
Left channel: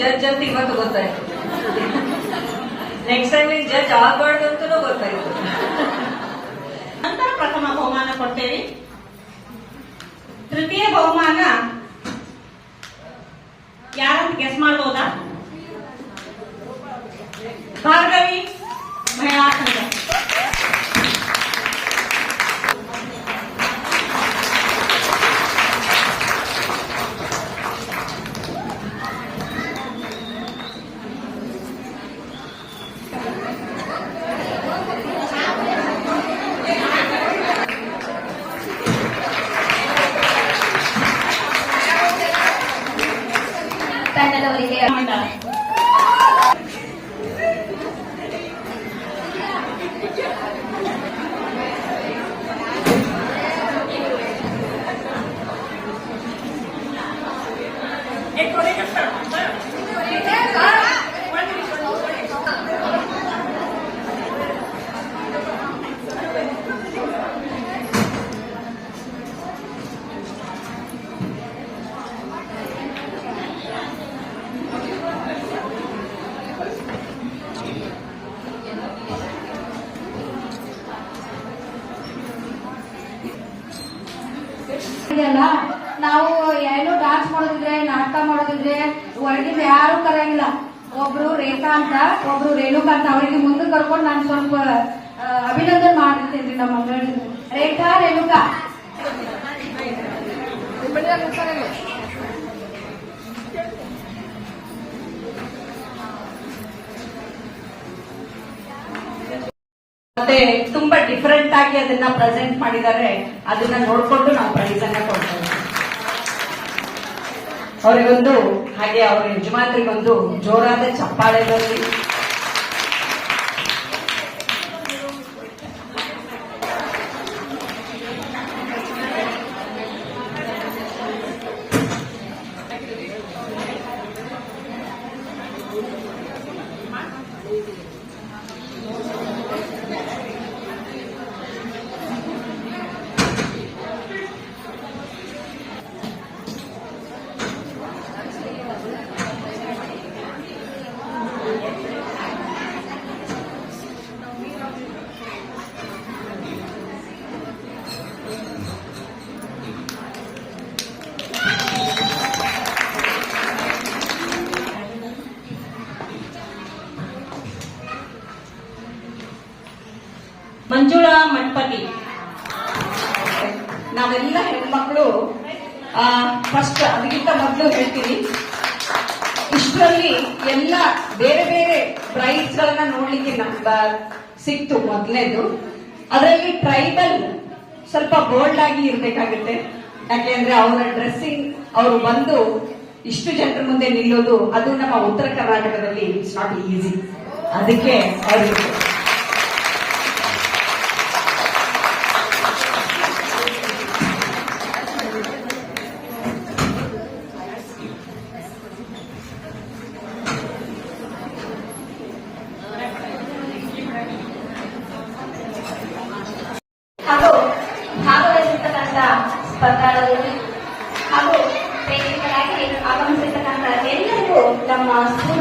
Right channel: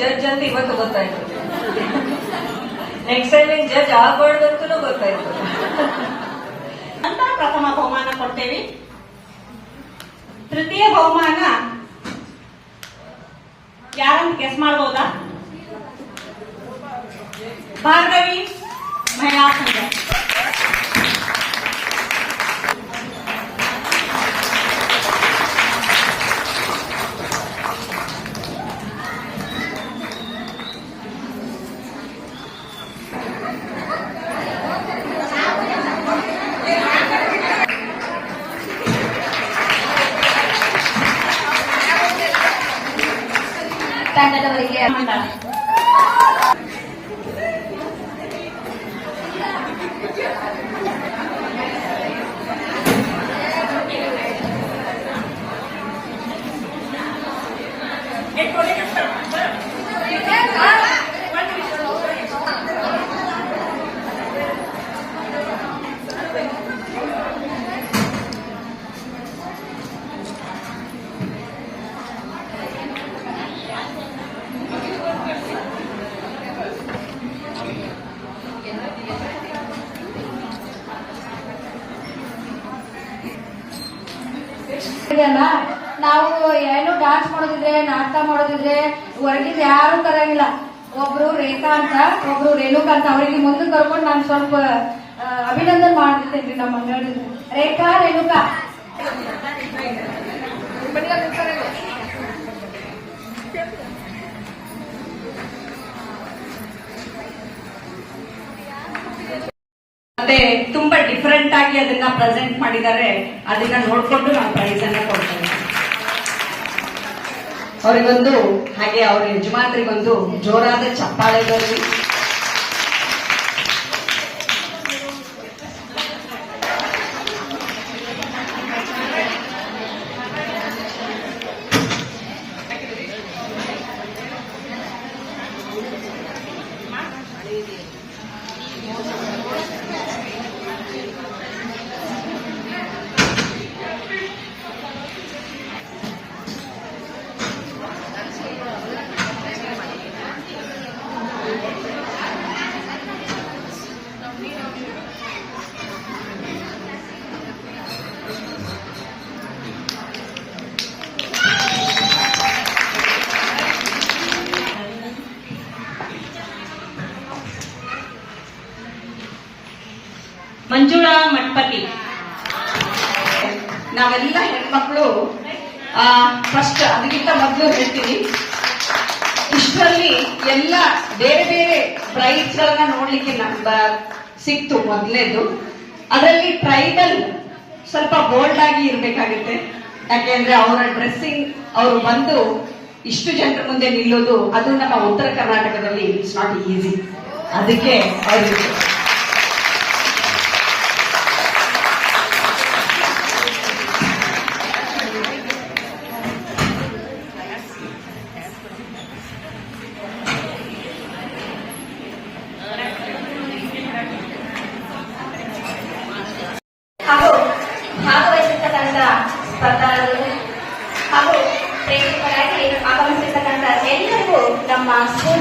ಜಡ್ಜ್ ಅಂತ ಇವತ್ತು ಗೊತ್ತಾಯ್ತು. ನೆಕ್ಸ್ಟ್ ಟೈಮ್ ಜಡ್ಜ್ ಆಗ್ಬಾರ್ದು ಅಂತಲೂ ಗೊತ್ತಾಯ್ತು. ನಂತರ ಪ್ರಥಮ ಬಹುಮಾನ ಕೊಡ್ತೇವೆ. ತೃತೀಯ ಬಹುಮಾನ ಯಾರಂತ ಗೆಸ್ ಮಾಡಬಹುದಾ? ತಂಡದವರಿಗೆ ಮಂಡಳ. ಇದೆಯಲ್ಲ, ನಾವು ಏನು ಡಾನ್ಸ್ ಮಾಡೋದಿದ್ರೆ ನಾಟಕ ಮಾಡೋದಿದ್ರೆ ಹೊರಗಿಂದ ಯಾರು ಕರಂಗಿಲ್ಲ. ಒಬ್ರು ರೇಖಾ ಅಂತ, ಒಬ್ರು ರೇಣುಕಾ ಅಂತ, ಅವರಿಗೆ ಮುಂದೆ ಕರ್ಕೊಂಡು ನಾನು ಸ್ವಲ್ಪ ಅಭಿನಂದನೆ ಮಾಡ್ತೀನಿ ನಮ್ಮ ಮಂಗಳೂರಿನ ರೇಖಾ ರೇಣುಕಾ. ಮತ್ತೆ ತುಂಬಾ ಡಿಫರೆಂಟ್ ಆಗಿ ಅದನ್ನ ಪ್ರೆಸೆಂಟ್ ಮಾಡಿದ್ದಾರೆ. ಅದನ್ನ ನೋಡ್ಕೊಂಡು ನಾವು ಪ್ರೈಸ್ ಅನ್ನ ಕೊಡ್ತೇವೆ ಅವರಿಗೊಂದು. ಹಾಗೆ ಅವರ ಯಜಮಾನರಿಗೊಂದು ಜೋರಾದ ಚಪ್ಪಾಳೆ ಬರಲಿ. ಮಂಜುಳಾ ಮಠಪತಿ. ನಾವೆಲ್ಲ ಹೆಣ್ಮಕ್ಳು ಫಸ್ಟ್ ಅದಕ್ಕಿಂತ ಮೊದಲು ಹೇಳ್ತೀನಿ, ಇಷ್ಟರಲ್ಲಿ ಎಲ್ಲ ಬೇರೆ ಬೇರೆ ಪ್ರೈಸ್ ಗಳನ್ನ ನೋಡ್ಲಿಕ್ಕೆ ಸಿಕ್ತು. ಮೊದಲನೇದು ಅದರಲ್ಲಿ ಟ್ರೈಬಲ್ ಸ್ವಲ್ಪ ಬೋಲ್ಡ್ ಆಗಿ ಇರ್ಬೇಕಾಗುತ್ತೆ. ಯಾಕೆಂದ್ರೆ ಅವರ ಡ್ರೆಸ್ಸಿಂಗ್, ಅವರು ಬಂದು ಇಷ್ಟು ಜನರ ಮುಂದೆ ನಿಲ್ಲೋದು, ಅದು ನಮ್ಮ ಉತ್ತರ ಕರ್ನಾಟಕದಲ್ಲಿ ಇಟ್ಸ್ ನಾಟ್ ಈಸಿ. ಅದಕ್ಕೆ ಅವ್ರಿಗೆ ಹಾಗೂ ಭಾಗವಹಿಸಿರ್ತಕ್ಕಂಥ ಸ್ಪರ್ಧಾಳುಗಳು ಹಾಗೂ ಪ್ರೇಕ್ಷಕರಾಗಿ ಆಗಮಿಸಿರ್ತಕ್ಕಂಥ ಎಲ್ಲರಿಗೂ ನಮ್ಮ ಸ್ಕೂಲ್